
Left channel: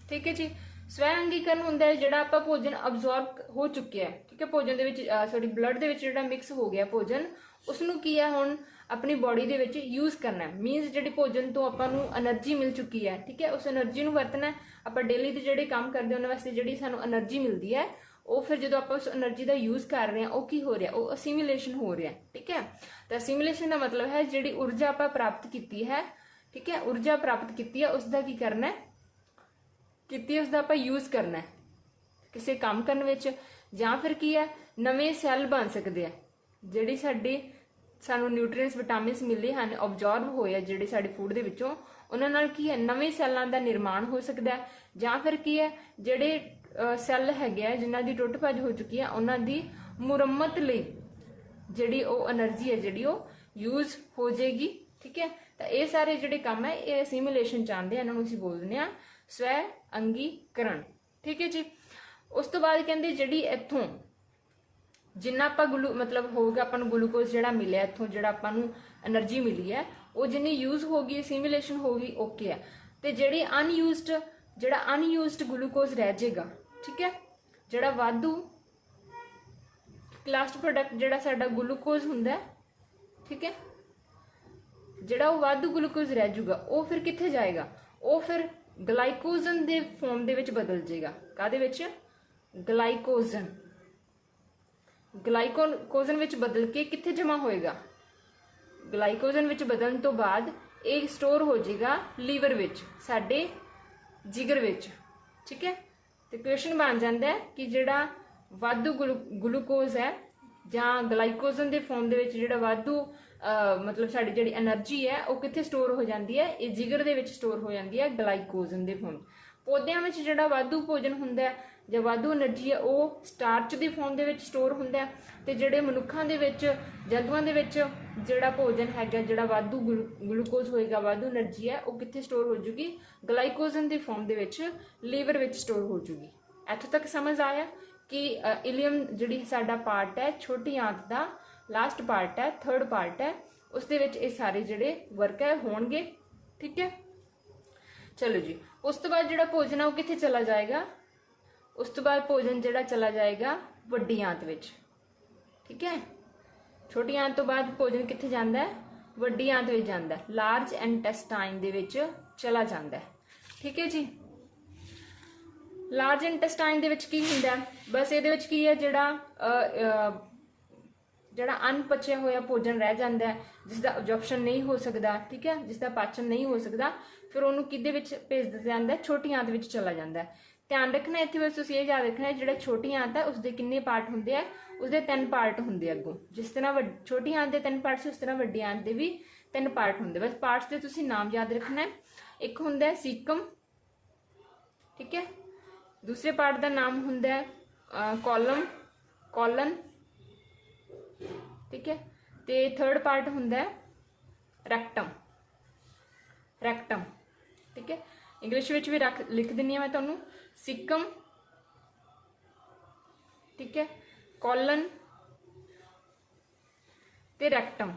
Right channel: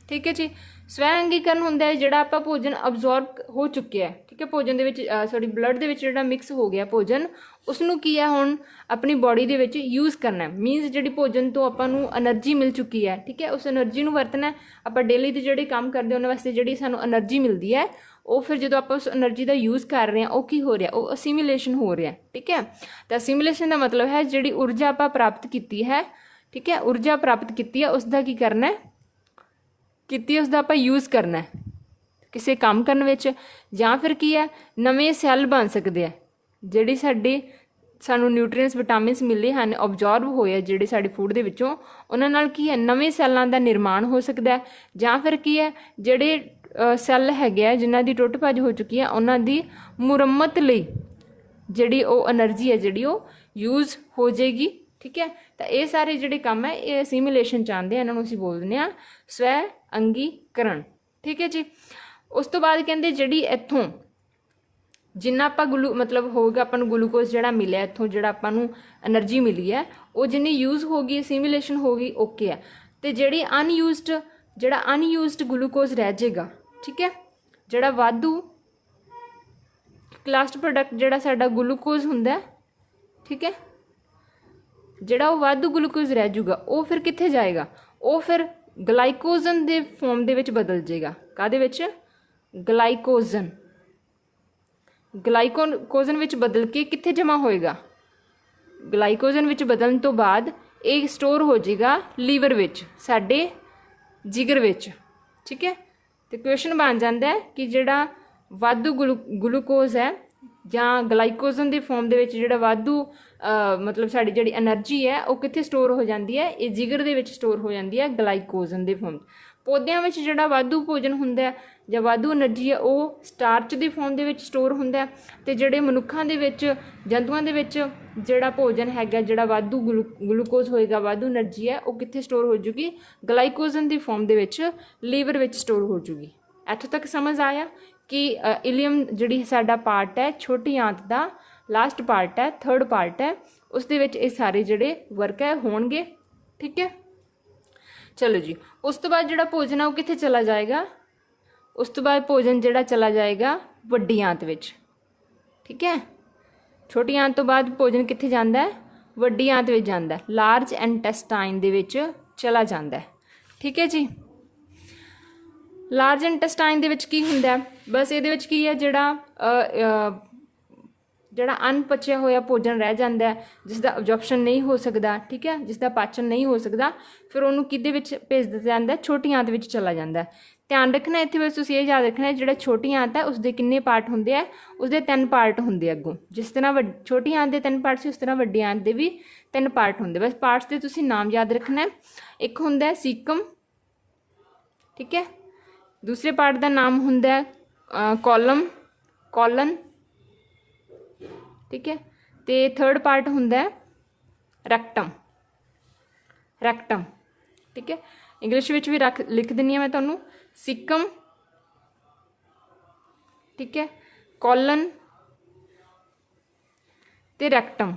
ठीक है जी, स्वै अंगीकरण हुंदा है जिहड़ा आपां भोजन अब्जॉर्ब हो चुके हैं। ठीक है, भोजन दे विच सॉरी ब्लड दे विच जिहड़ा मिक्स हो गया भोजन, उसनूं की है हुण अपनी बॉडी दे विच यूज़ करना है। मीनस जिहड़ी भोजन तो आपां नूं एनर्जी मिल चुकी है। ठीक है, उस एनर्जी नूं वरतना है। आपां डेली दे जिहड़े काम करदे उन्हां वास्ते जिहड़ी सानूं एनर्जी मिलदी है वो फिर जो आप उस एनर्जी का यूज़ कर रहे हैं वो की हो रहा है, वो असीमिलेशन हो रहा है। ठीक है, तो असीमिलेशन का मतलब है जिहड़ी ऊर्जा आप प्राप्त की है। ठीक है, ऊर्जा प्राप्त की है उसका की करना है, की उसका आप यूज़ करना है किसी काम करने विच, या फिर की है नवे सैल बन सकते हैं जिहड़ी साडी सानू न्यूट्रीएंट्स विटामिनस मिले हैं ऑब्जॉर्व होए जिहड़े साडे फूड दे विचों, उन्हां नाल की है नवे सैलां दा निर्माण हो सकता है। या फिर की है जिहड़े सैल हैगे जिन्हां दी टुट भज हो चुकी है उन्हां दी मुरम्मत लई जिहड़ी वो एनर्जी है जिहड़ी वो यूज़ हो जाएगी। ठीक है, तो ये सारे जिहड़े काम है ये असीमिलेशन चाहते हैं, इन्हां नूं असीं बोल दिंदे आ स्वै अंगीकरण। ठीक है जी, उस तो बाद कहते जिहड़ी इत्थों जिन्ना आपां मतलब होगा अपन ग्लूकोज जिहड़ा मिलिया इत्थों जिहड़ा आपां नूं एनर्जी मिली है वो जिन्नी यूज़ होगी असीमिलेशन होगी ओके है। तो जिहड़ी अनयूज्ड ग्लूकोज रह जाएगा। ठीक है, जिहड़ा वाधू लास्ट प्रोडक्ट जिहड़ा साडा ग्लूकोज हुंदा है। ठीक है, जिहड़ा वो वाधू ग्लूकोज रह जाऊगा वो फिर कित्थे जाएगा, वो फिर ग्लाइकोजन दे फॉर्म दे विच बदल जाएगा। काहदे विच, ग्लाइकोजन। ग्लाइकोजन विच बदल के कित्थे जमा होएगा, ग्लाइकोजन विच बदलण तो बाद एक स्टोर हो जाएगा लीवर विच, साडे जिगर विच। ठीक है, तो क्वेश्चन बन जाता है कि जिहड़ा वाधू ग्लूकोज है ਜਾਂ ग्लाइकोजन के फॉर्म ਦੇ ਵਿੱਚ ਜਿਹੜਾ ਵਾਧੂ मतलब साड़ी जी एनर्जी है वो कितने स्टोर हो जाती है, ये जिगर ਦੇ ਵਿੱਚ स्टोर हो जाती है ग्लाइकोजन के फॉर्म। पौदिਆਂ ਵਿੱਚ ਜਿਹੜਾ ਵਾਧੂ ਭੋਜਨ ਹੁੰਦਾ ਹੈ ਜਾਂ ਵਾਧੂ એનર્ਜੀ ਹੈ ਉਹ ਸਟਾਰਚ ਦੀ ਫਾਰਮ ਦੇ ਵਿੱਚ ਸਟੋਰ ਹੁੰਦਾ ਹੈ, ਤੇ ਜਿਹੜੇ ਮਨੁੱਖਾਂ ਦੇ ਵਿੱਚ ਜੰਤੂਆਂ ਦੇ ਵਿੱਚ ਜਿਹੜਾ ਭੋਜਨ ਹੈਗਾ ਜਿਹੜਾ ਵਾਧੂ ਗਲੂਕੋਜ਼ ਹੋਏਗਾ ਵਾਧੂ એનર્ਜੀ ਹੈ ਉਹ ਕਿੱਥੇ ਸਟੋਰ ਹੋ ਜੂਗੀ, ਗਲਾਈਕੋਜਨ ਦੀ ਫਾਰਮ ਦੇ ਵਿੱਚ ਲੀਵਰ ਵਿੱਚ ਸਟੋਰ ਹੋ ਜੂਗੀ। ਇੱਥੋਂ ਤੱਕ ਸਮਝ ਆਇਆ कि इलियम जिहड़ी साडा पार्ट है छोटी आंत का लास्ट पार्ट है थर्ड पार्ट है उस दे विच ये सारे जिहड़े वर्क है होणगे। ठीक है, चलो जी, उस तो बाद जिहड़ा भोजन है वो कित्थे चला जाएगा, उस तो बाद भोजन जिहड़ा चला जाएगा वड्डी आंत विच। ठीक है, छोटी आंत तो बाद भोजन कित्थे जांदा है, वड्डी आंत विच जांदा है, लार्ज इंटेस्टाइन दे विच चला जांदा है। ठीक है जी, लार्ज इंटेस्टाइन दे विच की हुंदा है, बस इहदे विच की है ਜਿਹੜਾ ਅਣਪਚਿਆ ਹੋਇਆ ਭੋਜਨ ਰਹਿ ਜਾਂਦਾ ਹੈ, ਜਿਸ ਦਾ ਅਬਜ਼ੌਰਪਸ਼ਨ ਨਹੀਂ ਹੋ ਸਕਦਾ। ਠੀਕ ਹੈ, ਜਿਸ ਦਾ ਪਾਚਨ ਨਹੀਂ ਹੋ ਸਕਦਾ, ਫਿਰ ਉਹਨੂੰ ਕਿਹਦੇ ਵਿੱਚ ਭੇਜ ਦਿੱਤਾ ਜਾਂਦਾ, ਛੋਟੀ ਆਂਤ ਵਿੱਚ ਚਲਾ ਜਾਂਦਾ। ਧਿਆਨ ਰੱਖਣਾ ਇੱਥੇ ਵਿੱਚ ਤੁਸੀਂ ਇਹ ਯਾਦ ਰੱਖਣਾ, ਜਿਹੜਾ ਛੋਟੀ ਆਂਤ ਹੈ ਉਸਦੇ ਕਿੰਨੇ ਪਾਰਟ ਹੁੰਦੇ ਆ, ਉਸਦੇ 3 ਪਾਰਟ ਹੁੰਦੇ ਅੱਗੋਂ। ਜਿਸ ਤਰ੍ਹਾਂ ਛੋਟੀ ਆਂਤ ਦੇ 3 ਪਾਰਟ ਸੀ, ਉਸ ਤਰ੍ਹਾਂ ਵੱਡੀ ਆਂਤ ਦੇ ਵੀ 3 ਪਾਰਟ ਹੁੰਦੇ। ਬਸ ਪਾਰਟਸ ਦੇ ਤੁਸੀਂ ਨਾਮ ਯਾਦ ਰੱਖਣਾ। ਇੱਕ ਹੁੰਦਾ ਸੀਕਮ, ਠੀਕ ਹੈ, ਦੂਸਰੇ ਪਾਰਟ ਦਾ ਨਾਮ ਹੁੰਦਾ ਕੋਲਨ, ठीक है, तो थर्ड पार्ट हुंदा है रैक्टम। ठीक है, इंग्लिश विच भी लिख दिनी है मैं तुहानू, सीकम, ठीक है, कोलन ते रैक्टम।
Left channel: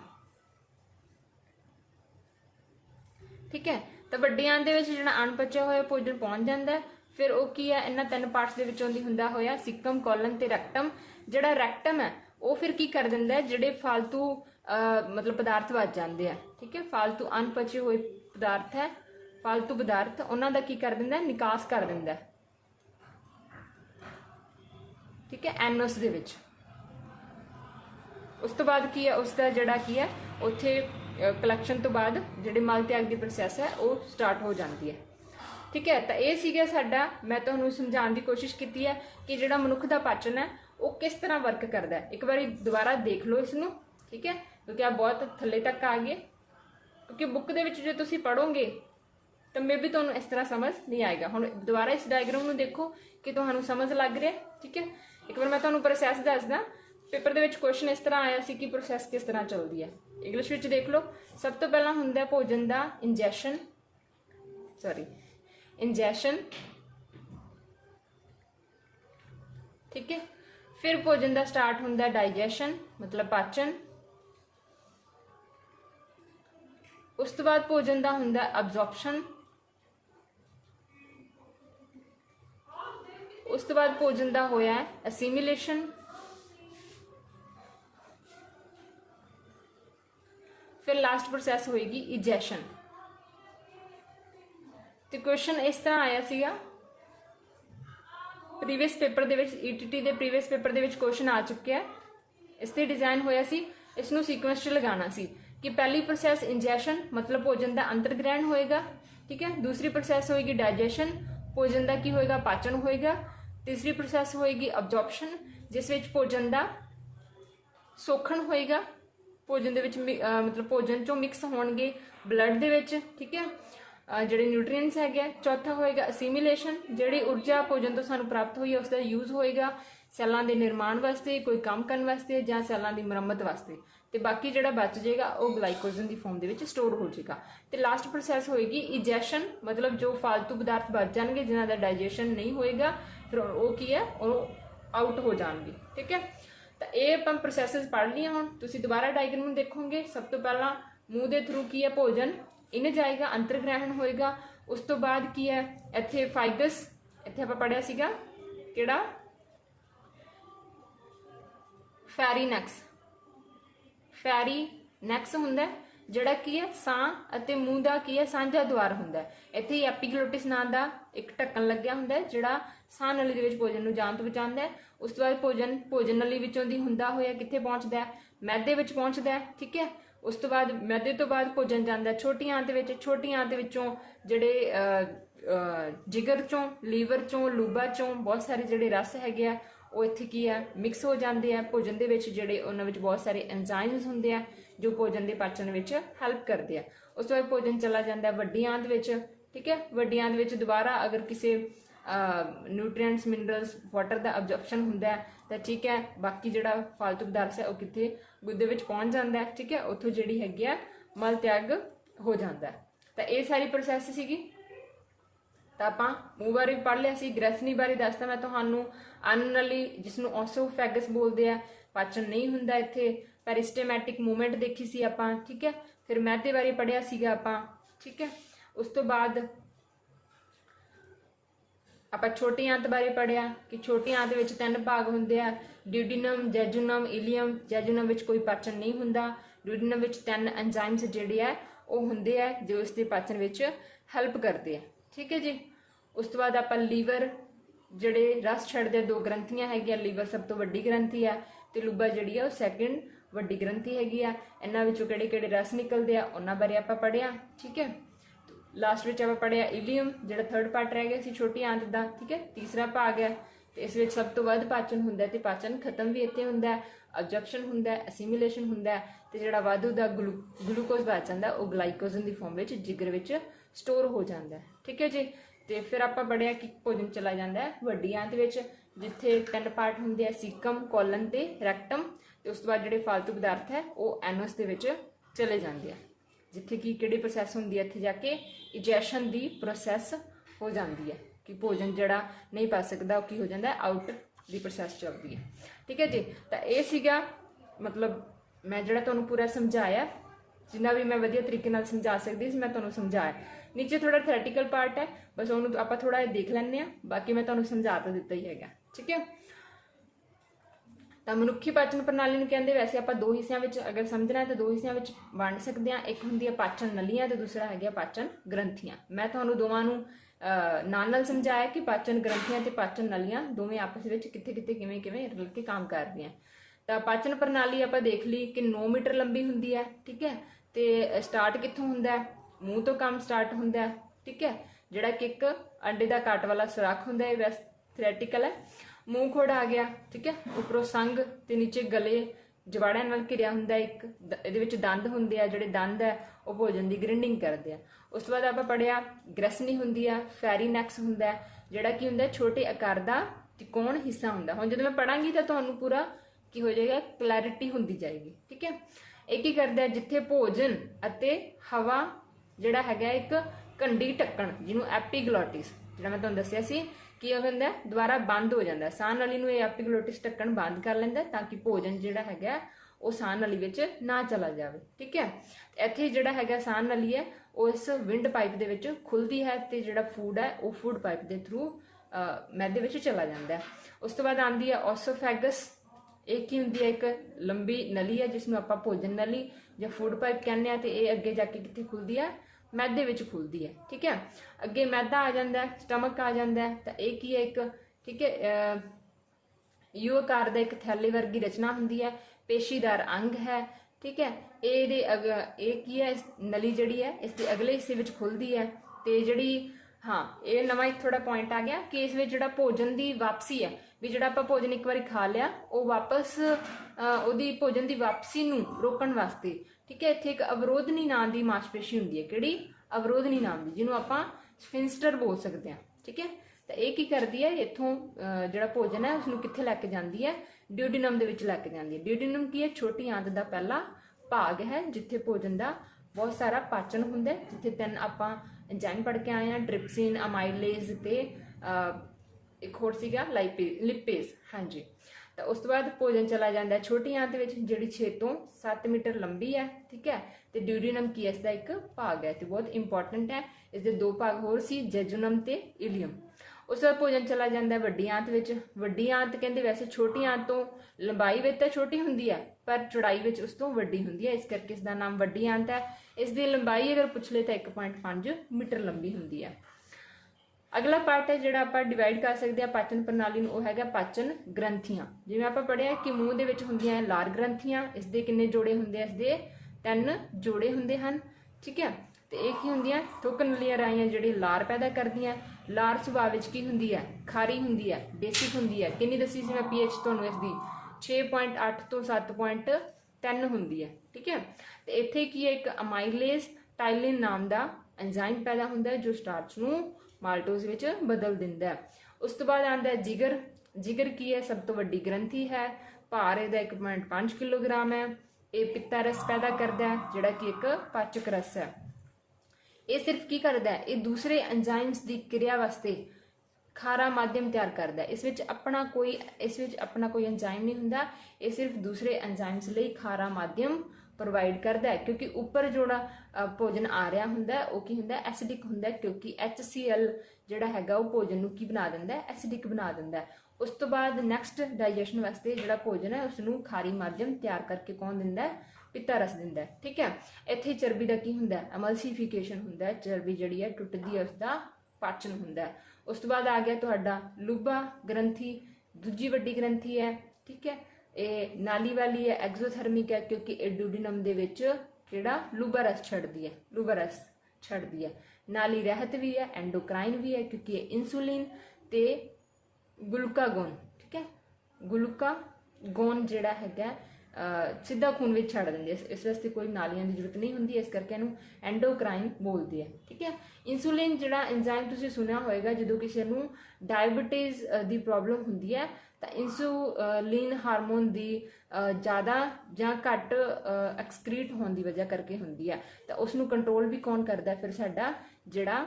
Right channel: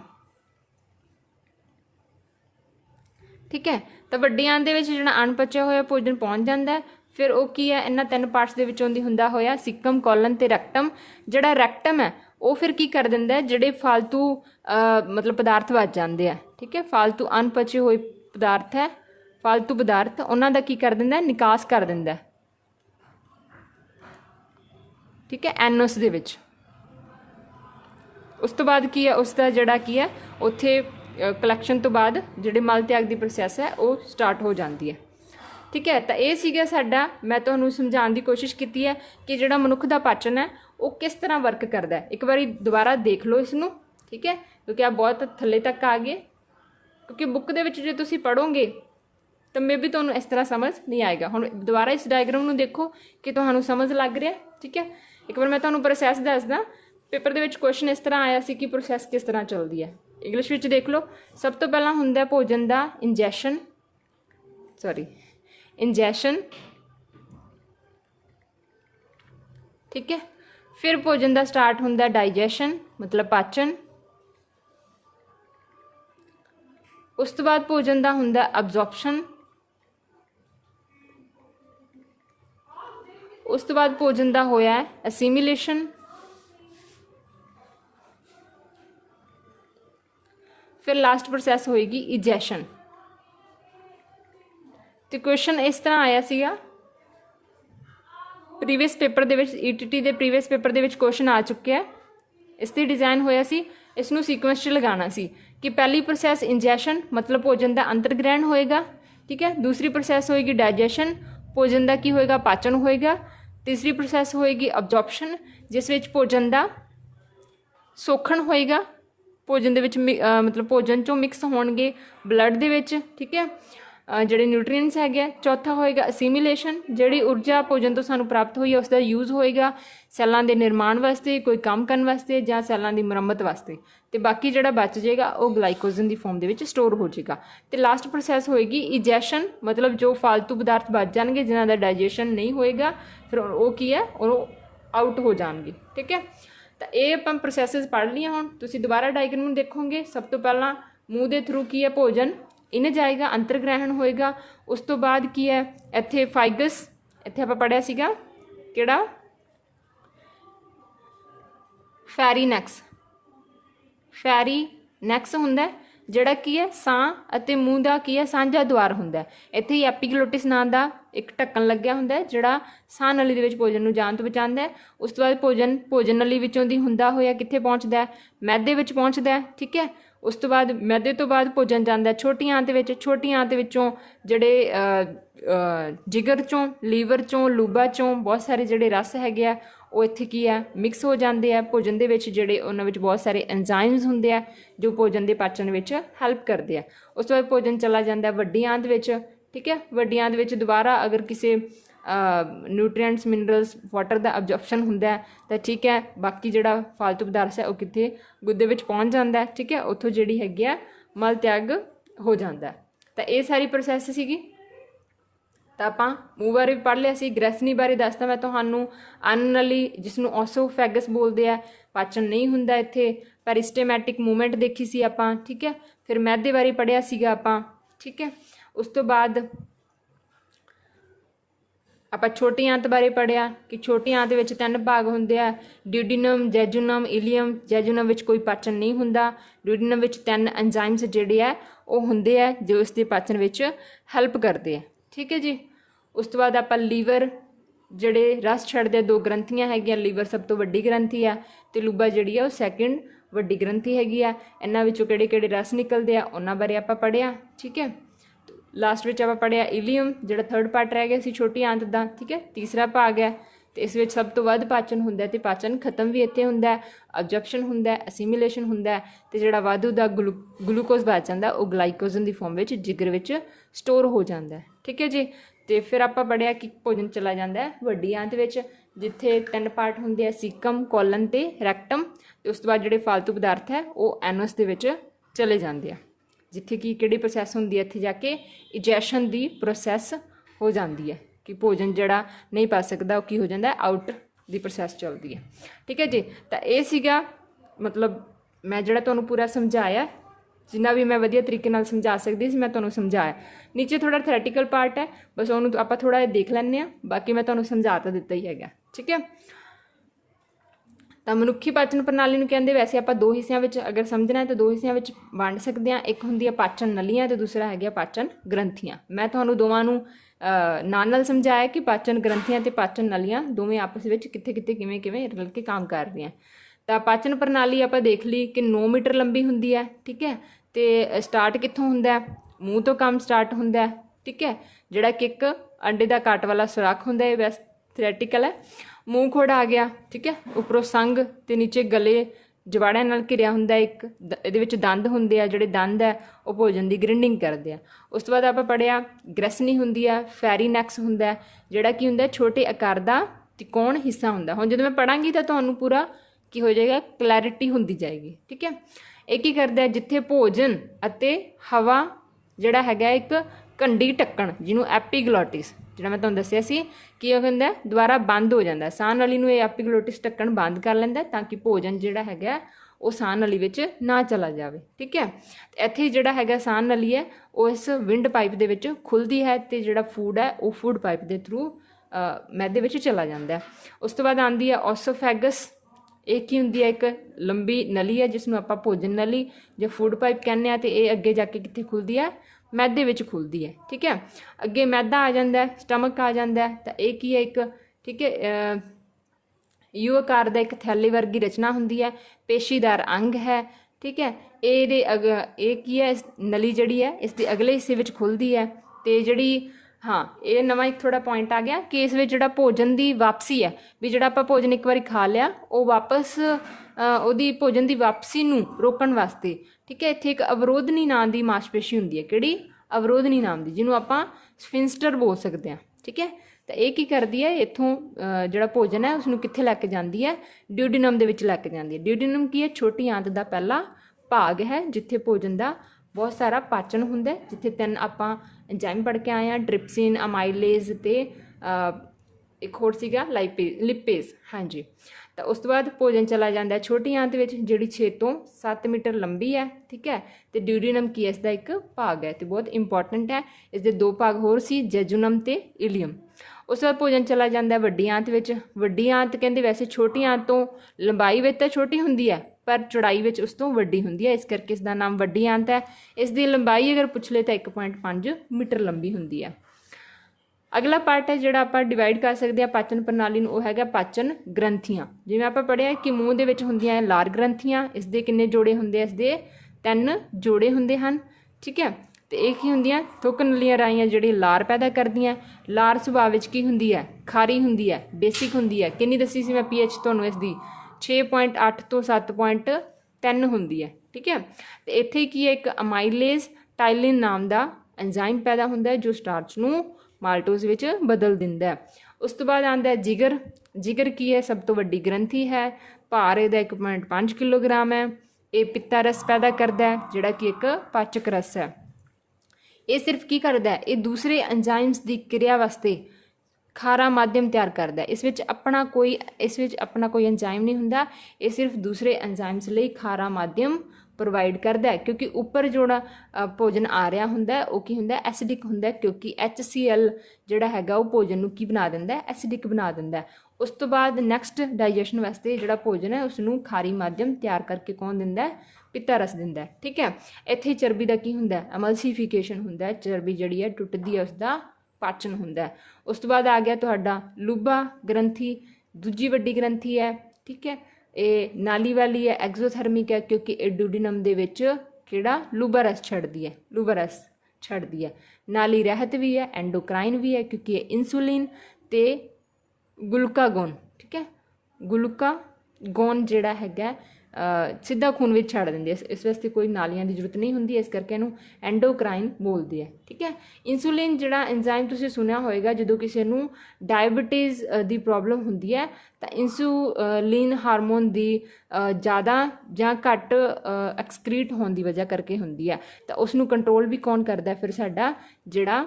ठीक है, तो वड्डी आंत दे विच जिहड़ा अणपचिया होया भोजन पहुँच जाता है, फिर वो की है, इन्हां 3 पार्ट्स दे विचों दी हुंदा होया सीकम, कोलन ते रैक्टम। जिहड़ा रैक्टम है वो फिर की कर दिंदा है, जिहड़े फालतू मतलब पदार्थ बच जाते हैं। ठीक है, फालतू अनपचे हुए पदार्थ है, फालतू पदार्थ उन्हां दा की कर दिंदा है, निकास कर दिंदा है। ठीक है, एनस दे विच। उस तो बाद की है, उसका जिहड़ा की है उत्थे कलैक्शन तो बाद जिहड़ी मल त्याग की प्रोसैस है वो स्टार्ट हो जाती है। ठीक है, तो ये सीगा साडा, मैं तुहानूं समझाउण दी कोशिश की है कि जिहड़ा मनुख दा पाचन है वो किस तरह वर्क करता है। एक बारी दोबारा देख लो इसनूं। ठीक है, क्योंकि आप बहुत थल्ले तक आ गए, क्योंकि बुक दे विच जे तुसीं पढ़ोगे तो मे भी तुहानूं इस तरह समझ नहीं आएगा। हुण दोबारा इस डायग्राम नूं देखो कि तुहानूं समझ लग रहा है। ठीक है, एक बार मैं तुहानूं प्रोसैस दसदा। पेपर दे विच क्वेश्चन इस तरह आया सी कि प्रोसैस किस तरह चलदी है। इंग्लिश विच देख लो, सब तो पहला हुंदा भोजन दा इंजैशन। ठीक है, फिर भोजन का स्टार्ट होंदा डाइजैशन, मतलब पाचन। उस तो बाद भोजन का होंदा अब्जॉर्प्शन। उस तो बाद भोजन का होया है असीमिलेशन। फिर लास्ट प्रोसैस होएगी इजैशन। तो क्वेश्चन इस तरह आया सीगा previous paper they which, ETT they previous paper they which question आ चुके हैं। इसते डिजाइन होया सी, इसनूं सीक्वेंस च लगाना सी कि पहली प्रोसैस इंजैशन, मतलब भोजन का अंतर्ग्रहण होएगा। ठीक है, दूसरी प्रोसैस होएगी डाइजैशन, भोजन का की होएगा पाचन होएगा। तीसरी प्रोसैस होएगी अब्जॉर्प्शन, जिस विच भोजन का सोखण होएगा, भोजन दे विच मतलब भोजन चों मिक्स होणगे ब्लड दे विच। ठीक है, ਜਿਹੜੇ न्यूट्रीएंट्स है। चौथा होएगा असीमिलेशन, जिहड़ी ऊर्जा भोजन तो सानू प्राप्त हुई है उसका यूज़ होएगा सैलों के निर्माण वास्ते, कोई काम करने वास्ते या सैलों की मुरम्मत वास्ते। तो बाकी जिहड़ा बच जाएगा वो ग्लाइकोजन की फॉर्म के स्टोर हो जाएगा। तो लास्ट प्रोसैस होएगी इजैशन, मतलब जो फालतू पदार्थ बच जाएंगे जिन्हों का डाइजेशन नहीं होएगा, फिर वो की है वो आउट हो जाएंगे। ठीक है, तो ये अपन प्रोसैसिस पढ़ लिया। हुण तुसीं दोबारा डायग्राम देखोगे, सब तो पहला मूँह के थ्रू की है भोजन इन जाएगा, अंतर्ग्रहण होएगा। उस तो बाद की है इत्थे फाइगस, इत्थे आपां पढ़िया सीगा किहड़ा फैरीनैक्स हुंदा है, जिहड़ा की है साह अते मूँह का की है सांझा द्वार हुंदा है। इत्थे ही एपीग्लोटिस नाम का एक ढक्कन लग्या हुंदा है, जिहड़ा साह नली दे विच भोजन नूं जाण तों बचाउंदा है। उस तो बाद भोजन नली विचों दी हुंदा होया कित्थे पहुँचदा है, मैदे विच पहुँचदा है। ठीक है, उस तो बाद मैदे तो बाद भोजन जाता है छोटी आंत विच। छोटी आंत विचों जिहड़े जिगर चों, लीवर चों, लूबा चों बहुत सारे जिहड़े रस हैगे आ वो इत्थे की है मिक्स हो जाते हैं भोजन दे विच। जिहड़े उन्हां विच बहुत सारे एंजाइम्स हुंदे आ जो भोजन के पाचन विच हैल्प करते हैं। उस तो बाद भोजन चला जाता है वड्डी आंत विच। ठीक है, वड्डी आंत विच दोबारा अगर किसी न्यूट्रीएंट्स मिनरल्स वाटर का अब्जॉर्प्शन हुंदा है तो ठीक है, बाकी जिहड़ा फालतू पदार्थ है वो कित्थे गुद्दे विच पहुँच जाता है। ठीक है, उत्थों जिहड़ी हैगी आ मल त्याग हो जाता है। तो ये सारी प्रोसैस सीगी। तो आपां मूँह बारे भी पढ़ लिया सी, ग्रैसनी बारे दसदा मैं तुहानूं। अन्न नली जिसनूं ऑसोफैगस बोलते हैं, पाचन नहीं हुंदा इत्थे। पेरिस्टेमैटिक मूवमेंट देखी सी आपां। ठीक है, फिर मैदे बारे पढ़िया सीगा आपां। ठीक है, उस तो बाद ਆਪਾਂ ਛੋਟੀ ਆਂਤ ਬਾਰੇ ਪੜ੍ਹਿਆ ਕਿ ਛੋਟੀ ਆਂਤ ਵਿੱਚ 3 ਭਾਗ ਹੁੰਦੇ ਆ, ਡਿਊਡੀਨਮ, ਜੈਜੂਨਮ, ਇਲੀਅਮ। ਜੈਜੂਨਮ ਵਿੱਚ ਕੋਈ ਪਾਚਨ ਨਹੀਂ ਹੁੰਦਾ। ਡਿਊਡੀਨਮ ਵਿੱਚ 3 ਐਂਜ਼ਾਈਮਸ ਜਿਹੜੇ ਆ ਉਹ ਹੁੰਦੇ ਆ ਜੋ ਇਸ ਦੇ ਪਾਚਨ ਵਿੱਚ ਹੈਲਪ ਕਰਦੇ ਆ। ਠੀਕ ਹੈ ਜੀ। ਉਸ ਤੋਂ ਬਾਅਦ ਆਪਾਂ ਲੀਵਰ, ਜਿਹੜੇ ਰਸ ਛੱਡਦੇ 2 ਗ੍ਰੰਥੀਆਂ ਹੈਗੀਆਂ। ਲੀਵਰ ਸਭ ਤੋਂ ਵੱਡੀ ਗ੍ਰੰਥੀ ਆ ਤੇ ਲੂਬਾ ਜਿਹੜੀ ਆ ਉਹ ਸੈਕਿੰਡ ਵੱਡੀ ਗ੍ਰੰਥੀ ਹੈਗੀ ਆ। ਇਹਨਾਂ ਵਿੱਚੋਂ ਕਿਹੜੇ ਕਿਹੜੇ ਰਸ ਨਿਕਲਦੇ ਆ ਉਹਨਾਂ ਬਾਰੇ ਆਪਾਂ ਪੜ੍ਹਿਆ। ਠੀਕ ਹੈ। ਲਾਸਟ ਵਿੱਚ ਆਪਾਂ ਪੜ੍ਹਿਆ ਇਲੀਅਮ, ਜਿਹੜਾ 3rd ਪਾਰਟ ਰਹਿ ਗਿਆ ਸੀ ਛੋਟੀ ਆਂਤ ਦਾ। ਠੀਕ ਹੈ। ਤੀਸਰਾ ਭਾਗ ਹੈ ਤੇ ਇਸ ਵਿੱਚ ਸਭ ਤੋਂ ਵੱਧ ਪਾਚਨ ਹੁੰਦਾ ਤੇ ਪਾਚਨ ਖਤਮ ਵੀ ਇੱਥੇ ਹੁੰਦਾ। ਅਬਜ਼ਰਪਸ਼ਨ ਹੁੰਦਾ, ਅਸੀਮੀਲੇਸ਼ਨ ਹੁੰਦਾ ਤੇ ਜਿਹੜਾ ਵਾਧੂ ਦਾ ਗਲੂਕੋਜ਼ ਬਚ ਜਾਂਦਾ ਉਹ ਗਲਾਈਕੋਜਨ ਦੀ ਫਾਰਮ ਵਿੱਚ ਜਿਗਰ ਵਿੱਚ ਸਟੋਰ ਹੋ ਜਾਂਦਾ। ਠੀਕ ਹੈ ਜੀ। ਤੇ ਫਿਰ ਆਪਾਂ ਪੜ੍ਹਿਆ ਕਿ ਭੋਜਨ ਚਲਾ ਜਾਂਦਾ ਵੱਡੀ ਆਂਤ ਵਿੱਚ, ਜਿੱਥੇ 3 ਪਾਰਟ ਹੁੰਦੇ ਆ, ਸੀਕਮ, ਕੋਲਨ ਤੇ ਰੈਕਟਮ। ਤੇ ਉਸ ਤੋਂ ਬਾਅਦ ਜਿਹੜੇ ਫਾਲਤੂ ਪਦਾਰਥ ਹੈ ਉਹ ਐਨਸ ਦੇ ਵਿੱਚ ਚਲੇ ਜਾਂਦੇ ਆ, ਜਿੱਥੇ ਕਿ ਕਿਹੜੀ ਪ੍ਰੋਸੈਸ ਹੁੰਦੀ ਹੈ, ਇੱਥੇ ਜਾ ਕੇ ਇਜੈਸ਼ਨ ਦੀ ਪ੍ਰੋਸੈਸ ਹੋ ਜਾਂਦੀ ਹੈ ਕਿ ਭੋਜਨ ਜਿਹੜਾ ਨਹੀਂ ਪਚ ਸਕਦਾ ਉਹ ਕੀ ਹੋ ਜਾਂਦਾ, ਆਊਟ ਦੀ ਪ੍ਰੋਸੈਸ ਚੱਲਦੀ ਹੈ। ਠੀਕ ਹੈ ਜੀ। ਤਾਂ ਇਹ ਸੀਗਾ ਮਤਲਬ ਮੈਂ ਜਿਹੜਾ ਤੁਹਾਨੂੰ ਪੂਰਾ ਸਮਝਾਇਆ, ਜਿੰਨਾ ਵੀ ਮੈਂ ਵਧੀਆ ਤਰੀਕੇ ਨਾਲ ਸਮਝਾ ਸਕਦੀ ਸੀ ਮੈਂ ਤੁਹਾਨੂੰ ਸਮਝਾਇਆ। ਨੀਚੇ ਥੋੜਾ ਥਿਓਰੈਟੀਕਲ ਪਾਰਟ ਹੈ, ਬਸ ਉਹਨੂੰ ਆਪਾਂ ਥੋੜਾ ਜਿਹਾ ਦੇਖ ਲੈਂਦੇ ਹਾਂ, ਬਾਕੀ ਮੈਂ ਤੁਹਾਨੂੰ ਸਮਝਾ ਤਾਂ ਦਿੱਤਾ ਹੀ ਹੈਗਾ। ਠੀਕ ਹੈ। ਤਾਂ ਮਨੁੱਖੀ ਪਾਚਨ ਪ੍ਰਣਾਲੀ ਨੂੰ ਕਹਿੰਦੇ, ਵੈਸੇ ਆਪਾਂ 2 ਹਿੱਸਿਆਂ ਵਿੱਚ ਅਗਰ ਸਮਝਣਾ ਤਾਂ 2 ਹਿੱਸਿਆਂ ਵਿੱਚ ਵੰਡ ਸਕਦੇ ਹਾਂ। ਇੱਕ ਹੁੰਦੀ ਹੈ ਪਾਚਨ ਨਲੀਆਂ ਤੇ ਦੂਸਰਾ ਹੈਗਾ ਪਾਚਨ ਗ੍ਰੰਥੀਆਂ। ਮੈਂ ਤੁਹਾਨੂੰ ਦੋਵਾਂ ਨੂੰ ਨਾਲ ਸਮਝਾਇਆ ਕਿ ਪਾਚਨ ਗ੍ਰੰਥੀਆਂ ਤੇ ਪਾਚਨ ਨਲੀਆਂ ਦੋਵੇਂ ਆਪਸ ਵਿੱਚ ਕਿੱਥੇ ਕਿੱਥੇ ਕਿਵੇਂ ਕਿਵੇਂ ਰਲ ਕੇ ਕੰਮ ਕਰ ਰਹੀਆਂ। ਤਾਂ ਪਾਚਨ ਪ੍ਰਣਾਲੀ ਆਪਾਂ ਦੇਖ ਲਈ ਕਿ 9 ਮੀਟਰ ਲੰਬੀ ਹੁੰਦੀ ਹੈ। ਠੀਕ ਹੈ। ਤੇ ਸਟਾਰਟ ਕਿੱਥੋਂ ਹੁੰਦਾ, ਮੂੰਹ ਤੋਂ ਕੰਮ ਸਟਾਰਟ ਹੁੰਦਾ। ਠੀਕ ਹੈ। ਜਿਹੜਾ ਕਿ ਇੱਕ ਅੰਡੇ ਦਾ ਕੱਟ ਵਾਲਾ ਸੁਰਾਖ ਹੁੰਦਾ, ਇਹ ਵੈਸੇ ਥਿਓਰੈਟੀਕਲ ਹੈ। ਮੂੰਹ ਖੋੜ ਆ ਗਿਆ। ਠੀਕ ਹੈ। ਉੱਪਰੋਂ ਸੰਗ ਤੇ ਨੀਚੇ ਗਲੇ ਜਵਾੜਿਆਂ ਨਾਲ ਘਿਰਿਆ ਹੁੰਦਾ। ਇੱਕ ਇਹਦੇ ਵਿੱਚ ਦੰਦ ਹੁੰਦੇ ਆ, ਜਿਹੜੇ ਦੰਦ ਹੈ ਉਹ ਭੋਜਨ ਦੀ ਗ੍ਰਿੰਡਿੰਗ ਕਰਦੇ ਆ। ਉਸ ਤੋਂ ਬਾਅਦ ਆਪਾਂ ਪੜ੍ਹਿਆ ਗ੍ਰੈਸਨੀ ਹੁੰਦੀ ਆ, ਫੈਰੀਨੈਕਸ ਹੁੰਦਾ, ਜਿਹੜਾ ਕੀ ਹੁੰਦਾ ਛੋਟੇ ਆਕਾਰ ਦਾ ਤਿਕੋਣ ਹਿੱਸਾ ਹੁੰਦਾ। ਹੁਣ ਜਦੋਂ ਮੈਂ ਪੜਾਂਗੀ ਤਾਂ ਤੁਹਾਨੂੰ ਪੂਰਾ ਕੀ ਹੋ ਜਾਏਗਾ, ਕਲੈਰਿਟੀ ਹੁੰਦੀ ਜਾਏਗੀ। ਠੀਕ ਹੈ। ਇਹ ਕੀ ਕਰਦਾ, ਜਿੱਥੇ ਭੋਜਨ ਅਤੇ ਹਵਾ ਜਿਹੜਾ ਹੈਗਾ ਇੱਕ ਕੰਢੀ ਢੱਕਣ, ਜਿਹਨੂੰ ਐਪੀਗਲੋਟਿਸ, ਜਿਹੜਾ ਮੈਂ ਤੁਹਾਨੂੰ ਦੱਸਿਆ ਸੀ ਕੀ ਉਹ ਹੁੰਦਾ ਦੁਬਾਰਾ ਬੰਦ ਹੋ ਜਾਂਦਾ। ਸਾਹ ਨਲੀ ਨੂੰ ਇਹ ਐਪੀਗਲੋਟਿਸ ਢੱਕਣ ਬੰਦ ਕਰ ਲੈਂਦਾ ਤਾਂ ਕਿ ਭੋਜਨ ਜਿਹੜਾ ਹੈਗਾ ਉਹ ਸਾਹ ਨਲੀ ਵਿੱਚ ਨਾ ਚਲਾ ਜਾਵੇ। ਠੀਕ ਹੈ। ਇੱਥੇ ਜਿਹੜਾ ਹੈਗਾ ਸਾਹ ਨਲੀ ਹੈ ਉਹ ਇਸ ਵਿੰਡ ਪਾਈਪ ਦੇ ਵਿੱਚ ਖੁੱਲ੍ਹਦੀ ਹੈ ਤੇ ਜਿਹੜਾ ਫੂਡ ਹੈ ਉਹ ਫੂਡ ਪਾਈਪ ਦੇ ਥਰੂ ਮੈਦੇ ਵਿੱਚ ਚਲਾ ਜਾਂਦਾ। ਉਸ ਤੋਂ ਬਾਅਦ ਆਉਂਦੀ ਹੈ ਓਸੋਫੈਗਸ। ਇਹ ਕੀ ਹੁੰਦੀ ਹੈ, ਇੱਕ ਲੰਬੀ ਨਲੀ ਹੈ ਜਿਸ ਨੂੰ ਆਪਾਂ ਭੋਜਨ ਨਲੀ ਜਾਂ ਫੂਡ ਪਾਈਪ ਕਹਿੰਦੇ ਹਾਂ। ਤੇ ਇਹ ਅੱਗੇ ਜਾ ਕੇ ਕਿੱਥੇ ਖੁੱਲ੍ਹਦੀ ਹੈ, ਮੈਦੇ ਵਿੱਚ ਖੁੱਲ੍ਹਦੀ ਹੈ। ਠੀਕ ਹੈ। ਅੱਗੇ ਮੈਦਾ ਆ ਜਾਂਦਾ, ਸਟਮਕ ਆ ਜਾਂਦਾ। ਤਾਂ ਇਹ ਕੀ ਹੈ, ਇੱਕ ਠੀਕ ਹੈ ਯੂ ਆਕਾਰ ਦਾ ਇੱਕ ਥੈਲੇ ਵਰਗੀ ਰਚਨਾ ਹੁੰਦੀ ਹੈ, ਪੇਸ਼ੀਦਾਰ ਅੰਗ ਹੈ। ਠੀਕ ਹੈ। ਇਹ ਕੀ ਹੈ, ਇਸ ਨਲੀ ਜਿਹੜੀ ਹੈ ਇਸ ਦੇ ਅਗਲੇ ਹਿੱਸੇ ਵਿੱਚ ਖੁੱਲ੍ਹਦੀ ਹੈ। ਤੇ ਜਿਹੜੀ ਇਹ ਨਵਾਂ ਇੱਕ ਥੋੜਾ ਪੁਆਇੰਟ ਆ ਗਿਆ ਕਿ ਇਸ ਵਿੱਚ ਜਿਹੜਾ ਭੋਜਨ ਦੀ ਵਾਪਸੀ ਹੈ, ਵੀ ਜਿਹੜਾ ਆਪਾਂ ਭੋਜਨ ਇੱਕ ਵਾਰੀ ਖਾ ਲਿਆ ਉਹ ਵਾਪਸ ਉਹਦੀ ਭੋਜਨ ਦੀ ਵਾਪਸੀ ਨੂੰ ਰੋਕਣ ਵਾਸਤੇ ਠੀਕ ਹੈ ਇੱਥੇ ਇੱਕ ਅਵਰੋਧਨੀ ਨਾਂ ਦੀ ਮਾਸਪੇਸ਼ੀ ਹੁੰਦੀ ਹੈ। ਕਿਹੜੀ? ਅਵਰੋਧਨੀ ਨਾਮ ਦੀ, ਜਿਹਨੂੰ ਆਪਾਂ ਸਫਿੰਸਟਰ ਬੋਲ ਸਕਦੇ ਹਾਂ। ਠੀਕ ਹੈ। ਤਾਂ ਇਹ ਕੀ ਕਰਦੀ ਹੈ, ਇੱਥੋਂ ਜਿਹੜਾ ਭੋਜਨ ਹੈ ਉਸਨੂੰ ਕਿੱਥੇ ਲੈ ਕੇ ਜਾਂਦੀ ਹੈ, ਡਿਊਡੀਨਮ ਦੇ ਵਿੱਚ ਲੈ ਕੇ ਜਾਂਦੀ ਹੈ। ਡਿਊਡੀਨਮ ਕੀ ਹੈ, ਛੋਟੀ ਆਂਤ ਦਾ ਪਹਿਲਾ ਭਾਗ ਹੈ ਜਿੱਥੇ ਭੋਜਨ ਦਾ ਬਹੁਤ ਸਾਰਾ ਪਾਚਨ ਹੁੰਦਾ, ਜਿੱਥੇ 3 ਆਪਾਂ ਐਂਜ਼ਾਈਮ ਪੜ੍ਹ ਕੇ ਆਏ ਹਾਂ, ਟ੍ਰਿਪਸਿਨ, ਅਮਾਈਲੇਜ਼ ਤੇ ਇੱਕ ਹੋਰ ਸੀਗਾ ਲਿਪੇਜ਼। ਹਾਂਜੀ। ਤਾਂ ਉਸ ਤੋਂ ਬਾਅਦ ਭੋਜਨ ਚਲਾ ਜਾਂਦਾ ਛੋਟੀ ਆਂਤ ਵਿੱਚ, ਜਿਹੜੀ 6 ਤੋਂ 7 ਮੀਟਰ ਲੰਬੀ ਹੈ। ਠੀਕ ਹੈ। ਤੇ ਡਿਊਡੀਨਮ ਕੀ ਹੈ, ਇਸ ਦਾ ਇੱਕ ਭਾਗ ਹੈ ਤੇ ਬਹੁਤ ਇੰਪੋਰਟੈਂਟ ਹੈ। ਇਸ ਦੇ 2 ਭਾਗ ਹੋਰ ਸੀ, ਜੈਜੂਨਮ ਤੇ ਇਲੀਅਮ। ਉਸ ਤੋਂ ਬਾਅਦ ਭੋਜਨ ਚਲਾ ਜਾਂਦਾ ਵੱਡੀ ਆਂਤ ਵਿੱਚ। ਵੱਡੀ ਆਂਤ ਕਹਿੰਦੇ ਵੈਸੇ ਛੋਟੀ ਆਂਤ ਤੋਂ ਲੰਬਾਈ ਵਿੱਚ ਤਾਂ ਛੋਟੀ ਹੁੰਦੀ ਹੈ ਪਰ ਚੌੜਾਈ ਵਿੱਚ ਉਸ ਤੋਂ ਵੱਡੀ ਹੁੰਦੀ ਹੈ, ਇਸ ਕਰਕੇ ਇਸ ਦਾ ਨਾਮ ਵੱਡੀ ਆਂਤ ਹੈ। ਇਸ ਦੀ ਲੰਬਾਈ ਅਗਰ ਪੁੱਛ ਲਏ ਤਾਂ 1.5 ਮੀਟਰ ਲੰਬੀ ਹੁੰਦੀ ਹੈ। ਅਗਲਾ ਪਾਰਟ ਹੈ ਜਿਹੜਾ ਆਪਾਂ ਡਿਵਾਈਡ ਕਰ ਸਕਦੇ ਹਾਂ ਪਾਚਨ ਪ੍ਰਣਾਲੀ ਨੂੰ, ਉਹ ਹੈਗਾ ਪਾਚਨ ਗ੍ਰੰਥੀਆਂ। ਜਿਵੇਂ ਆਪਾਂ ਪੜ੍ਹਿਆ ਕਿ ਮੂੰਹ ਦੇ ਵਿੱਚ ਹੁੰਦੀਆਂ ਲਾਰ ਗ੍ਰੰਥੀਆਂ, ਇਸ ਦੇ ਕਿੰਨੇ ਜੋੜੇ ਹੁੰਦੇ, ਇਸ ਦੇ 3 ਜੋੜੇ ਹੁੰਦੇ ਹਨ। ਠੀਕ ਹੈ। ਤੇ ਇਹ ਕੀ ਹੁੰਦੀਆਂ, ਥੁੱਕ ਨਲੀਆਂ ਰਾਹੀਂ ਜਿਹੜੀ ਲਾਰ ਪੈਦਾ ਕਰਦੀਆਂ। ਲਾਰ ਸੁਭਾਅ ਵਿੱਚ ਕੀ ਹੁੰਦੀ ਹੈ, ਖਾਰੀ ਹੁੰਦੀ ਹੈ, ਬੇਸਿਕ ਹੁੰਦੀ ਹੈ। ਕਿੰਨੀ ਦੱਸੀ ਸੀ ਮੈਂ ਪੀਐਚ ਤੁਹਾਨੂੰ, ਇਸ ਦੀ 6.8 ਤੋਂ 7.3 ਹੁੰਦੀ ਹੈ। ਠੀਕ ਹੈ। ਤੇ ਇੱਥੇ ਕੀ ਹੈ, ਇੱਕ ਅਮਾਈਲੇਜ਼ ਟਾਈਲਿਨ ਨਾਮ ਦਾ ਐਂਜ਼ਾਈਮ ਪੈਦਾ ਹੁੰਦਾ ਹੈ ਜੋ ਸਟਾਰਚ ਨੂੰ ਮਾਲਟੋਜ਼ ਵਿੱਚ ਬਦਲ ਦਿੰਦਾ ਹੈ। ਉਸ ਤੋਂ ਬਾਅਦ ਆਉਂਦਾ ਜਿਗਰ। ਜਿਗਰ ਕੀ ਹੈ, ਸਭ ਤੋਂ ਵੱਡੀ ਗ੍ਰੰਥੀ ਹੈ। ਭਾਰ ਇਹਦਾ 1.5 ਕਿਲੋਗ੍ਰਾਮ ਹੈ। ਇਹ ਪਿੱਤਾ ਰਸ ਪੈਦਾ ਕਰਦਾ ਹੈ ਜਿਹੜਾ ਕਿ ਇੱਕ ਪਾਚਕ ਰਸ ਹੈ। ਇਹ ਸਿਰਫ ਕੀ ਕਰਦਾ ਹੈ, ਇਹ ਦੂਸਰੇ ਐਂਜ਼ਾਈਮਸ ਦੀ ਕਿਰਿਆ ਵਾਸਤੇ ਖਾਰਾ ਮਾਧਿਅਮ ਤਿਆਰ ਕਰਦਾ ਹੈ। ਇਸ ਵਿੱਚ ਆਪਣਾ ਕੋਈ ਐਂਜ਼ਾਈਮ ਨਹੀਂ ਹੁੰਦਾ, ਇਹ ਸਿਰਫ ਦੂਸਰੇ ਐਂਜ਼ਾਈਮਸ ਲਈ ਖਾਰਾ ਮਾਧਿਅਮ ਪ੍ਰੋਵਾਈਡ ਕਰਦਾ ਹੈ, ਕਿਉਂਕਿ ਉੱਪਰ ਜਿਹੜਾ ਭੋਜਨ ਆ ਰਿਹਾ ਹੁੰਦਾ ਉਹ ਕੀ ਹੁੰਦਾ, ਐਸਿਡਿਕ ਹੁੰਦਾ, ਕਿਉਂਕਿ HCl ਜਿਹੜਾ ਹੈਗਾ ਉਹ ਭੋਜਨ ਨੂੰ ਕੀ ਬਣਾ ਦਿੰਦਾ, ਐਸਿਡਿਕ ਬਣਾ ਦਿੰਦਾ। ਉਸ ਤੋਂ ਬਾਅਦ ਨੈਕਸਟ ਡਾਈਜੈਸ਼ਨ ਵਾਸਤੇ ਜਿਹੜਾ ਭੋਜਨ ਹੈ ਉਸ ਨੂੰ ਖਾਰੀ ਮਾਧਿਅਮ ਤਿਆਰ ਕਰਕੇ ਕੌਣ ਦਿੰਦਾ, ਪਿੱਤਾ ਰਸ ਦਿੰਦਾ। ਠੀਕ ਹੈ, ਇੱਥੇ ਚਰਬੀ ਦਾ ਕੀ ਹੁੰਦਾ, ਐਮਲਸੀਫਿਕੇਸ਼ਨ ਹੁੰਦਾ, ਚਰਬੀ ਜਿਹੜੀ ਹੈ ਟੁੱਟਦੀ ਹੈ, ਉਸਦਾ ਪਾਚਨ ਹੁੰਦਾ। ਉਸ ਤੋਂ ਬਾਅਦ ਆ ਗਿਆ ਤੁਹਾਡਾ ਲੂਬਾ ਗ੍ਰੰਥੀ, ਦੂਜੀ ਵੱਡੀ ਗ੍ਰੰਥੀ ਹੈ। ਠੀਕ ਹੈ, ਇਹ ਨਾਲੀ ਵਾਲੀ ਹੈ, ਐਗਜ਼ੋਥਰਮਿਕ ਹੈ, ਕਿਉਂਕਿ ਇਹ ਡੂਡੀਨਮ ਦੇ ਵਿੱਚ ਕਿਹੜਾ ਲੂਬਾ ਰਸ ਛੱਡਦੀ ਹੈ, ਲੂਬਾ ਰਸ ਛੱਡਦੀ ਹੈ। ਨਾਲੀ ਰਹਿਤ ਵੀ ਹੈ, ਐਂਡੋਕਰਾਈਨ ਵੀ ਹੈ, ਕਿਉਂਕਿ ਇਹ ਇਨਸੂਲਿਨ ਤੇ ਗਲੂਕਾਗੋਨ, ਠੀਕ ਹੈ, ਗਲੂਕਾਗੋਨ ਜਿਹੜਾ ਹੈਗਾ ਸਿੱਧਾ ਖੂਨ ਵਿੱਚ ਛੱਡ ਦਿੰਦੀ ਹੈ, ਇਸ ਵਾਸਤੇ ਕੋਈ ਨਾਲੀਆਂ ਦੀ ਜ਼ਰੂਰਤ ਨਹੀਂ ਹੁੰਦੀ, ਇਸ ਕਰਕੇ ਇਹਨੂੰ ਐਂਡੋਕਰਾਈਨ ਬੋਲਦੇ ਆ। ਠੀਕ ਹੈ, ਇਨਸੂਲਿਨ ਜਿਹੜਾ ਐਂਜ਼ਾਈਮ ਤੁਸੀਂ ਸੁਣਿਆ ਹੋਏਗਾ, ਜਦੋਂ ਕਿਸੇ ਨੂੰ ਡਾਇਬਟੀਜ਼ ਦੀ ਪ੍ਰੋਬਲਮ ਹੁੰਦੀ ਹੈ ਤਾਂ ਇਨਸੂਲਿਨ ਹਾਰਮੋਨ ਦੀ ਜ਼ਿਆਦਾ ਜਾਂ ਘੱਟ ਐਕਸਕ੍ਰੀਟ ਹੋਣ ਦੀ ਵਜ੍ਹਾ ਕਰਕੇ ਹੁੰਦੀ ਹੈ, ਤਾਂ ਉਸ ਨੂੰ ਕੰਟਰੋਲ ਵੀ ਕੌਣ ਕਰਦਾ, ਫਿਰ ਸਾਡਾ ਜਿਹੜਾ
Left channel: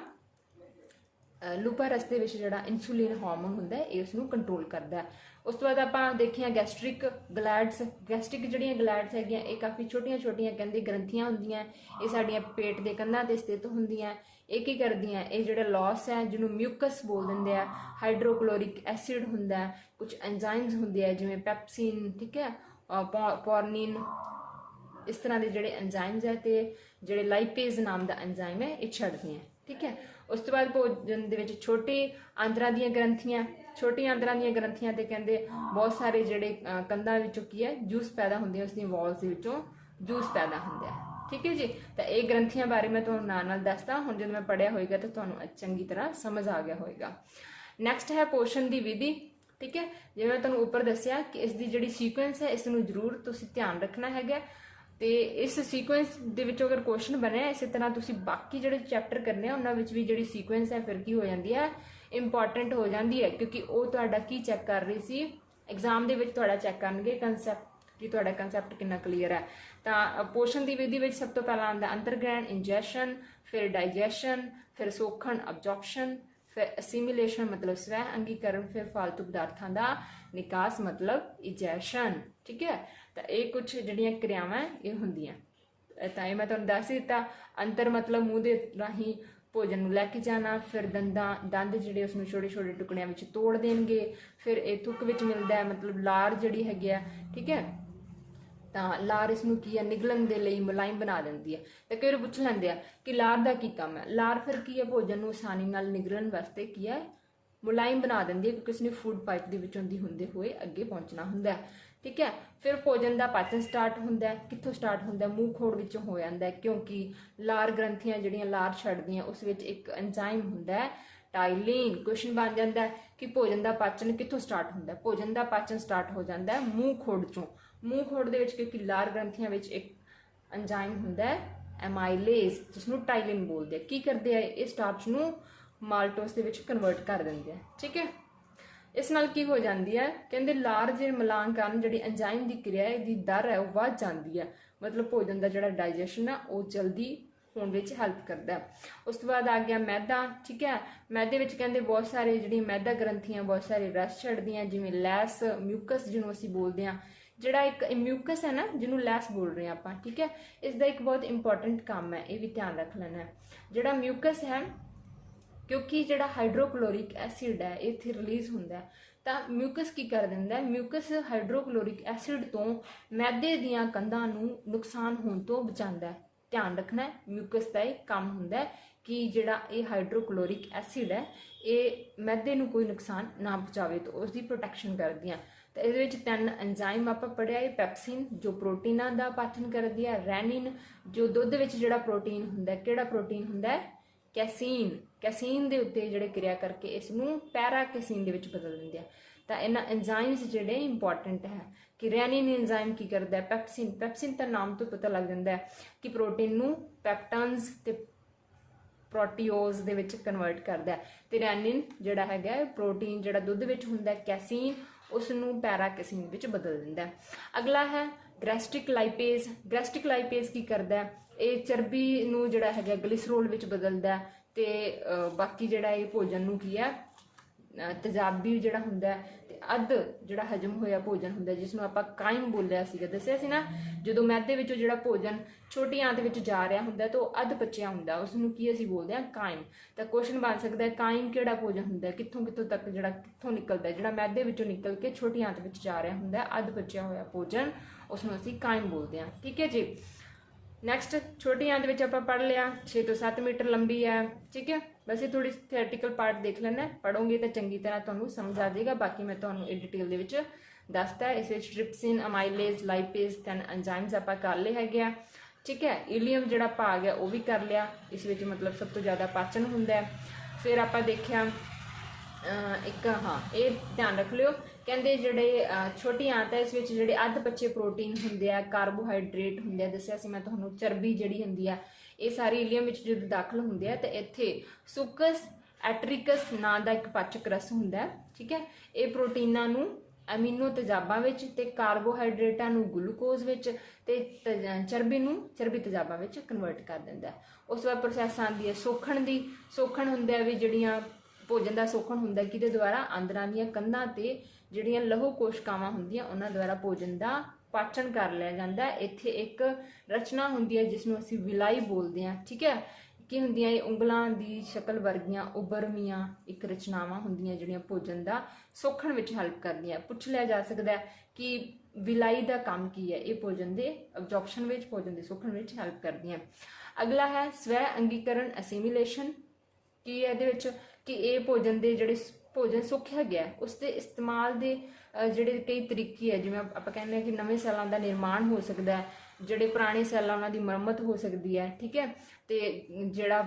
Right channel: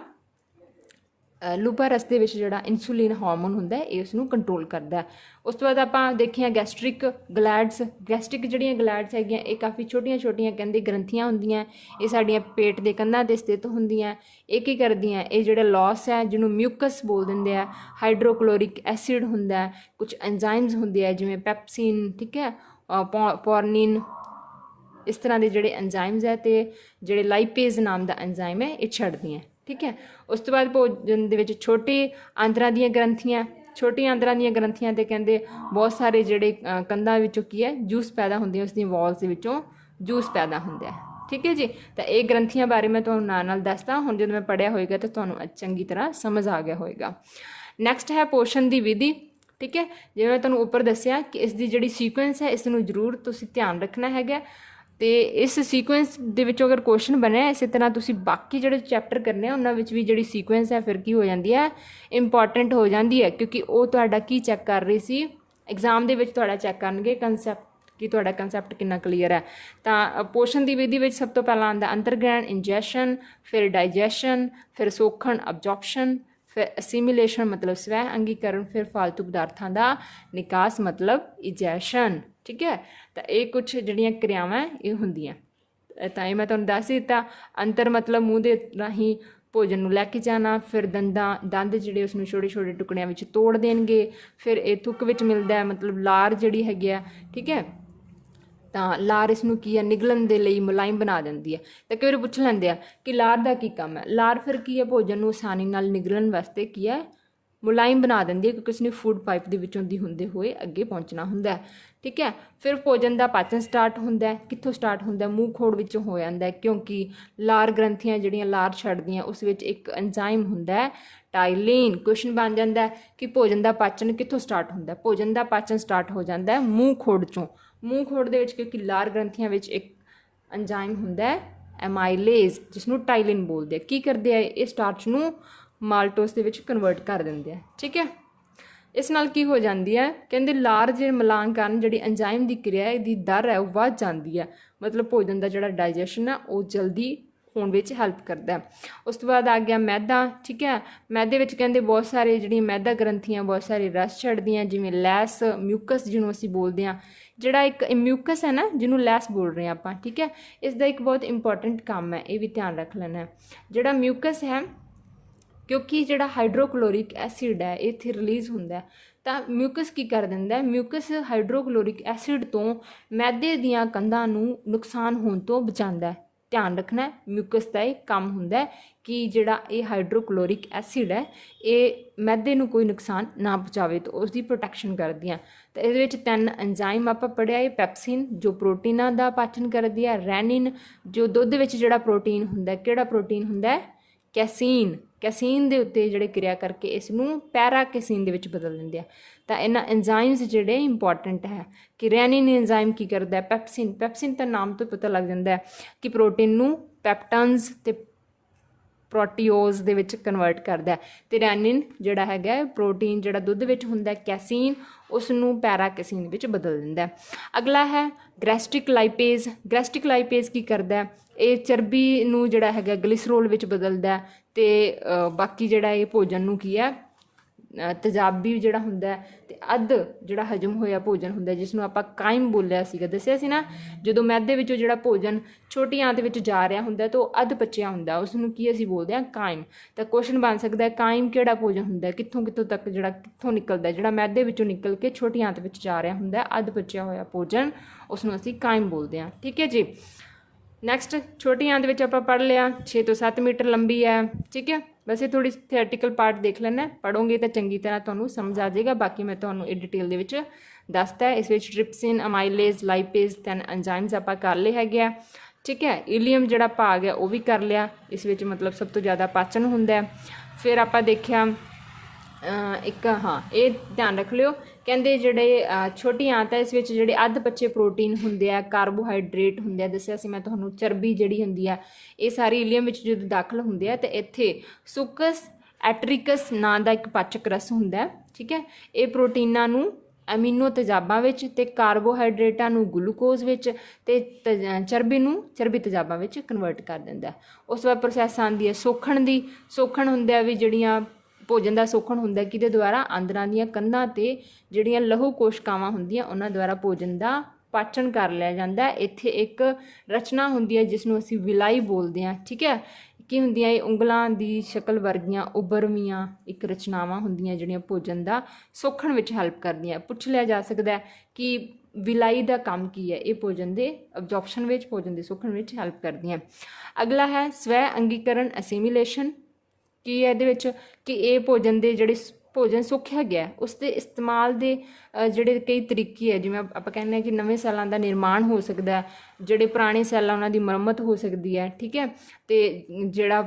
ਲੂਬਾ ਰਸ ਦੇ ਵਿੱਚ ਜਿਹੜਾ ਇਨਸੂਲਿਨ ਹਾਰਮੋਨ ਹੁੰਦਾ ਇਹ ਉਸ ਨੂੰ ਕੰਟਰੋਲ ਕਰਦਾ। ਉਸ ਤੋਂ ਬਾਅਦ ਆਪਾਂ ਦੇਖੀਆਂ ਗੈਸਟ੍ਰਿਕ ਗਲੈਡਸ। ਗੈਸਟ੍ਰਿਕ ਜਿਹੜੀਆਂ ਗਲੈਡਸ ਹੈਗੀਆਂ ਇਹ ਕਾਫੀ ਛੋਟੀਆਂ ਛੋਟੀਆਂ ਕਹਿੰਦੇ ਗ੍ਰੰਥੀਆਂ ਹੁੰਦੀਆਂ, ਇਹ ਸਾਡੀਆਂ ਪੇਟ ਦੇ ਕੰਧਾਂ 'ਤੇ ਸਥਿਤ ਹੁੰਦੀਆਂ। ਇਹ ਕੀ ਕਰਦੀਆਂ, ਇਹ ਜਿਹੜਾ ਲਾਸ ਹੈ ਜਿਹਨੂੰ ਮਿਊਕਸ ਬੋਲ ਦਿੰਦੇ ਆ, ਹਾਈਡਰੋਕਲੋਰਿਕ ਐਸਿਡ ਹੁੰਦਾ, ਕੁਝ ਐਂਜ਼ਾਈਮਸ ਹੁੰਦੇ ਆ ਜਿਵੇਂ ਪੈਪਸਿਨ, ਠੀਕ ਹੈ, ਪੋਰਨਿਨ, ਇਸ ਤਰ੍ਹਾਂ ਦੇ ਜਿਹੜੇ ਐਂਜ਼ਾਈਮਸ ਹੈ, ਤੇ ਜਿਹੜੇ ਲਾਈਪੇਜ਼ ਨਾਮ ਦਾ ਐਂਜ਼ਾਈਮ ਹੈ ਇਹ ਛੱਡਦੀਆਂ। ਠੀਕ ਹੈ, ਉਸ ਤੋਂ ਬਾਅਦ ਭੋਜਨ ਦੇ ਵਿੱਚ ਛੋਟੇ ਆਂਦਰਾਂ ਦੀਆਂ ਗ੍ਰੰਥੀਆਂ, ਛੋਟੀਆਂ ਆਂਦਰਾਂ ਦੀਆਂ ਗ੍ਰੰਥੀਆਂ ਤੇ ਕਹਿੰਦੇ ਬਹੁਤ ਸਾਰੇ ਜਿਹੜੇ ਕੰਧਾਂ ਵਿੱਚੋਂ ਕੀ ਹੈ ਜੂਸ ਪੈਦਾ ਹੁੰਦੇ, ਉਸ ਦੀ ਵਾਲਸ ਦੇ ਵਿੱਚੋਂ ਜੂਸ ਪੈਦਾ ਹੁੰਦਾ ਹੈ। ਠੀਕ ਹੈ ਜੀ, ਤਾਂ ਇਹ ਗ੍ਰੰਥੀਆਂ ਬਾਰੇ ਮੈਂ ਤੁਹਾਨੂੰ ਨਾਲ ਦੱਸਦਾ, ਹੁਣ ਜਦੋਂ ਮੈਂ ਪੜ੍ਹਿਆ ਹੋਏਗਾ ਤਾਂ ਤੁਹਾਨੂੰ ਚੰਗੀ ਤਰ੍ਹਾਂ ਸਮਝ ਆ ਗਿਆ ਹੋਏਗਾ। ਨੈਕਸਟ ਹੈ ਪੋਸ਼ਣ ਦੀ ਵਿਧੀ। ਠੀਕ ਹੈ, ਜਿਵੇਂ ਮੈਂ ਤੁਹਾਨੂੰ ਉੱਪਰ ਦੱਸਿਆ ਕਿ ਇਸ ਦੀ ਜਿਹੜੀ ਸੀਕੁਐਂਸ ਹੈ ਇਸ ਨੂੰ ਜ਼ਰੂਰ ਤੁਸੀਂ ਧਿਆਨ ਰੱਖਣਾ ਹੈਗਾ, ਤੇ ਇਸ ਸੀਕੁਐਂਸ ਦੇ ਵਿੱਚੋਂ ਅਗਰ ਕੁਐਸਚਨ ਬਣਿਆ ਇਸੇ ਤਰ੍ਹਾਂ ਤੁਸੀਂ ਬਾਕੀ ਜਿਹੜੇ ਚੈਪਟਰ ਕਰਨੇ ਆ ਉਹਨਾਂ ਵਿੱਚ ਵੀ ਜਿਹੜੀ ਸੀਕੁਐਂਸ ਹੈ ਫਿਰ ਕੀ ਹੋ ਜਾਂਦੀ ਹੈ, ਇੰਪੋਰਟੈਂਟ ਹੋ ਜਾਂਦੀ ਹੈ, ਕਿਉਂਕਿ ਉਹ ਤੁਹਾਡਾ ਕੀ ਚੈੱਕ ਕਰ ਰਹੀ ਸੀ ਐਗਜ਼ਾਮ ਦੇ ਵਿੱਚ, ਤੁਹਾਡਾ ਚੈੱਕ ਕਰਨਗੇ ਕੰਸੈਪਟ ਕਿ ਤੁਹਾਡਾ ਕੰਸੈਪਟ ਕਿੰਨਾ ਕਲੀਅਰ ਹੈ। ਤਾਂ ਪੋਸ਼ਣ ਦੀ ਵਿਧੀ ਵਿੱਚ ਸਭ ਤੋਂ ਪਹਿਲਾਂ ਆਉਂਦਾ ਅੰਤਰਗ੍ਰਹਿਣ ਇੰਜੈਸ਼ਨ, ਫਿਰ ਡਾਈਜੈਸ਼ਨ, ਫਿਰ ਸੋਖਣ ਅਬਜ਼ੌਰਪਸ਼ਨ, ਫਿਰ ਅਸੀਮੀਲੇਸ਼ਨ ਮਤਲਬ ਸਵੈ ਅੰਗੀਕਰਨ, ਫਿਰ ਫਾਲਤੂ ਪਦਾਰਥਾਂ ਦਾ ਨਿਕਾਸ ਮਤਲਬ ਇਜੈਸ਼ਨ। ਠੀਕ ਹੈ, ਤਾਂ ਇਹ ਕੁਝ ਜਿਹੜੀਆਂ ਕਿਰਿਆਵਾਂ ਇਹ ਹੁੰਦੀਆਂ, ਤਾਂ ਇਹ ਮੈਂ ਤੁਹਾਨੂੰ ਦੱਸ ਦਿੱਤਾ। ਅੰਤਰ ਮਤਲਬ ਮੂੰਹ ਦੇ ਰਾਹੀਂ ਭੋਜਨ ਨੂੰ ਲੈ ਕੇ ਜਾਣਾ, ਫਿਰ ਦੰਦ ਜਿਹੜੇ ਉਸ ਨੂੰ ਛੋਟੇ ਛੋਟੇ ਟੁਕੜਿਆਂ ਵਿੱਚ ਤੋੜ ਦੇਣਗੇ, ਫਿਰ ਇਹ ਥੁੱਕ ਵਿੱਚ ਮਿਲਦਾ ਹੈ ਮਤਲਬ ਲਾਰ ਜਿਹੜੀ ਹੈਗੀ ਆ। ਠੀਕ ਹੈ, ਤਾਂ ਲਾਰ ਇਸ ਨੂੰ ਕੀ ਹੈ ਨਿਗਲਣ ਦੇ ਲਈ ਮੁਲਾਇਮ ਬਣਾ ਦਿੰਦੀ ਹੈ। ਤਾਂ ਕਈ ਵਾਰ ਪੁੱਛ ਲੈਂਦੇ ਆ ਕਿ ਲਾਰ ਦਾ ਕੀ ਕੰਮ ਹੈ, ਲਾਰ ਫਿਰ ਕੀ ਹੈ ਭੋਜਨ ਨੂੰ ਆਸਾਨੀ ਨਾਲ ਨਿਗਲਣ ਵਾਸਤੇ ਕੀ ਹੈ ਮੁਲਾਇਮ ਬਣਾ ਦਿੰਦੀ ਹੈ, ਕਿਉਂਕਿ ਉਸਨੇ ਫੂਡ ਪਾਈਪ ਦੇ ਵਿੱਚੋਂ ਦੀ ਹੁੰਦੇ ਹੋਏ ਅੱਗੇ ਪਹੁੰਚਣਾ ਹੁੰਦਾ ਹੈ। ਠੀਕ ਹੈ, ਫਿਰ ਭੋਜਨ ਦਾ ਪਾਚਨ ਸਟਾਰਟ ਹੁੰਦਾ ਹੈ, ਕਿੱਥੋਂ ਸਟਾਰਟ ਹੁੰਦਾ, ਮੂੰਹ ਖੋੜ ਵਿੱਚੋਂ ਹੋ ਜਾਂਦਾ ਹੈ, ਕਿਉਂਕਿ ਲਾਰ ਗ੍ਰੰਥੀਆਂ ਜਿਹੜੀਆਂ ਲਾਰ ਛੱਡਦੀਆਂ ਉਸ ਵਿੱਚ ਇੱਕ ਐਂਜ਼ਾਈਮ ਹੁੰਦਾ ਹੈ ਟਾਈਲਿਨ। ਕੁਐਸਚਨ ਬਣ ਜਾਂਦਾ ਕਿ ਭੋਜਨ ਦਾ ਪਾਚਨ ਕਿੱਥੋਂ ਸਟਾਰਟ ਹੁੰਦਾ, ਭੋਜਨ ਦਾ ਪਾਚਨ ਸਟਾਰਟ ਹੋ ਜਾਂਦਾ ਹੈ ਮੂੰਹ ਖੋੜ ਚੋਂ। ਮੂੰਹ ਖੋੜ ਦੇ ਵਿੱਚ ਕਿਉਂਕਿ ਲਾਰ ਗ੍ਰੰਥੀਆਂ ਵਿੱਚ ਇੱਕ ਐਂਜ਼ਾਈਮ ਹੁੰਦਾ ਹੈ ਐਮਾਈਲੇਜ਼, ਜਿਸ ਨੂੰ ਟਾਈਲਿਨ ਬੋਲਦੇ ਆ। ਕੀ ਕਰਦੇ ਆ, ਇਹ ਸਟਾਰਚ ਨੂੰ ਮਾਲਟੋਸ ਦੇ ਵਿੱਚ ਕਨਵਰਟ ਕਰ ਦਿੰਦੇ ਆ। ਠੀਕ ਹੈ, ਇਸ ਨਾਲ ਕੀ ਹੋ ਜਾਂਦੀ ਹੈ ਕਹਿੰਦੇ ਲਾਰ ਜੇ ਮਿਲਾਨ ਕਾਰਨ ਜਿਹੜੀ ਐਂਜ਼ਾਈਮ ਦੀ ਕਿਰਿਆ ਇਹਦੀ ਦਰ ਹੈ ਉਹ ਵੱਧ ਜਾਂਦੀ ਹੈ, ਮਤਲਬ ਭੋਜਨ ਦਾ ਜਿਹੜਾ ਡਾਈਜੈਸ਼ਨ ਹੈ ਉਹ ਜਲਦੀ ਹੋਣ ਵਿੱਚ ਹੈਲਪ ਕਰਦਾ। ਉਸ ਤੋਂ ਬਾਅਦ ਆ ਗਿਆ ਮੈਦਾ। ਠੀਕ ਹੈ, ਮੈਦੇ ਵਿੱਚ ਕਹਿੰਦੇ ਬਹੁਤ ਸਾਰੇ ਜਿਹੜੀਆਂ ਮੈਦਾ ਗ੍ਰੰਥੀਆਂ ਬਹੁਤ ਸਾਰੇ ਰਸ ਛੱਡਦੀਆਂ, ਜਿਵੇਂ ਲੈਸ, ਮਿਊਕਸ ਜਿਹਨੂੰ ਅਸੀਂ ਬੋਲਦੇ ਹਾਂ, ਜਿਹੜਾ ਇੱਕ ਮਿਊਕਸ ਹੈ ਨਾ ਜਿਹਨੂੰ ਲੈਸ ਬੋਲ ਰਹੇ ਹਾਂ ਆਪਾਂ। ਠੀਕ ਹੈ, ਇਸ ਦਾ ਇੱਕ ਬਹੁਤ ਇੰਪੋਰਟੈਂਟ ਕੰਮ ਹੈ, ਇਹ ਵੀ ਧਿਆਨ ਰੱਖ ਲੈਣਾ। ਜਿਹੜਾ ਮਿਊਕਸ ਹੈ ਕਿਉਂਕਿ ਜਿਹੜਾ ਹਾਈਡਰੋਕਲੋਰਿਕ ਐਸਿਡ ਹੈ ਇਹ ਇੱਥੇ ਰਿਲੀਜ਼ ਹੁੰਦਾ, ਤਾਂ ਮਿਊਕਸ ਕੀ ਕਰ ਦਿੰਦਾ, ਮਿਊਕਸ ਹਾਈਡਰੋਕਲੋਰਿਕ ਐਸਿਡ ਤੋਂ ਮੈਦੇ ਦੀਆਂ ਕੰਧਾਂ ਨੂੰ ਨੁਕਸਾਨ ਹੋਣ ਤੋਂ ਬਚਾਉਂਦਾ। ਧਿਆਨ ਰੱਖਣਾ ਮਿਊਕਸ ਦਾ ਇਹ ਕੰਮ ਹੁੰਦਾ ਕਿ ਜਿਹੜਾ ਇਹ ਹਾਈਡਰੋਕਲੋਰਿਕ ਐਸਿਡ ਹੈ ਇਹ ਮੈਦੇ ਨੂੰ ਕੋਈ ਨੁਕਸਾਨ ਨਾ ਪਹੁੰਚਾਵੇ, ਤਾਂ ਉਸ ਦੀ ਪ੍ਰੋਟੈਕਸ਼ਨ ਕਰਦੀਆਂ। ਤਾਂ ਇਹਦੇ ਵਿੱਚ 3 ਐਂਜ਼ਾਈਮ ਆਪਾਂ ਪੜ੍ਹਿਆ, ਇਹ ਪੈਪਸਿਨ ਜੋ ਪ੍ਰੋਟੀਨਾਂ ਦਾ ਪਾਚਨ ਕਰਦੀ ਹੈ, ਰੈਨਿਨ ਜੋ ਦੁੱਧ ਵਿੱਚ ਜਿਹੜਾ ਪ੍ਰੋਟੀਨ ਹੁੰਦਾ, ਕਿਹੜਾ ਪ੍ਰੋਟੀਨ ਹੁੰਦਾ, ਕੈਸੀਨ। ਕੈਸੀਨ ਦੇ ਉੱਤੇ ਜਿਹੜੇ ਕਿਰਿਆ ਕਰਕੇ ਇਸ ਨੂੰ ਪੈਰਾਕੈਸੀਨ ਦੇ ਵਿੱਚ ਬਦਲ ਦਿੰਦੇ ਆ। ਤਾਂ ਇਹਨਾਂ ਐਂਜ਼ਾਈਮਸ ਜਿਹੜੇ ਇੰਪੋਰਟੈਂਟ ਹੈ ਕਿ ਰੈਨਿਨ ਐਂਜ਼ਾਈਮ ਕੀ ਕਰਦਾ, ਪੈਪਸਿਨ। ਪੈਪਸਿਨ ਤਾਂ ਨਾਮ ਤੋਂ ਪਤਾ ਲੱਗ ਜਾਂਦਾ ਕਿ ਪ੍ਰੋਟੀਨ ਨੂੰ ਪੈਪਟਨਸ ਤੇ ਪ੍ਰੋਟੀਓਜ਼ ਦੇ ਵਿੱਚ ਕਨਵਰਟ ਕਰਦਾ, ਤੇ ਰੈਨਿਨ ਜਿਹੜਾ ਹੈਗਾ ਪ੍ਰੋਟੀਨ ਜਿਹੜਾ ਦੁੱਧ ਵਿੱਚ ਹੁੰਦਾ ਕੈਸੀਨ, ਉਸ ਨੂੰ ਪੈਰਾਕੈਸੀਨ ਵਿੱਚ ਬਦਲ ਦਿੰਦਾ। ਅਗਲਾ ਹੈ ਗੈਸਟ੍ਰਿਕ ਲਾਈਪੇਜ਼। ਗੈਸਟ੍ਰਿਕ ਲਾਈਪੇਜ਼ ਕੀ ਕਰਦਾ, ਇਹ ਚਰਬੀ ਨੂੰ ਜਿਹੜਾ ਹੈਗਾ ਗਲਿਸਰੋਲ ਵਿੱਚ ਬਦਲਦਾ, ਤੇ ਬਾਕੀ ਜਿਹੜਾ ਇਹ ਭੋਜਨ ਨੂੰ ਕੀ ਹੈ ਤੇਜ਼ਾਬੀ ਜਿਹੜਾ ਹੁੰਦਾ ਤੇ ਅੱਧ ਜਿਹੜਾ ਹਜਮ ਹੋਇਆ ਭੋਜਨ ਹੁੰਦਾ, ਜਿਸ ਨੂੰ ਆਪਾਂ ਕਾਇਮ ਬੋਲਿਆ ਸੀਗਾ, ਦੱਸਿਆ ਸੀ ਨਾ, ਜਦੋਂ ਮੈਦੇ ਵਿੱਚੋਂ ਜਿਹੜਾ ਭੋਜਨ ਛੋਟੀ ਆਂਤ ਵਿੱਚ ਜਾ ਰਿਹਾ ਹੁੰਦਾ ਤਾਂ ਉਹ ਅੱਧ ਪਚਿਆ ਹੁੰਦਾ, ਉਸ ਨੂੰ ਕੀ ਅਸੀਂ ਬੋਲਦੇ ਹਾਂ, ਕਾਇਮ। ਤਾਂ ਕੁਐਸਚਨ ਬਣ ਸਕਦਾ ਹੈ ਕਾਇਮ ਕਿਹੜਾ ਭੋਜਨ ਹੁੰਦਾ, ਕਿੱਥੋਂ ਕਿੱਥੋਂ ਤੱਕ ਜਿਹੜਾ ਕਿੱਥੋਂ ਨਿਕਲਦਾ, ਜਿਹੜਾ ਮੈਦੇ ਵਿੱਚੋਂ ਨਿਕਲ ਕੇ ਛੋਟੀ ਆਂਤ ਵਿੱਚ ਜਾ ਰਿਹਾ ਹੁੰਦਾ ਅੱਧ ਪਚਿਆ ਹੋਇਆ ਭੋਜਨ, ਉਸ ਨੂੰ ਅਸੀਂ ਕਾਇਮ ਬੋਲਦੇ ਹਾਂ। ਠੀਕ ਹੈ ਜੀ। ਨੈਕਸਟ, ਛੋਟੀ ਆਂਤ ਵਿੱਚ ਆਪਾਂ ਪੜ੍ਹ ਲਿਆ 6 ਤੋਂ 7 ਮੀਟਰ ਲੰਬੀ ਹੈ। ਠੀਕ ਹੈ, ਬਸ ਇਹ ਥੋੜੀ ਥਿਓਰੇਟੀਕਲ ਪਾਰਟ ਦੇਖ ਲੈਣਾ, ਪੜ੍ਹੋਗੇ ਤਾਂ ਚੰਗੀ ਤਰ੍ਹਾਂ ਤੁਹਾਨੂੰ ਸਮਝ ਆ ਜਾਏਗਾ। ਬਾਕੀ ਮੈਂ ਤੁਹਾਨੂੰ ਇਹ ਡਿਟੇਲ ਦੇ ਵਿੱਚ ਦੱਸਤਾ ਹੈ। ਇਸ ਵਿੱਚ ਟ੍ਰਿਪਸਿਨ, ਅਮਾਈਲੇਜ਼, ਲਾਈਪੇਜ਼, 10 ਐਂਜ਼ਾਈਮਸ ਆਪਾਂ ਕਰ ਲਏ ਹੈਗੇ ਆ। ਠੀਕ ਹੈ, ਇਲੀਅਮ ਜਿਹੜਾ ਭਾਗ ਹੈ ਉਹ ਵੀ ਕਰ ਲਿਆ, ਇਸ ਵਿੱਚ ਮਤਲਬ ਸਭ ਤੋਂ ਜ਼ਿਆਦਾ ਪਾਚਨ ਹੁੰਦਾ ਹੈ। ਫਿਰ ਆਪਾਂ ਦੇਖਿਆ ਇੱਕ, ਹਾਂ ਇਹ ਧਿਆਨ ਰੱਖ ਲਿਓ, ਕਹਿੰਦੇ ਜਿਹੜੇ ਛੋਟੀ ਆਂਤ ਹੈ ਇਸ ਵਿੱਚ ਜਿਹੜੇ ਅੱਧ ਪੱਚੇ ਪ੍ਰੋਟੀਨ ਹੁੰਦੇ ਆ, ਕਾਰਬੋਹਾਈਡਰੇਟ ਹੁੰਦੇ ਆ, ਦੱਸਿਆ ਸੀ ਮੈਂ ਤੁਹਾਨੂੰ, ਚਰਬੀ ਜਿਹੜੀ ਹੁੰਦੀ ਆ, ਇਹ ਸਾਰੀ ਇਲੀਅਮ ਵਿੱਚ ਜਦੋਂ ਦਾਖਲ ਹੁੰਦੇ ਆ ਤਾਂ ਇੱਥੇ ਸੁਕਸ ਐਟਰਿਕਸ ਨਾਂ ਦਾ ਇੱਕ ਪਾਚਕ ਰਸ ਹੁੰਦਾ। ਠੀਕ ਹੈ, ਇਹ ਪ੍ਰੋਟੀਨਾਂ ਨੂੰ ਐਮੀਨੋ ਤੇਜ਼ਾਬਾਂ ਵਿੱਚ ਤੇ ਕਾਰਬੋਹਾਈਡਰੇਟਾਂ ਨੂੰ ਗਲੂਕੋਜ਼ ਵਿੱਚ ਤੇ ਚਰਬੀ ਨੂੰ ਚਰਬੀ ਤੇਜ਼ਾਬਾਂ ਵਿੱਚ ਕਨਵਰਟ ਕਰ ਦਿੰਦਾ। ਉਸ ਤੋਂ ਬਾਅਦ ਪ੍ਰੋਸੈਸ ਆਉਂਦੀ ਹੈ ਸੋਖਣ ਦੀ। ਸੋਖਣ ਹੁੰਦਾ ਵੀ ਜਿਹੜੀਆਂ ਭੋਜਨ ਦਾ ਸੋਖਣ ਹੁੰਦਾ ਕਿਹਦੇ ਦੁਆਰਾ, ਆਂਦਰਾਂ ਦੀਆਂ ਕੰਧਾਂ ਤੇ ਜਿਹੜੀਆਂ ਲਹੂ ਕੋਸ਼ਿਕਾਵਾਂ ਹੁੰਦੀਆਂ ਉਹਨਾਂ ਦੁਆਰਾ ਭੋਜਨ ਦਾ ਪਾਚਨ ਕਰ ਲਿਆ ਜਾਂਦਾ। ਇੱਥੇ ਇੱਕ ਰਚਨਾ ਹੁੰਦੀ ਹੈ ਜਿਸ ਨੂੰ ਅਸੀਂ ਵਿਲਾਈ ਬੋਲਦੇ ਹਾਂ। ਠੀਕ ਹੈ, ਕੀ ਹੁੰਦੀਆਂ, ਇਹ ਉਂਗਲਾਂ ਦੀ ਸ਼ਕਲ ਵਰਗੀਆਂ ਉਭਰਵੀਆਂ ਇੱਕ ਰਚਨਾਵਾਂ ਹੁੰਦੀਆਂ ਜਿਹੜੀਆਂ ਭੋਜਨ ਦਾ ਸੋਖਣ ਵਿੱਚ ਹੈਲਪ ਕਰਦੀਆਂ। ਪੁੱਛ ਲਿਆ ਜਾ ਸਕਦਾ ਕਿ ਵਿਲਾਈ ਦਾ ਕੰਮ ਕੀ ਹੈ, ਇਹ ਭੋਜਨ ਦੇ ਅਬਜ਼ੌਰਪਸ਼ਨ ਵਿੱਚ, ਭੋਜਨ ਦੇ ਸੋਖਣ ਵਿੱਚ ਹੈਲਪ ਕਰਦੀਆਂ। ਅਗਲਾ ਹੈ ਸਵੈ ਅੰਗੀਕਰਨ, ਅਸੀਮੀਲੇਸ਼ਨ। ਕੀ ਹੈ ਇਹਦੇ ਵਿੱਚ ਕਿ ਇਹ ਭੋਜਨ ਦੇ ਜਿਹੜੇ ਭੋਜਨ ਸੁੱਕਿਆ ਗਿਆ ਉਸ ਦੇ ਇਸਤੇਮਾਲ ਦੇ ਜਿਹੜੇ ਕਈ ਤਰੀਕੇ ਹੈ, ਜਿਵੇਂ ਆਪਾਂ ਕਹਿੰਦੇ ਹਾਂ ਕਿ ਨਵੇਂ ਸੈੱਲਾਂ ਦਾ ਨਿਰਮਾਣ ਹੋ ਸਕਦਾ ਹੈ, ਜਿਹੜੇ ਪੁਰਾਣੇ ਸੈੱਲ ਆ ਉਹਨਾਂ ਦੀ ਮੁਰੰਮਤ ਹੋ ਸਕਦੀ ਹੈ। ਠੀਕ ਹੈ, ਤੇ ਜਿਹੜਾ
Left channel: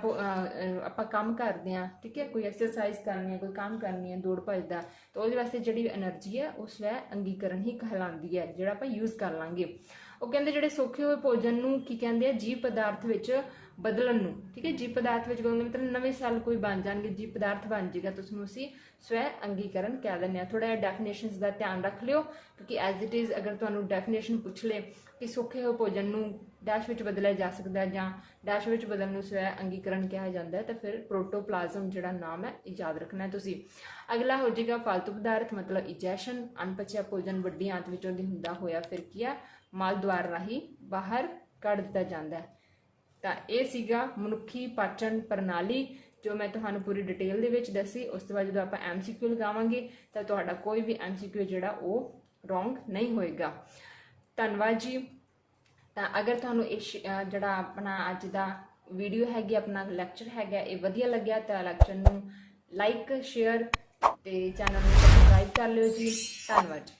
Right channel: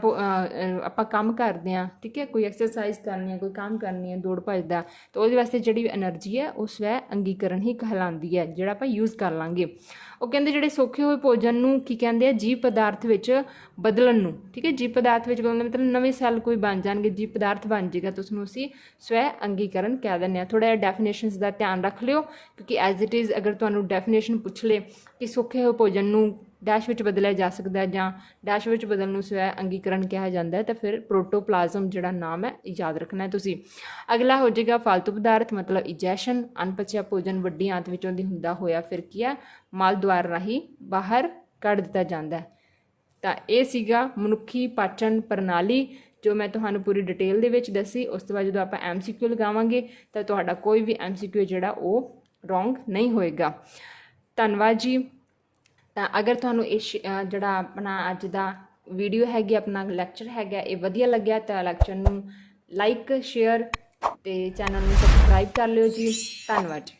ਆਪਾਂ ਕੰਮ ਕਰਦੇ ਹਾਂ, ਠੀਕ ਹੈ, ਕੋਈ ਐਕਸਰਸਾਈਜ਼ ਕਰਨੀ ਹੈ, ਕੋਈ ਕੰਮ ਕਰਨੀ ਹੈ, ਦੌੜ ਭੱਜ ਦਾ, ਤਾਂ ਉਹਦੇ ਵਾਸਤੇ ਜਿਹੜੀ ਐਨਰਜੀ ਹੈ ਉਹ ਸਵੈ ਅੰਗੀਕਰਨ ਹੀ ਕਹਿਲਾਉਂਦੀ ਹੈ, ਜਿਹੜਾ ਆਪਾਂ ਯੂਜ਼ ਕਰ ਲਾਂਗੇ। ਉਹ ਕਹਿੰਦੇ ਜਿਹੜੇ ਸੌਖੇ ਹੋਏ ਭੋਜਨ ਨੂੰ ਕੀ ਕਹਿੰਦੇ ਆ, ਜੀਵ ਪਦਾਰਥ ਵਿੱਚ ਬਦਲਣ ਨੂੰ। ਠੀਕ ਹੈ, ਜੀਵ ਪਦਾਰਥ ਵਿੱਚ ਬਦਲਣ ਮਤਲਬ ਨਵੇਂ ਸੈੱਲ ਕੋਈ ਬਣ ਜਾਣਗੇ, ਜੀਵ ਪਦਾਰਥ ਬਣ ਜਾਏਗਾ, ਤਾਂ ਉਸਨੂੰ ਅਸੀਂ ਸਵੈ ਅੰਗੀਕਰਨ ਕਹਿ ਦਿੰਦੇ ਹਾਂ। ਥੋੜ੍ਹਾ ਜਿਹਾ ਡੈਫੀਨੇਸ਼ਨਸ ਦਾ ਧਿਆਨ ਰੱਖ ਲਿਓ, ਕਿਉਂਕਿ ਐਜ਼ ਇਟ ਇਜ਼ ਅਗਰ ਤੁਹਾਨੂੰ ਡੈਫੀਨੇਸ਼ਨ ਪੁੱਛ ਲਏ ਕਿ ਸੌਖੇ ਹੋਏ ਭੋਜਨ ਨੂੰ ਡੈਸ਼ ਵਿੱਚ ਬਦਲਿਆ ਜਾ ਸਕਦਾ ਹੈ ਜਾਂ ਡੈਸ਼ ਵਿੱਚ ਬਦਲਣ ਨੂੰ ਸਵੈ ਅੰਗੀਕਰਨ ਕਿਹਾ ਜਾਂਦਾ ਹੈ, ਤਾਂ ਫਿਰ ਪ੍ਰੋਟੋਪਲਾਜ਼ਮ ਜਿਹੜਾ ਨਾਮ ਹੈ ਯਾਦ ਰੱਖਣਾ ਹੈ ਤੁਸੀਂ। ਅਗਲਾ ਹੋ ਜਾਏਗਾ ਫਾਲਤੂ ਪਦਾਰਥ, ਮਤਲਬ ਇਜੈਸ਼ਨ। ਅਣਪਚਿਆ ਭੋਜਨ ਵੱਡੀ ਆਂਤ ਵਿੱਚੋਂ ਦੀ ਹੁੰਦਾ ਹੋਇਆ ਫਿਰ ਕੀ ਹੈ, ਮਲ ਦੁਆਰ ਰਾਹੀਂ ਬਾਹਰ ਕੱਢ ਦਿੱਤਾ ਜਾਂਦਾ ਹੈ। ਤਾਂ ਇਹ ਸੀਗਾ ਮਨੁੱਖੀ ਪਾਚਨ ਪ੍ਰਣਾਲੀ, ਜੋ ਮੈਂ ਤੁਹਾਨੂੰ ਪੂਰੀ ਡਿਟੇਲ ਦੇ ਵਿੱਚ ਦੱਸੀ। ਉਸ ਤੋਂ ਬਾਅਦ ਜਦੋਂ ਆਪਾਂ MCQ ਲਗਾਵਾਂਗੇ ਤਾਂ ਤੁਹਾਡਾ ਕੋਈ ਵੀ MCQ ਜਿਹੜਾ ਉਹ ਰੋਂਗ ਨਹੀਂ ਹੋਏਗਾ। ਧੰਨਵਾਦ ਜੀ। ਤਾਂ ਅਗਰ ਤੁਹਾਨੂੰ ਇਹ ਜਿਹੜਾ ਆਪਣਾ ਅੱਜ ਦਾ ਵੀਡੀਓ ਹੈਗੀ, ਆਪਣਾ ਲੈਕਚਰ ਹੈਗਾ, ਇਹ ਵਧੀਆ ਲੱਗਿਆ ਤਾਂ ਲੈਕਚਰ ਨੂੰ ਲਾਈਕ, ਸ਼ੇਅਰ ਤੇ ਚੈਨਲ ਨੂੰ ਸਬਸਕ੍ਰਾਈਬ ਕਰ ਲਿਓ ਜੀ। ਧੰਨਵਾਦ।